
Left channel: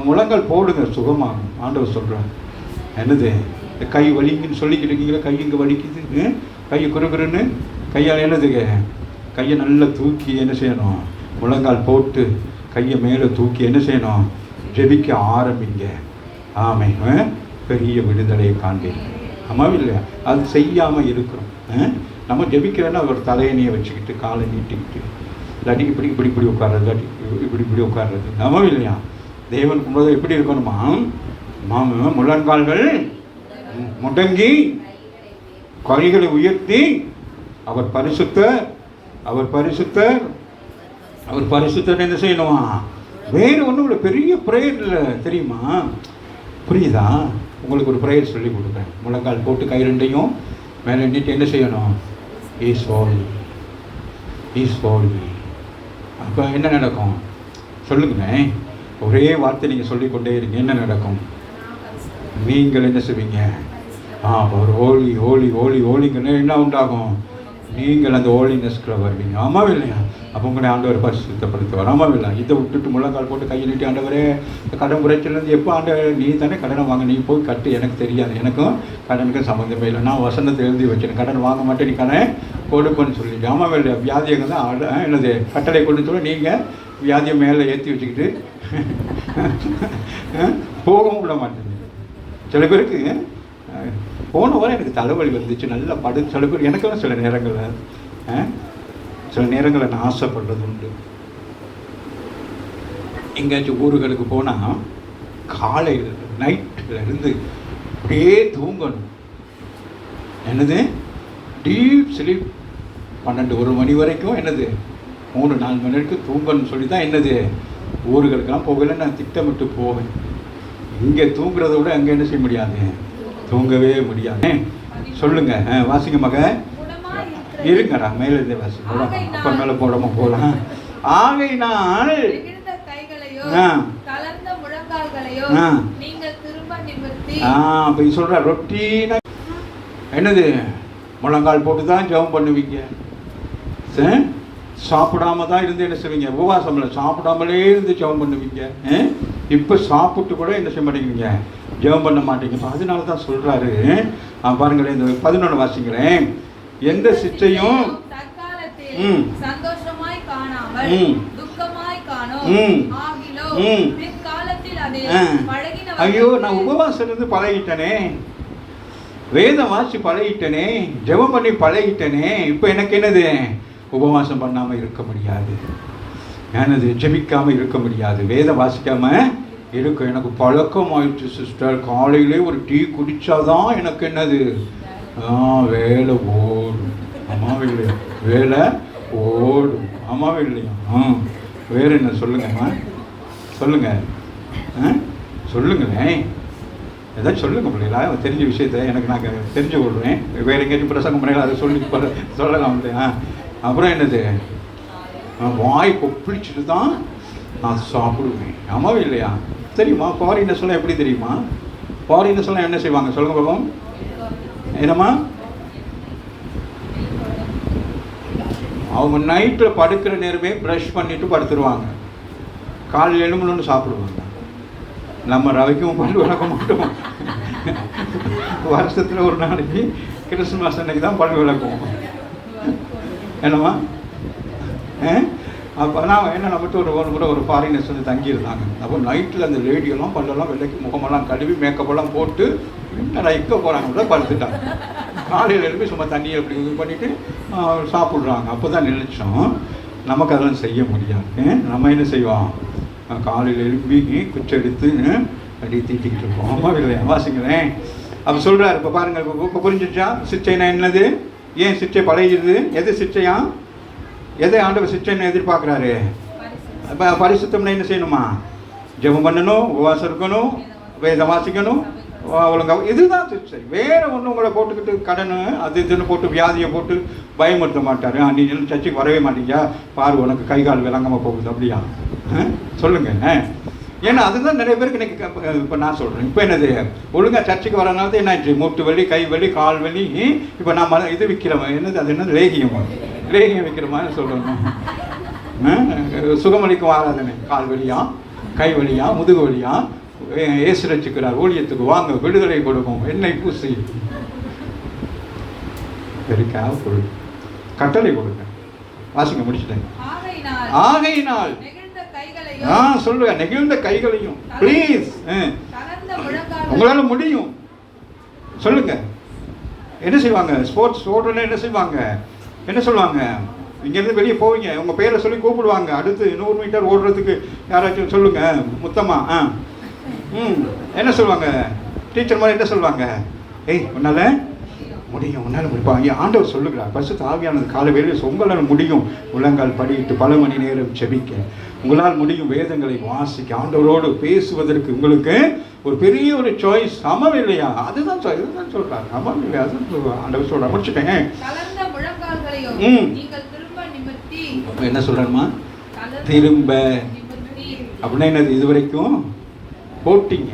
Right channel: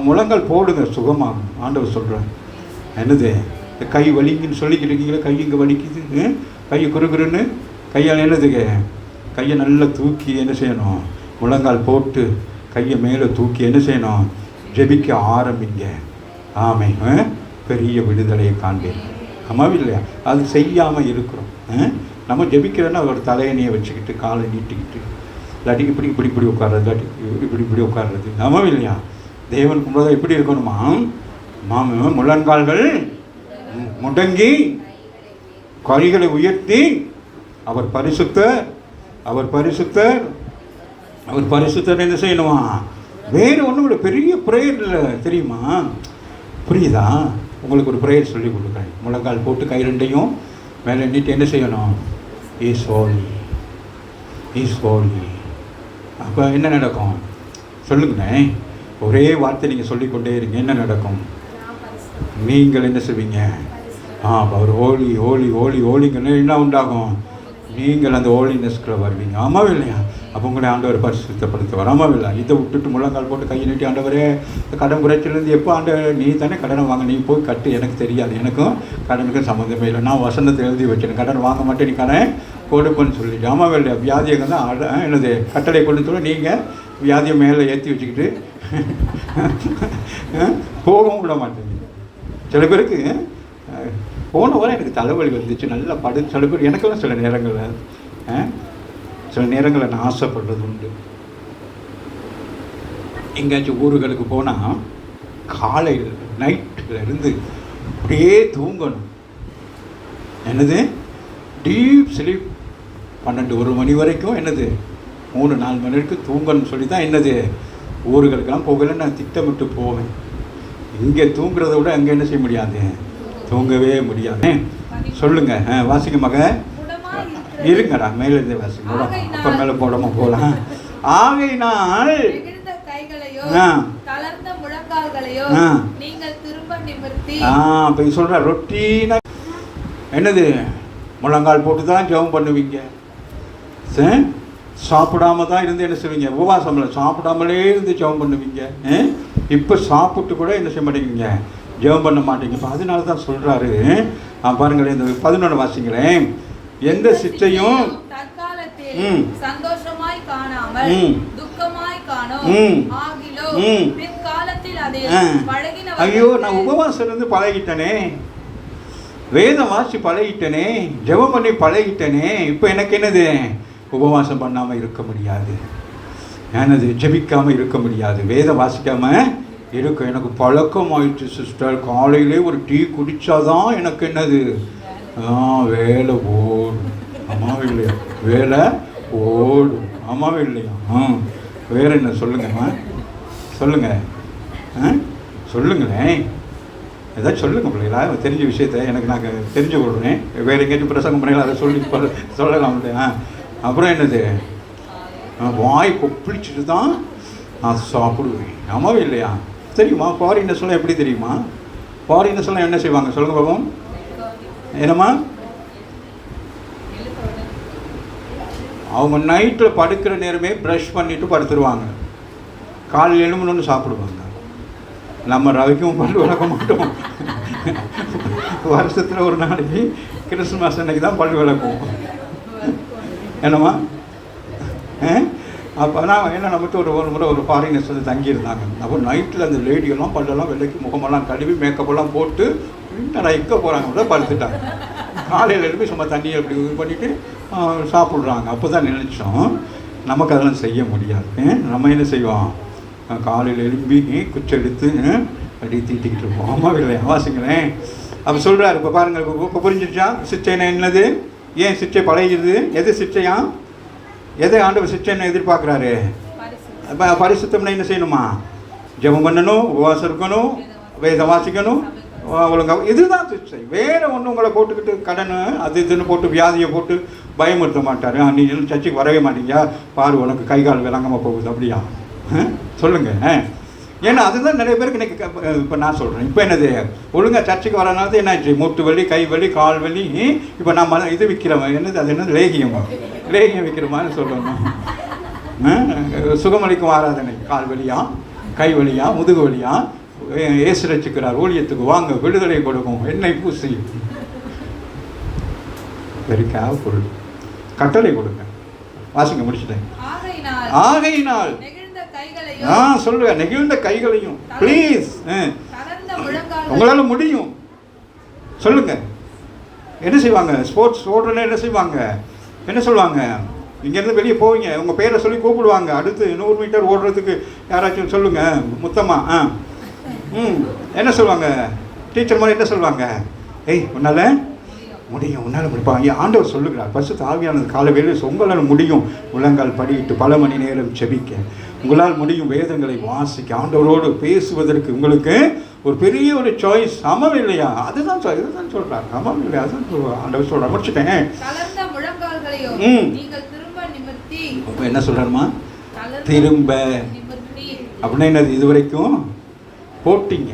முழங்கால் போடுங்க, சுகமாக. ஆண்டவர் சொல்கிறேன். என்னது? இந்த கை வலிக்குன்னு சொல்லிக்கிறீங்களா? கை இங்கே வலிக்குது, கை குறுகுறுன்னு கையால் என்னதுங்க? கையை நல்லா தூக்கி என்ன செய்யணும்? முழங்கால் போட்டு கையை மேலே தூக்கி என்ன செய்யணும்? ஜெபிக்க ஆரம்பிங்க. ஆமை, பெரிய விடுதலையை காண்பேன். ஆமாம் இல்லை? அது செய்யாமல் இருக்கிறோம். நம்ம ஜெபிக்கிறோன்னா ஒரு தலையணையை வச்சுக்கிட்டு காலை நீட்டிக்கிட்டு இல்லாட்டி இப்படி உட்கார்றது, இல்லாட்டி இப்படி உட்கார்றது. ஆமாம் இல்லையா? தேவன் கும்போது எப்படி இருக்கணுமா? முழங்கால்கள் முடங்கி கைகளை உயர்த்தி அவர் பரிசுத்தர் என்ன செய்யணுமா? வேறு ஒன்றும் இல்லை. பெரிய ப்ரேயர் இல்லை தெரியுமா? புரியுதா? உங்களுக்கு ஒரு ப்ரேயர் சொல்லி கொடுக்குறேன். முழங்கால் போட்டு கை ரெண்டையும் மேலே நீட்டு என்ன செய்யணும்? இஸ் ஹோலி. அப்போ என்ன நடக்கும் சொல்லுங்களேன். ஒரே வார்த்தை நீங்கள் சொல்லிக்கொண்டே இருங்க. என்ன நடக்கும்? நீங்கள் என்ன செய்வீங்க? ஒரு ஹோலிங்கன்னா என்ன உண்டாகும்? நீங்கள் அந்த ஹோலினஸ்க்குள்ள வருவீங்க. ஆமாம் இல்லையா? அப்போ உங்களை ஆண்டவர் பரிசுத்தப்படுத்துவார். ஆமாவில்லை? இதை விட்டுட்டு முழங்கால் போட்டு கையை நீட்டி, ஆண்டவரே கடன் குறைச்சிலேருந்து எப்போ நீ தானே கடனை வாங்க, நீ போய் கட்டு, எனக்கு தெரியாது, எனக்கும் கடனுக்கும் சம்மந்தமே இல்லை, நான் வசனத்தை எழுதி வச்சேன், கடன் வாங்க மாட்டேன், நீ கடன் கொடுப்பேன்னு சொல்லிட்டு. ஆமாவில்லை? வியாதியங்கள் தான் என்னது கட்டளை கொண்டு சொல்ல, நீங்கள் வியாதியை மேலே ஏற்றி வச்சுக்கிட்டு போகவும் விட மாட்டேங்க. சில பேருக்கு போன வாரம் எனக்கு தலைவலி வந்துச்சு, நல்லா சில பேர் எனக்கும் சில நேரங்களில் நான் ஆசைப்படுறது உண்டு. எங்கேயாச்சும் ஊர்களுக்கு போனால் காலையில் நைட்டில் இருந்து அப்படியே தூங்கணும். என்னது டீப் ஸ்லீப், 12-1 மணி வரைக்கும், என்னது 3-4 மணி வரைக்கும் தூங்கணும்னு சொல்லி தான் என்னது ஊர்களுக்கெல்லாம் போகல நான் திட்டமிட்டு போவேன். இங்கே தூங்குறத விட அங்கே என்ன செய்ய முடியாது, தூங்கவே முடியாது. சொல்லுங்க, வாசிக்க மக இருங்கடா, மேலிருந்தே வாசிக்க, அப்போ மேலே போடாம போகலாம். ஆகையினால் இப்போ சொல்ற ரொட்டீனா என்னது முழங்கால் போட்டு தான் ஜெபம் பண்ணுவீங்க, சாப்பிடாம தான் இருந்து என்ன செய்வீங்க, உபவாசம்ல சாப்பிடாமலே இருந்து ஜெபம் பண்ணுவீங்க. இப்போ சாப்பிட்டு கூட என்ன செய்ய மாட்டேங்குவீங்க, ஜெபம் பண்ண மாட்டேங்க. இப்போ அதனால தான் சொல்றாரு, பாருங்களேன், இந்த 11 வாசிங்களேன். எந்த சிற்றையும் சந்தோஷமாய் காணாமல் துக்கமாய் காணோம். ஐயோ, நான் உபவாசம் இருந்து பழகிட்டனே, வேதம் வாசி பழகிட்டனே, ஜெபம் பண்ணி பழகிட்டனே, இப்போ எனக்கு என்னது உபவாசம் பண்ணாமல் இருக்க முடியாது, என்னது ஜெபிக்காமல் இருக்க முடியாது, வேதம் வாசிக்காம இருக்க எனக்கு பழக்கம் ஆயிடுச்சு சிஸ்டர். காலையிலே ஒரு டீ குடித்தாதான் எனக்கு என்னது வேலை ஓடும். ஆமாவே இல்லையா? வேலை ஓடும். ஆமாவே இல்லையா? வேறு என்ன சொல்லுங்கம்மா, சொல்லுங்க, சொல்லுங்களே, ஏதாச்சும் சொல்லுங்க பிள்ளைங்களா, தெரிஞ்ச விஷயத்த எனக்கு நாங்கள் தெரிஞ்சு கொள்கிறேன். வேறு எங்கேயும் பிரசங்கம் பண்ணல அதை சொல்லலாம் இல்லையா? அப்புறம் என்னது, வாய் கொப்பளிச்சுட்டு தான் நான் சாப்பிடுவேன். ஆமாவே இல்லையா? தெரியுமா? ஃபாரினர் சொல்ல எப்படி தெரியுமா? ஃபாரினர் சொல்ல என்ன செய்வாங்க சொல்லுங்க பாப்போம். என்னம்மா, அவங்க நைட்டில் படுக்கிற நேரமே ப்ரஷ் பண்ணிட்டு படுத்துருவாங்க, காலையில் எழும்பணுன்னு சாப்பிடுவாங்க. நம்ம ரவைக்கும் பல்லு விளக்க மாட்டோம், வருஷத்தில் ஒரு நாளைக்கு கிறிஸ்துமஸ் அன்னைக்கு தான் பல்லு விளக்குவோம். என்னம்மா? அப்போ நான் என்ன நம்மகிட்ட ஒரு முறை ஒரு ஃபாரினர்ஸ் வந்து தங்கியிருந்தாங்க. அப்போ நைட்டில் அந்த லேடியெல்லாம் பல்லெல்லாம் வெள்ளைக்கு முகமெல்லாம் கழுவி மேக்கப்பெல்லாம் போட்டு இக்க போகிறாங்க, படுத்துட்டாங்க. காலையில் எழுப்பி சும்மா தண்ணியை அப்படி இது பண்ணிவிட்டு சாப்பிட்றாங்க. அப்போ தான் நினச்சோம் நமக்கு அதெல்லாம் செய்ய முடியாது. நம்ம என்ன செய்வோம், காலையில் எழுப்பி குச்சி எடுத்து அப்படி தீட்டிக்கிட்டு இருப்போம். அம்மா இல்லையா? வாசிக்கிறேன். அப்போ சொல்கிறார், இப்போ பாருங்கள், இப்போ புரிஞ்சிச்சா சிச்சைனா என்னது, ஏன் சிச்சை பழகிடுது, எது சிச்சையா, எது ஆண்டவர் சிச்சைன்னு எதிர்பார்க்குறாரு? இப்போ பரிசுத்தம்னா என்ன செய்யணுமா, ஜெபம் பண்ணணும், உபவாசம் இருக்கணும், வேதம் வாசிக்கணும், ஒழுங்காக, இதுதான் சிச்சை. வேறு ஒன்று உங்களை போட்டுக்கிட்டு கடன் அது இதுன்னு போட்டு வியாதியை போட்டு பயமுறுத்த மாட்டார். நீ சர்ச்சைக்கு வரவே மாட்டீங்க, பாரு உனக்கு கை கால் விளங்காமல் போகுது, அப்படியா? சொல்லுங்கள். ஏன்னா அதுதான் நிறைய பேருக்கு இன்னைக்கு. இப்போ நான் சொல்கிறேன், இப்போ என்னது ஒழுங்காக சர்ச்சைக்கு வரனால தான் என்னாச்சு, மூட்டு வலி, கை வலி, கால் வலி. இப்போ நான் இது விற்கிறவன் என்னது, அது என்னது, லேகியம் விற்கிற மாதிரி சொல்கிறோம். சுகமளிக்கும் ஆராதனை, கால் வலியா, கை வலியா, முதுகு வலியா, ஏசு ரட்சிக்கிறார், ஊழியத்துக்கு வாங்க, விடுதலை கொடுக்கும், எண்ணெய் பூசி, வெரி கேர்ஃபுல், கட்டளை கொடுங்க. வாசிங்க, முடிச்சுட்டேன். ஆகையினால் சொல்லுங்க, நெகிழ்ந்த கைகளையும் ப்ளீஸ், உங்களால முடியும். சொல்லுங்க, என்ன செய்வாங்க, ஸ்போர்ட்ஸ் ஓடுறதுல என்ன செய்வாங்க, என்ன சொல்லுவாங்க, இங்கேருந்து வெளியே போவீங்க, உங்கள் பேரை சொல்லி கூப்பிடுவாங்க, அடுத்து 100 மீட்டர் ஓடுறதுக்கு யாராச்சும் சொல்லுங்க, முத்தமா என்ன சொல்லுவாங்க, டீச்சர் மாதிரி என்ன சொல்லுவாங்க, ஏய் உன்னால முடியும், உன்னால் முடிப்பாங்க. ஆண்டவர் சொல்லுகிறார், பரிசுத்த ஆவியானது காலை வேளையில் உங்களால் முடியும், முழங்கால் படியிட்டு பல மணி நேரம் ஜெபிக்க, உங்களால் முடியும் வேதங்களை வாசிக்க, ஆண்டவரோடு பேசுவதற்கு உங்களுக்கு ஒரு பெரிய ஒரு சாய்ஸ். ஆமாம் இல்லையா? அதுதான் இதுதான் சொல்கிறாங்க. ஆமாம் இல்லையா? அதுதான் சொல்லுவாங்க. ஆண்டவர் சொல்கிறேன், முடிச்சுட்டேன். என்ன சொல்கிறாருமா, திரும்ப அப்படின்னா என்னது, இது வரைக்கும் போட்டிங்க,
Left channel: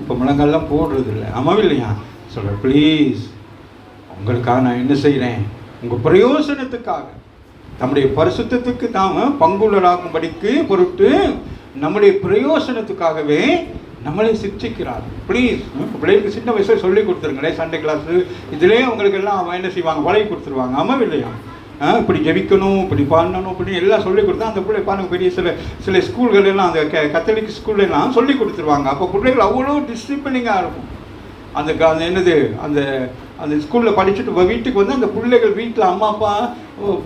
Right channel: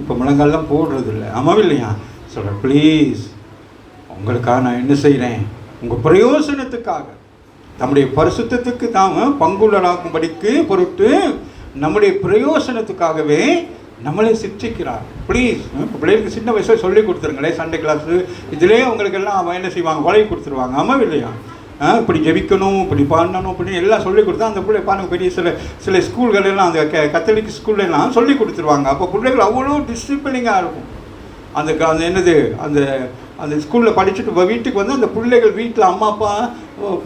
இப்போ முழங்கால்லாம் போடுறது இல்லை. ஆமாம் இல்லையா? சொல்கிறேன், ப்ளீஸ் உங்களுக்காக நான் என்ன செய்கிறேன், உங்கள் பிரயோசனத்துக்காக நம்முடைய பரிசுத்தத்துக்கு நாம் பங்குள்ளராகும்படிக்கு பொருட்டு நம்முடைய பிரயோசனத்துக்காகவே நம்மளை சிக்ஷிக்கிறார். ப்ளீஸ் பிள்ளைகளுக்கு சின்ன வயசில் சொல்லி கொடுத்துருங்களேன். சண்டே கிளாஸு இதிலே அவங்களுக்கு எல்லாம் அவன் என்ன செய்வாங்க, பழகி கொடுத்துருவாங்க. ஆமாம் இல்லையா? இப்படி ஜெபிக்கணும், இப்படி பண்ணணும், இப்படி எல்லாம் சொல்லி கொடுத்தா அந்த பிள்ளை பாருங்க பெரிய சில ஸ்கூல்கள் எல்லாம் அந்த கத்தோலிக் ஸ்கூல்லலாம் சொல்லி கொடுத்துருவாங்க. அப்போ பிள்ளைகள் அவ்வளோ டிசிப்ளினிங்காக இருக்கும். அந்த என்னது அந்த அந்த ஸ்கூலில் படிச்சுட்டு வீட்டுக்கு வந்து அந்த பிள்ளைகள் வீட்டில் அம்மா அப்பா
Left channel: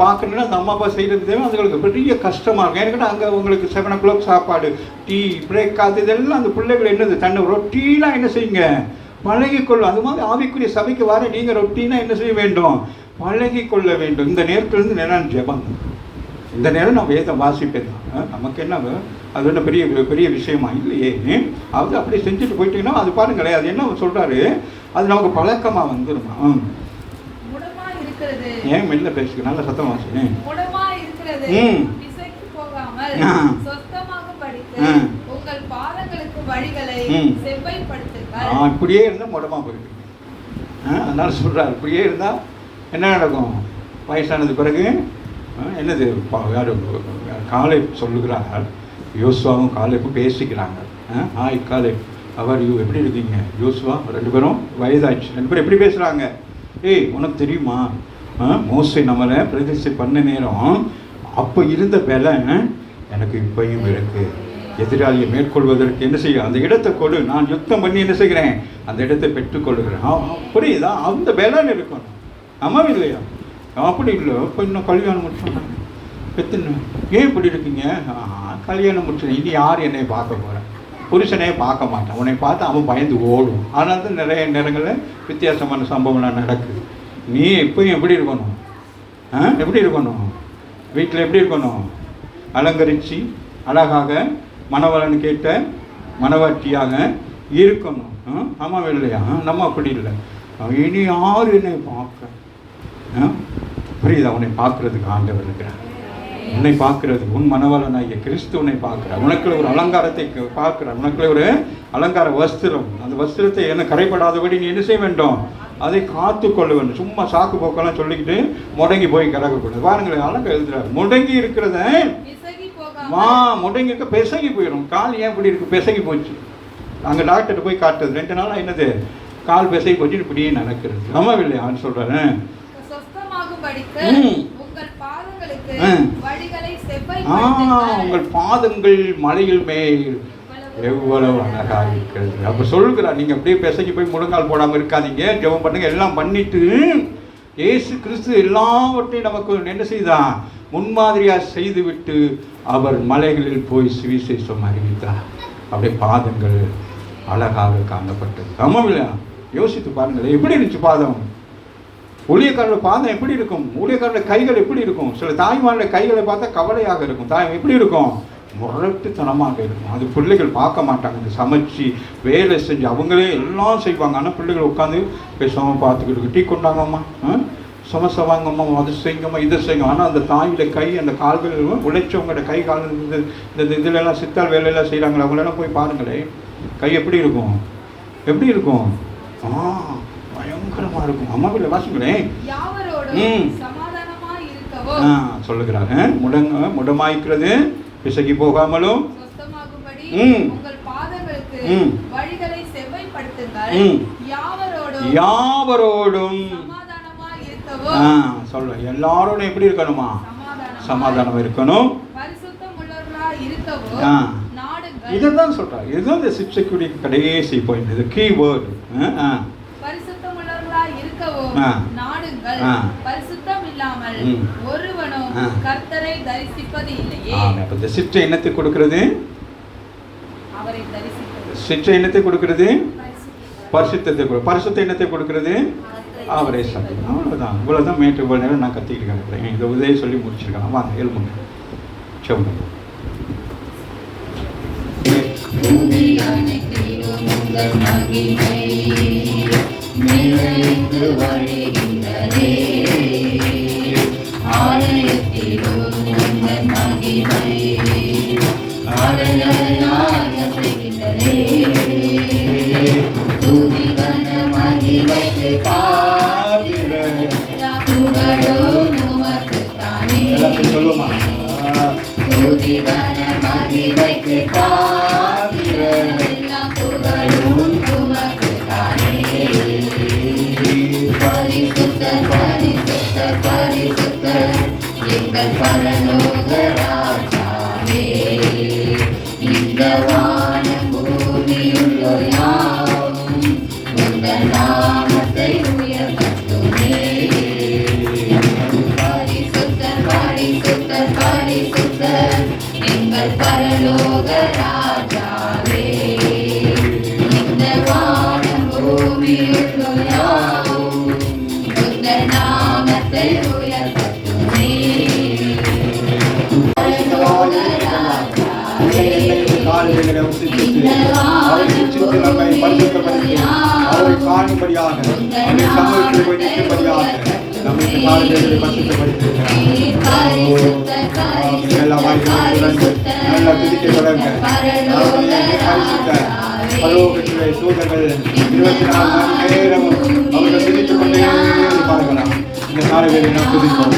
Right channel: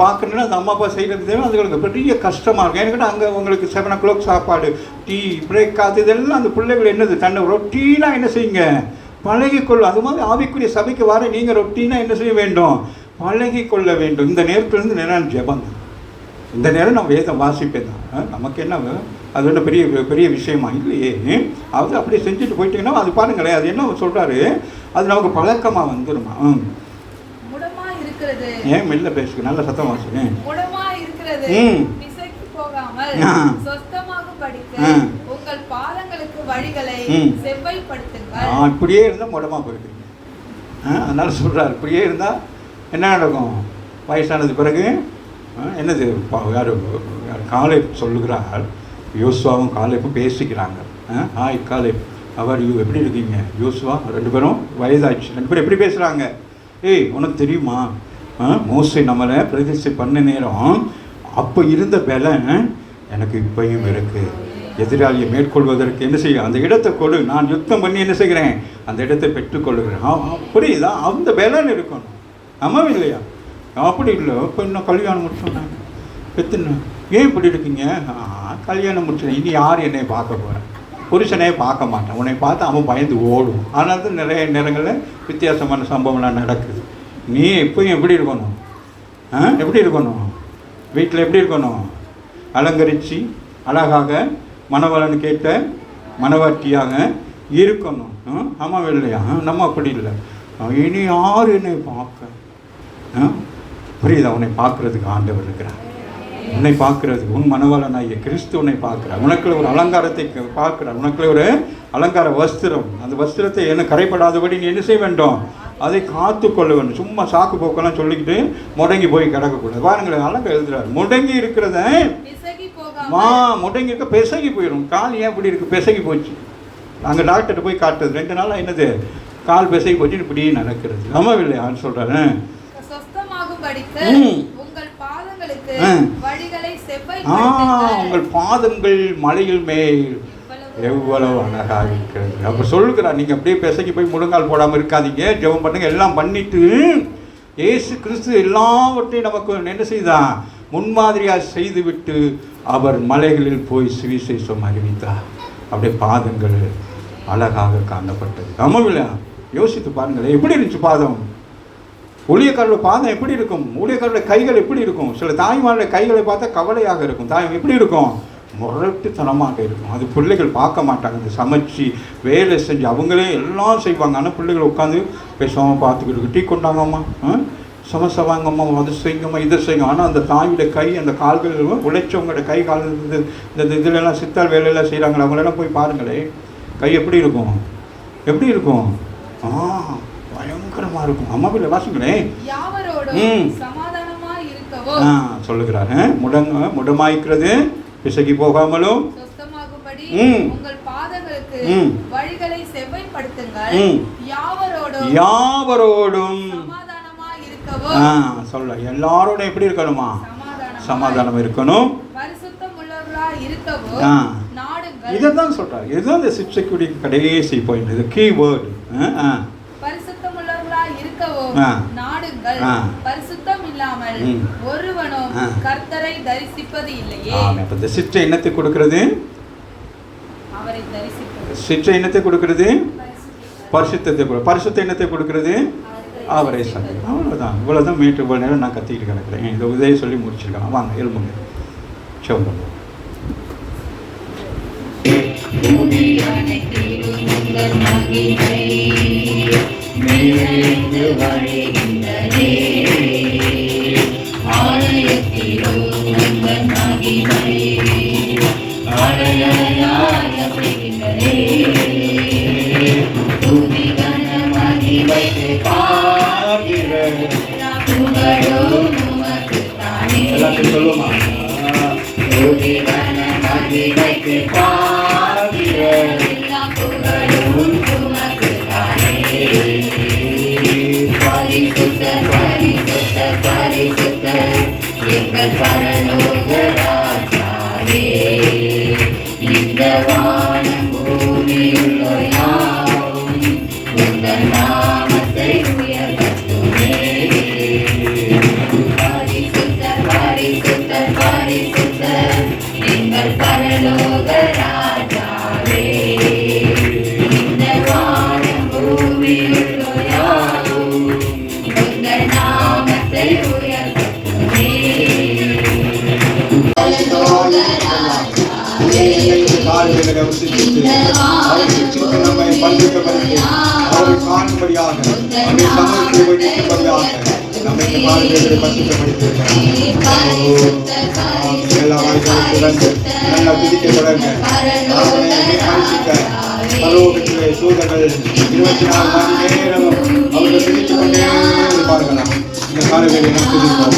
பார்க்கணுன்னா அந்த அம்மா அப்பா செய்கிறது தேவை அதுங்களுக்கு பெரிய கஷ்டமாக இருக்கும். ஏன்னா அங்கே உங்களுக்கு 7 o'clock சாப்பாடு, டீ, பிரேக், அது இதெல்லாம் அந்த பிள்ளைகள் என்னது தன்னை ரொட்டீனாக என்ன செய்யுங்க, பழகிக்கொள்ள. அது மாதிரி ஆவிக்குரிய சபைக்கு வர நீங்கள் ரொட்டீனாக என்ன செய்ய வேண்டும், பழகி கொள்ள வேண்டும். இந்த நேரத்திலிருந்து நேரம் ஜெபம், இந்த நேரம் நான் வேதம் வாசிப்பேன் தான். நமக்கு என்ன அது ஒன்றும் பெரிய பெரிய விஷயமா இல்லையே. அது அப்படி செஞ்சுட்டு போயிட்டீங்கன்னா அது பாருங்களேன், அது என்ன அவர் சொல்கிறாரு, அது நமக்கு பழக்கமாக வந்துடுமா. ஏன் மெல்ல பேசுங்க, நல்ல சத்தம் வாசுங்க. இப்படியே இருந்தால் முடமா போயிருக்கு. அதனால சொல்கிறார், இப்படியே இருந்தால் என்ன நடக்கும், வயசானது பிறகு என்னது யார் காலை சொல்லுகிறார், யோசுவாவும் காலைக்கும் பேசிக்கிறாங்க. ஹாய் காலை, அவர் எப்படி இருக்கீங்க யோசுவா, 2 பேரும் வயதாச்சு. 2 பேரும் எப்படி பேசுகிறாங்க, ஏய் உனக்கு தெரியுமா மோசே நம்மளை பிரதிஷ்டை பண்ண நேரம் அப்போ இருந்த பலன் எனக்கு இப்பையும் இருக்கு. எதிராளியை மேற்கொள்வதற்கு என்ன செய்ய, அந்த இடத்தை கொடு, நான் யுத்தம் பண்ணி என்ன செய்கிறேன், அந்த இடத்தை பெற்றுக்கொள்ளுகிறேன். புரியுதா, அந்த பலன் இருக்கணும். ஆமாம் இல்லையா? அப்படி இல்லை, இப்போ இன்னும் கல்யாணம் முடிச்சுட்டாங்க, எத்தனை ஏன் இப்படி இருக்கீங்க, கல்யாணம் முடிச்சு இனி யார் என்னை பார்க்க போகிறேன், புருஷனே பார்க்க மாட்டான், உன்னை பார்த்து அவன் பயந்து ஓடும். அதனால தான் நிறைய நேரங்களில் வித்தியாசமான சம்பவம்லாம் நடக்குது. நீ எப்பயும் எப்படி இருக்கணும், எப்படி இருக்கணும், வீட்டில் எப்படி இருக்கணும், அலங்கரித்து அழகாக மணவாளன் கேட்ட மணவாட்டியாக இருக்கணும். ஆமாம் இல்லையா? நம்ம அப்படி இல்லை. இனி யார் என்னை பார்க்க, புரியுதா, உன்னை பார்க்கறதுக்கு ஆண்டவர் இருக்கிறார். உன்னை பார்க்கறது உன் மனவளனாகிய கிறிஸ்து உன்னை பார்க்கிறார். உனக்குள்ள ஒரு அலங்காரத்தை பார்க்கிறார், உனக்குள்ள ஒரு அலங்கார வஸ்திரம். அந்த வஸ்திரத்தை என்ன கரைப்படாதபடி நீ என்ன செய்ய வேண்டும், அதை காத்து கொள்ள வேண்டும். சும்மா சாக்கு போக்கெல்லாம் சொல்லிக்கிட்டு முடங்கி போய் கிடக்கக்கூடாது. பாருங்களேன், அழகாக எழுதுறாரு, முடங்கி இருக்கிறத முடங்கி இருக்க பெசகி போயிடும். கால் ஏன் இப்படி இருக்கு, பெசகி போச்சு. அங்கே டாக்டர் போய் காட்டுறது 2 நாளாக என்னது, கால் பெசகி போச்சு, இப்படியே நடக்கிறது. நம்ம இல்லை அவன் சொல்றாரு, உங்கள் பாதங்கள் மலையில் மேல் எவ்வளவு அழகாக இருக்கிறது. அப்ப சொல்லுகிறார், நீங்க அப்படியே பெசகி போய் முழங்கால் போடாமல் இருக்காதீங்க, ஜெபம் பண்ணுங்க. எல்லாம் பண்ணிட்டு இயேசு கிறிஸ்து எல்லாவற்றையும் நமக்கு என்ன செய்தான், முன்மாதிரியாக செய்துவிட்டு அவர் மலைகளில் போய் சுவிசேஷம் அறிவித்தார். அப்படியே பாதங்கள் அழகாக காணப்பட்டது. நம்ம யோசித்து பாருங்களேன், எப்படி இருந்துச்சு பாதம், ஊழியக்காரோட பாதம் எப்படி இருக்கும், ஊழியக்காரோட கைகள் எப்படி இருக்கும். சில தாய்மாரோட கைகளை பார்த்தா கவலையாக இருக்கும். தாய் எப்படி இருக்கும், முரட்டுத்தனமாக இருக்கும். அது பிள்ளைகள் பார்க்க மாட்டாங்க. அந்த சமைச்சு வேலை செஞ்சு அவங்களே எல்லாம் செய்வாங்க. ஆனால் பிள்ளைகள் உட்காந்து பேசாமல் பார்த்துக்கிட்டு, டீ கொண்டாங்கம்மா, சமசை வாங்கம்மா, அதை செய்யுங்கம்மா, இதை செய்யுங்க. ஆனால் அந்த தாயோட கை, அந்த கால்கள் உழைச்சவங்களோட கை கால் இந்த இதுலெல்லாம் சித்தால் வேலையெல்லாம் செய்கிறாங்களே, அவங்களெல்லாம் போய் பாருங்களேன், கை எப்படி இருக்கும், எப்படி இருக்கும், பயங்கரமா இருக்கும். அம்மாவில் வாசிங்களேன், சொல்லுகிறாரு, முடமாய்க்கிறது பிசகி போகாமலும் யாவரோடும் சொல்ல, எல்லாரோடும் எப்படி இருக்கணுமா, சமாதானம் இருக்கணும். இதான் சொல்றாரு. இதுதான் இந்த சிக்ஷைக்குரிய கடைசி பாயிண்ட். இது கீ வேர்டு. சிற்றை என்னத்தை கொடுக்கிறது, சிற்றை என்னத்தை கொடுக்கிறது, பரிசுத்தத்தை. பரிசுத்த என்னத்தை கொடுக்கிறது, அவரே சந்தம். அவ்வளோதான். இவ்வளோதான் மேட்டு இவ்வளோ நேரம் நான் கத்திக்கிட்டு கிடக்கிறேன். இந்த உதவி சொல்லி முடிச்சிருக்கேன். வாங்க எழுதுங்க, சொல்லுங்க. எல்லாத்தையும் அவரை சிரித்து நம்மை பரிசுத்தப்படுத்தி அவரை காணும்படியாக அவரை சமூகத்தில் போய் நிற்கும்படியாக நம்மை இந்த காலத்தில் பரிசுத்தப்படுத்தியிருக்கிறார். எல்லா வாய்ப்புகளுடன் நல்ல துதிக்க தொடங்க பரிசுத்த பரலோகத்திலே தூதர்கள் 24 மணி நேரமும் அவர்கள் துதித்துக் கொண்டே இருப்பார்களாம். இந்த காலத்தில் நாம் துதிப்போம்.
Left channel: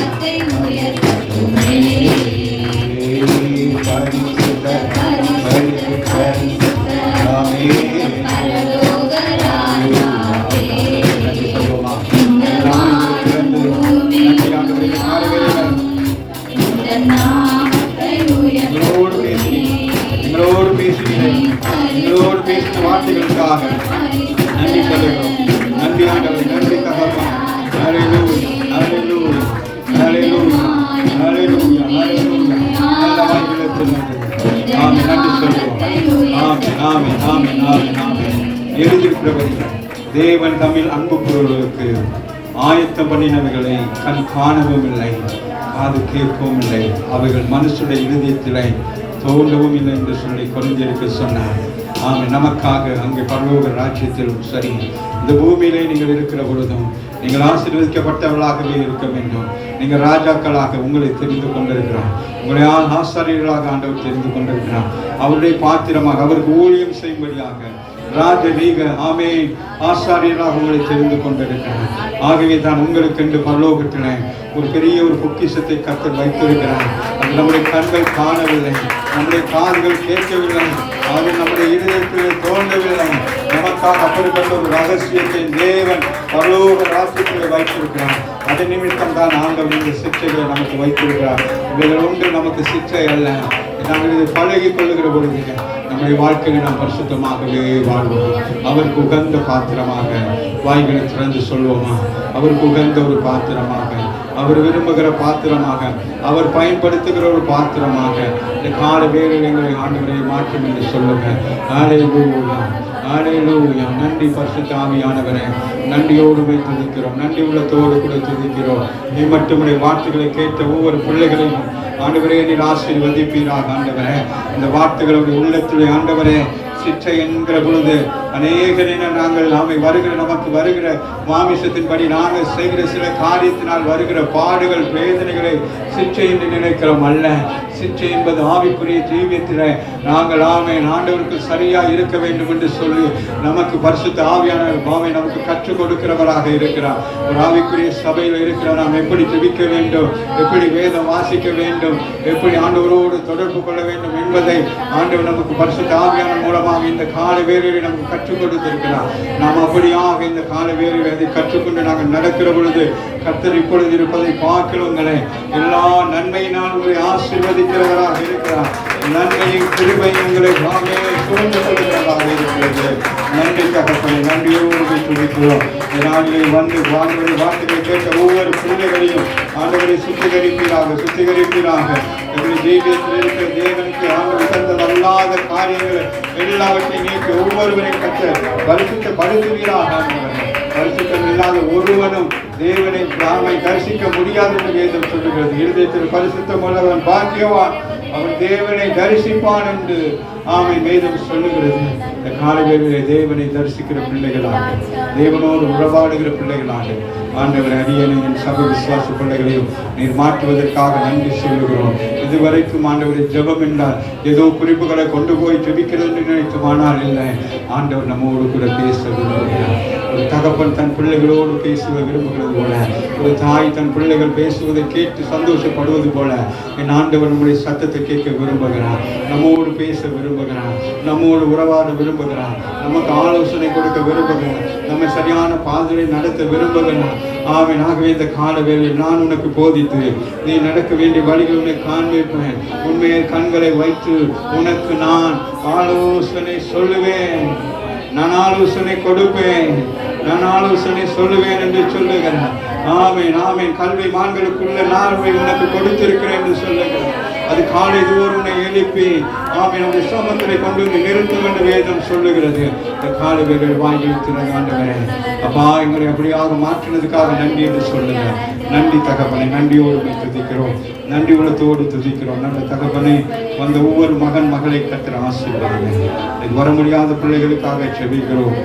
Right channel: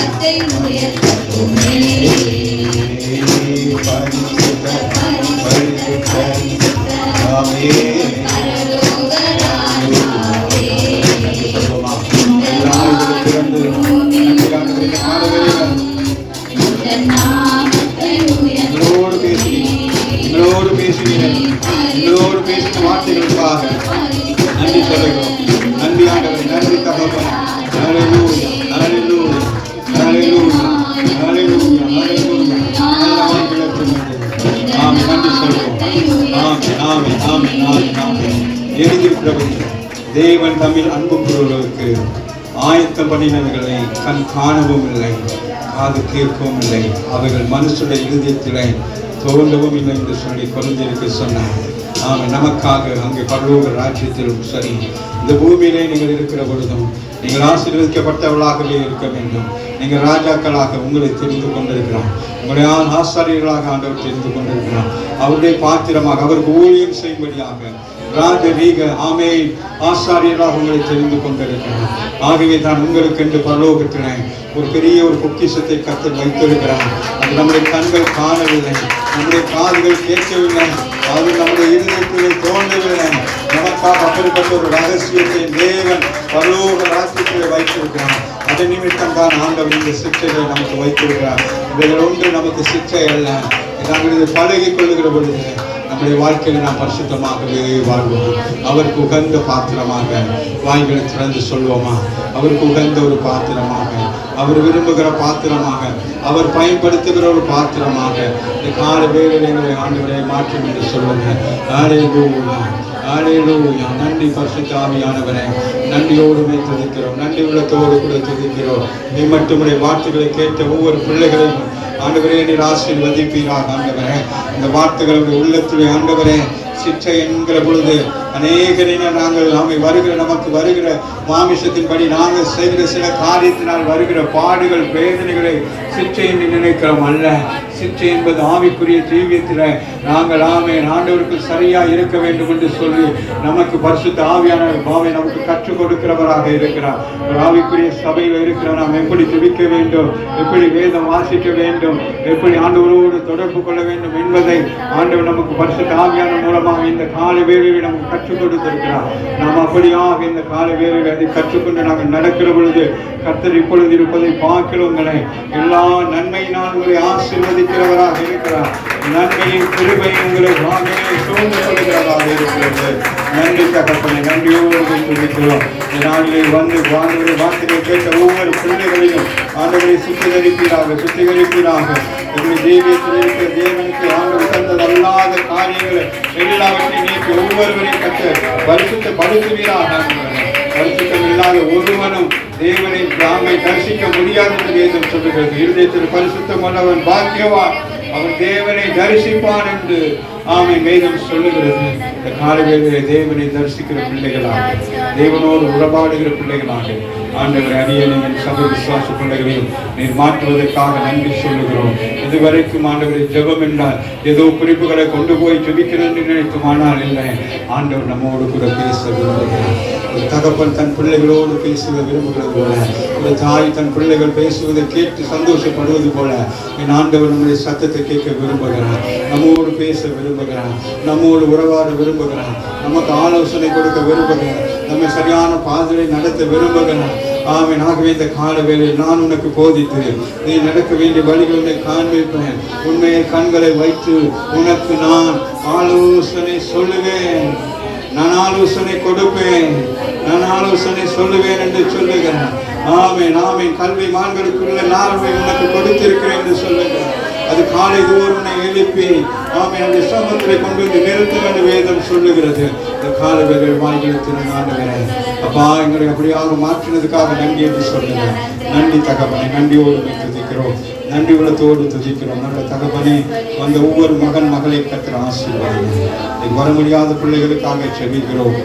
எங்களோடு பேசின வார்த்தைகளுக்காக நன்றி சொல்லுகிறோம். நன்றி ஆண்டவர், நன்றி தகப்பன். ஹல்லேலூயா, ஹல்லேலூயா, ஹல்லேலூயா, ஹல்லேலூயா, ஹல்லேலூயா. நல்ல வாய்ப்புகளுக்கு நன்றி. ஆமென், நன்றி சொல்லுவோம். ஆமென், ஆமென், ஆமென், ஆமென், ஆமென். எழுதியிருக்கிறபடி தேவன் தம்மில் அன்பு கூறுவதற்கு ஆயத்தம் பண்ணினவைகளை கண் காணவும் இல்லை, காது கேட்கவும் இல்லை, அவைகள் மனுஷனுடைய இருதயத்திலே தோன்றவும் இல்லை என்று சொல்லி கொரிந்தியருக்கு சொன்னார். ஆமாம், நமக்காக அங்கே பரலோக ராஜ்யத்திலும் சரி இந்த பூமியிலே நீங்கள் இருக்கிற பொழுதும் நீங்கள் ஆசீர்வதிக்கப்பட்டவர்களாகவே இருக்க வேண்டும். நீங்கள் ராஜாக்களாக உங்களை தெரிந்து கொண்டிருக்கிறார். உங்களை ஆசாரியர்களாக ஆண்டவர் தெரிந்து கொண்டிருக்கிறார். அவருடைய பாத்திரமாக அவருக்கு ஊழியம் செய்யும்படியாக ராஜரீக ஆமென் ஆசாரியராக உங்களை தெரிந்து கொண்டிருக்கிறார். ஆகவே தான் உங்களுக்கு என்று பரலோகத்திலே ஒரு பெரிய ஒரு பொக்கிஷத்தை கர்த்தர் வைத்திருக்கிறார். அது நம்முடைய கண்கள் காணவில்லை, நம்முடைய காதுகள் கேட்கவில்லை, அது நம்முடைய இருதயத்திலே தோன்றவில்லை. நமக்காக அப்படிப்பட்ட ஒரு ரகசியத்தை தேவன் பரலோக ராஜ்யத்திலே வைத்திருக்கிறார். அதன் நிமித்தம் தான் ஆண்டவர் இந்த சிக்ஷைகளை நமக்கு வைத்திருக்கிறார். இவைகள் ஒன்று நமக்கு சிக்ஷை அல்ல. நாங்கள் இதை பழகி கொள்ளுகிற பொழுது நம்முடைய வாழ்க்கையில் நாம் பரிசுத்தமாகவே வாழ்வோம். அவருக்கு உகந்த பாத்திரமாக வாய்களை திறந்து சொல்வோமா? அவருக்கு உகந்த ஒரு பாத்திரமாக, அவர் விரும்புகிற பாத்திரமாக, அவர் பயன்படுத்துகிற ஒரு பாத்திரமாக இந்த கால வேளையில் எங்களை ஆண்டவரை மாற்றும் என்று சொல்லுங்க. ஹல்லேலூயா, ஹல்லேலூயா. நன்றி பரிசுத்த ஆவியானவரே, நன்றியோடுமே துதிக்கிறோம், நன்றி உள்ளத்தோடு கூட துதிக்கிறோம். நீ மட்டுமுடைய வார்த்தைகளை கேட்ட ஒவ்வொரு பிள்ளைகளையும் ஆண்டவரே நீர் ஆசீர்வதிப்பீராக. ஆண்டவரே இந்த வார்த்தைகளுடைய உள்ளத்திலே ஆண்டவரே சிக்ஷை என்கிற பொழுது அநேகரின நாங்கள் நமக்கு வருகிற மாமிசத்தின்படி நாங்கள் செய்கிற சில காரியத்தினால் வருகிற பாடுகள் வேதனைகளை சிக்ஷை என்று நினைக்கிறோம் அல்ல. சிக்ஷை என்பது ஆவிக்குரிய தீவியத்தில் நாங்கள் ஆண்டவருக்கு சரியா இருக்க வேண்டும் என்று சொல்லி நமக்கு பரிசுத்த ஆவியானவர் பாவை நமக்கு கற்றுக் கொடுக்கிறவராக இருக்கிறார். ஒரு ஆவிக்குரிய சபையில் இருக்கிற நாம் எப்படி துதிக்க வேண்டும், எப்படி வேதம் வாசிக்க வேண்டும், எப்படி ஆண்டவரோடு தொடர்பு கொள்ள வேண்டும் என்பதை ஆண்டவர் நமக்கு பரிசுத்த ஆவியானவர் மூலமாக இந்த கால வேளையில் நமக்கு கற்றுக் கொடுத்திருக்கிறார். நாம் அப்படியாக இந்த கால வேளையில் அதை கற்றுக்கொண்டு நாங்கள் நடக்கிற பொழுது கர்த்தர் இப்பொழுது இருப்பதை பார்க்கிறவங்களே எல்லா நன்மையினால் உங்களை ஆசீர்வதிக்கிறவராக இருக்கிறார். நன்மையின் கிருபை உங்களை சூழ்ந்து கொள்கிறவராக இருக்கிறது. நன்றி தகப்பனே, நன்றியோடு துதிக்கிறோம். நாளிலே வந்து வார்த்தைகளை கேட்ட ஒவ்வொரு பிள்ளைகளையும் ஆண்டவரை சுத்திகரிப்பீராக, சுத்திகரிப்பீராக. எங்களுடைய ஜீவியத்தில் இருக்கிற தேவனுக்கு ஆண்டவர் தந்தது அல்லாத காரியங்களை எல்லாவற்றையும் நீக்கி ஒவ்வொருவரையும் கற்று பரிசுத்தப்படுத்துவீராக. பரிசுத்தம் இல்லாத ஒருவனும் தேவனை தாமை தரிசிக்க முடியாது என்று வேதம் சொல்லுகிறது. இருதயத்தில் பரிசுத்தம் உள்ளவன் பாக்கியவான், அவன் தேவனை தரிசிப்பான் என்று வேதம் சொல்லுகிறது. இந்த காலையிலே தேவனை தரிசிக்கிற பிள்ளைகளாக, தேவனோடு உறவாடுகிற பிள்ளைகளாக ஆண்டவரை அரியணையின் சபை விசுவாச பிள்ளைகளையும் நீர் மாற்றுவதற்காக நன்றி சொல்லுகிறோம். இதுவரைக்கும் ஆண்டவரை ஜெபம் என்றால் ஏதோ குறிப்புகளை கொண்டு போய் ஜெபிக்கிறது என்று நினைக்குமானால் இல்லை, ஆண்டவர் நம்மோடு கூட பேச விரும்புகிறார். ஒரு தகப்பன் தன் பிள்ளைகளோடு பேசுவ விரும்புகிறது போல, ஒரு தாய் தன் பிள்ளைகள் பேசுவதை கேட்டு சந்தோஷப்படுவது போல என் ஆண்டவர் நம்முடைய சத்தத்தை கேட்க விரும்புகிறார், நம்மோடு பேச விரும்புகிறார், நம்மோடு உறவாட விரும்புகிறார், நமக்கு ஆலோசனை கொடுக்க விரும்புகிறார், நம்ம சரியான பாதையை நடத்த விரும்புகிறார். ஆகவே இந்த கால வேளையில் நான் உனக்கு போதித்து நீ நடக்க வேண்டிய வழிகள் உன்னை காண்பிப்பேன். உண்மையை கண்களை வைத்து உனக்கு நான் ஆலோசனை சொல்லுவேன், நான் ஆலோசனை கொடுப்பேன், நான் ஆலோசனை சொல்லுவேன் என்று சொல்லுகிறேன். ஆமென். கல்வி மான்களுக்குள்ள நார்மை உனக்கு கொடுத்திருக்கிறேன் என்று சொல்லுகிறேன். அது காலை தோறும் உன்னை எழுப்பி அந்த சமத்திலே கொண்டு வந்து நிறுத்தும் என்று வேதம் சொல்லுகிறது. இந்த காலவேளையில் வாய்களை திறந்து ஆண்டவரே அப்பா எங்களை அப்படியாக மாற்றினதுக்காக நன்றி என்று சொல்லுங்க. நன்றி தகப்பனே, நன்றியோடு துதிக்கிறோம், நன்றி உள்ளத்தோடு துதிக்கிறோம். நல்ல தகப்பனே, வந்த ஒவ்வொரு மகன் மகளை கர்த்தர் ஆசீர்வதிங்க. வர முடியாத பிள்ளைகளுக்காக செபிக்கிறோம்.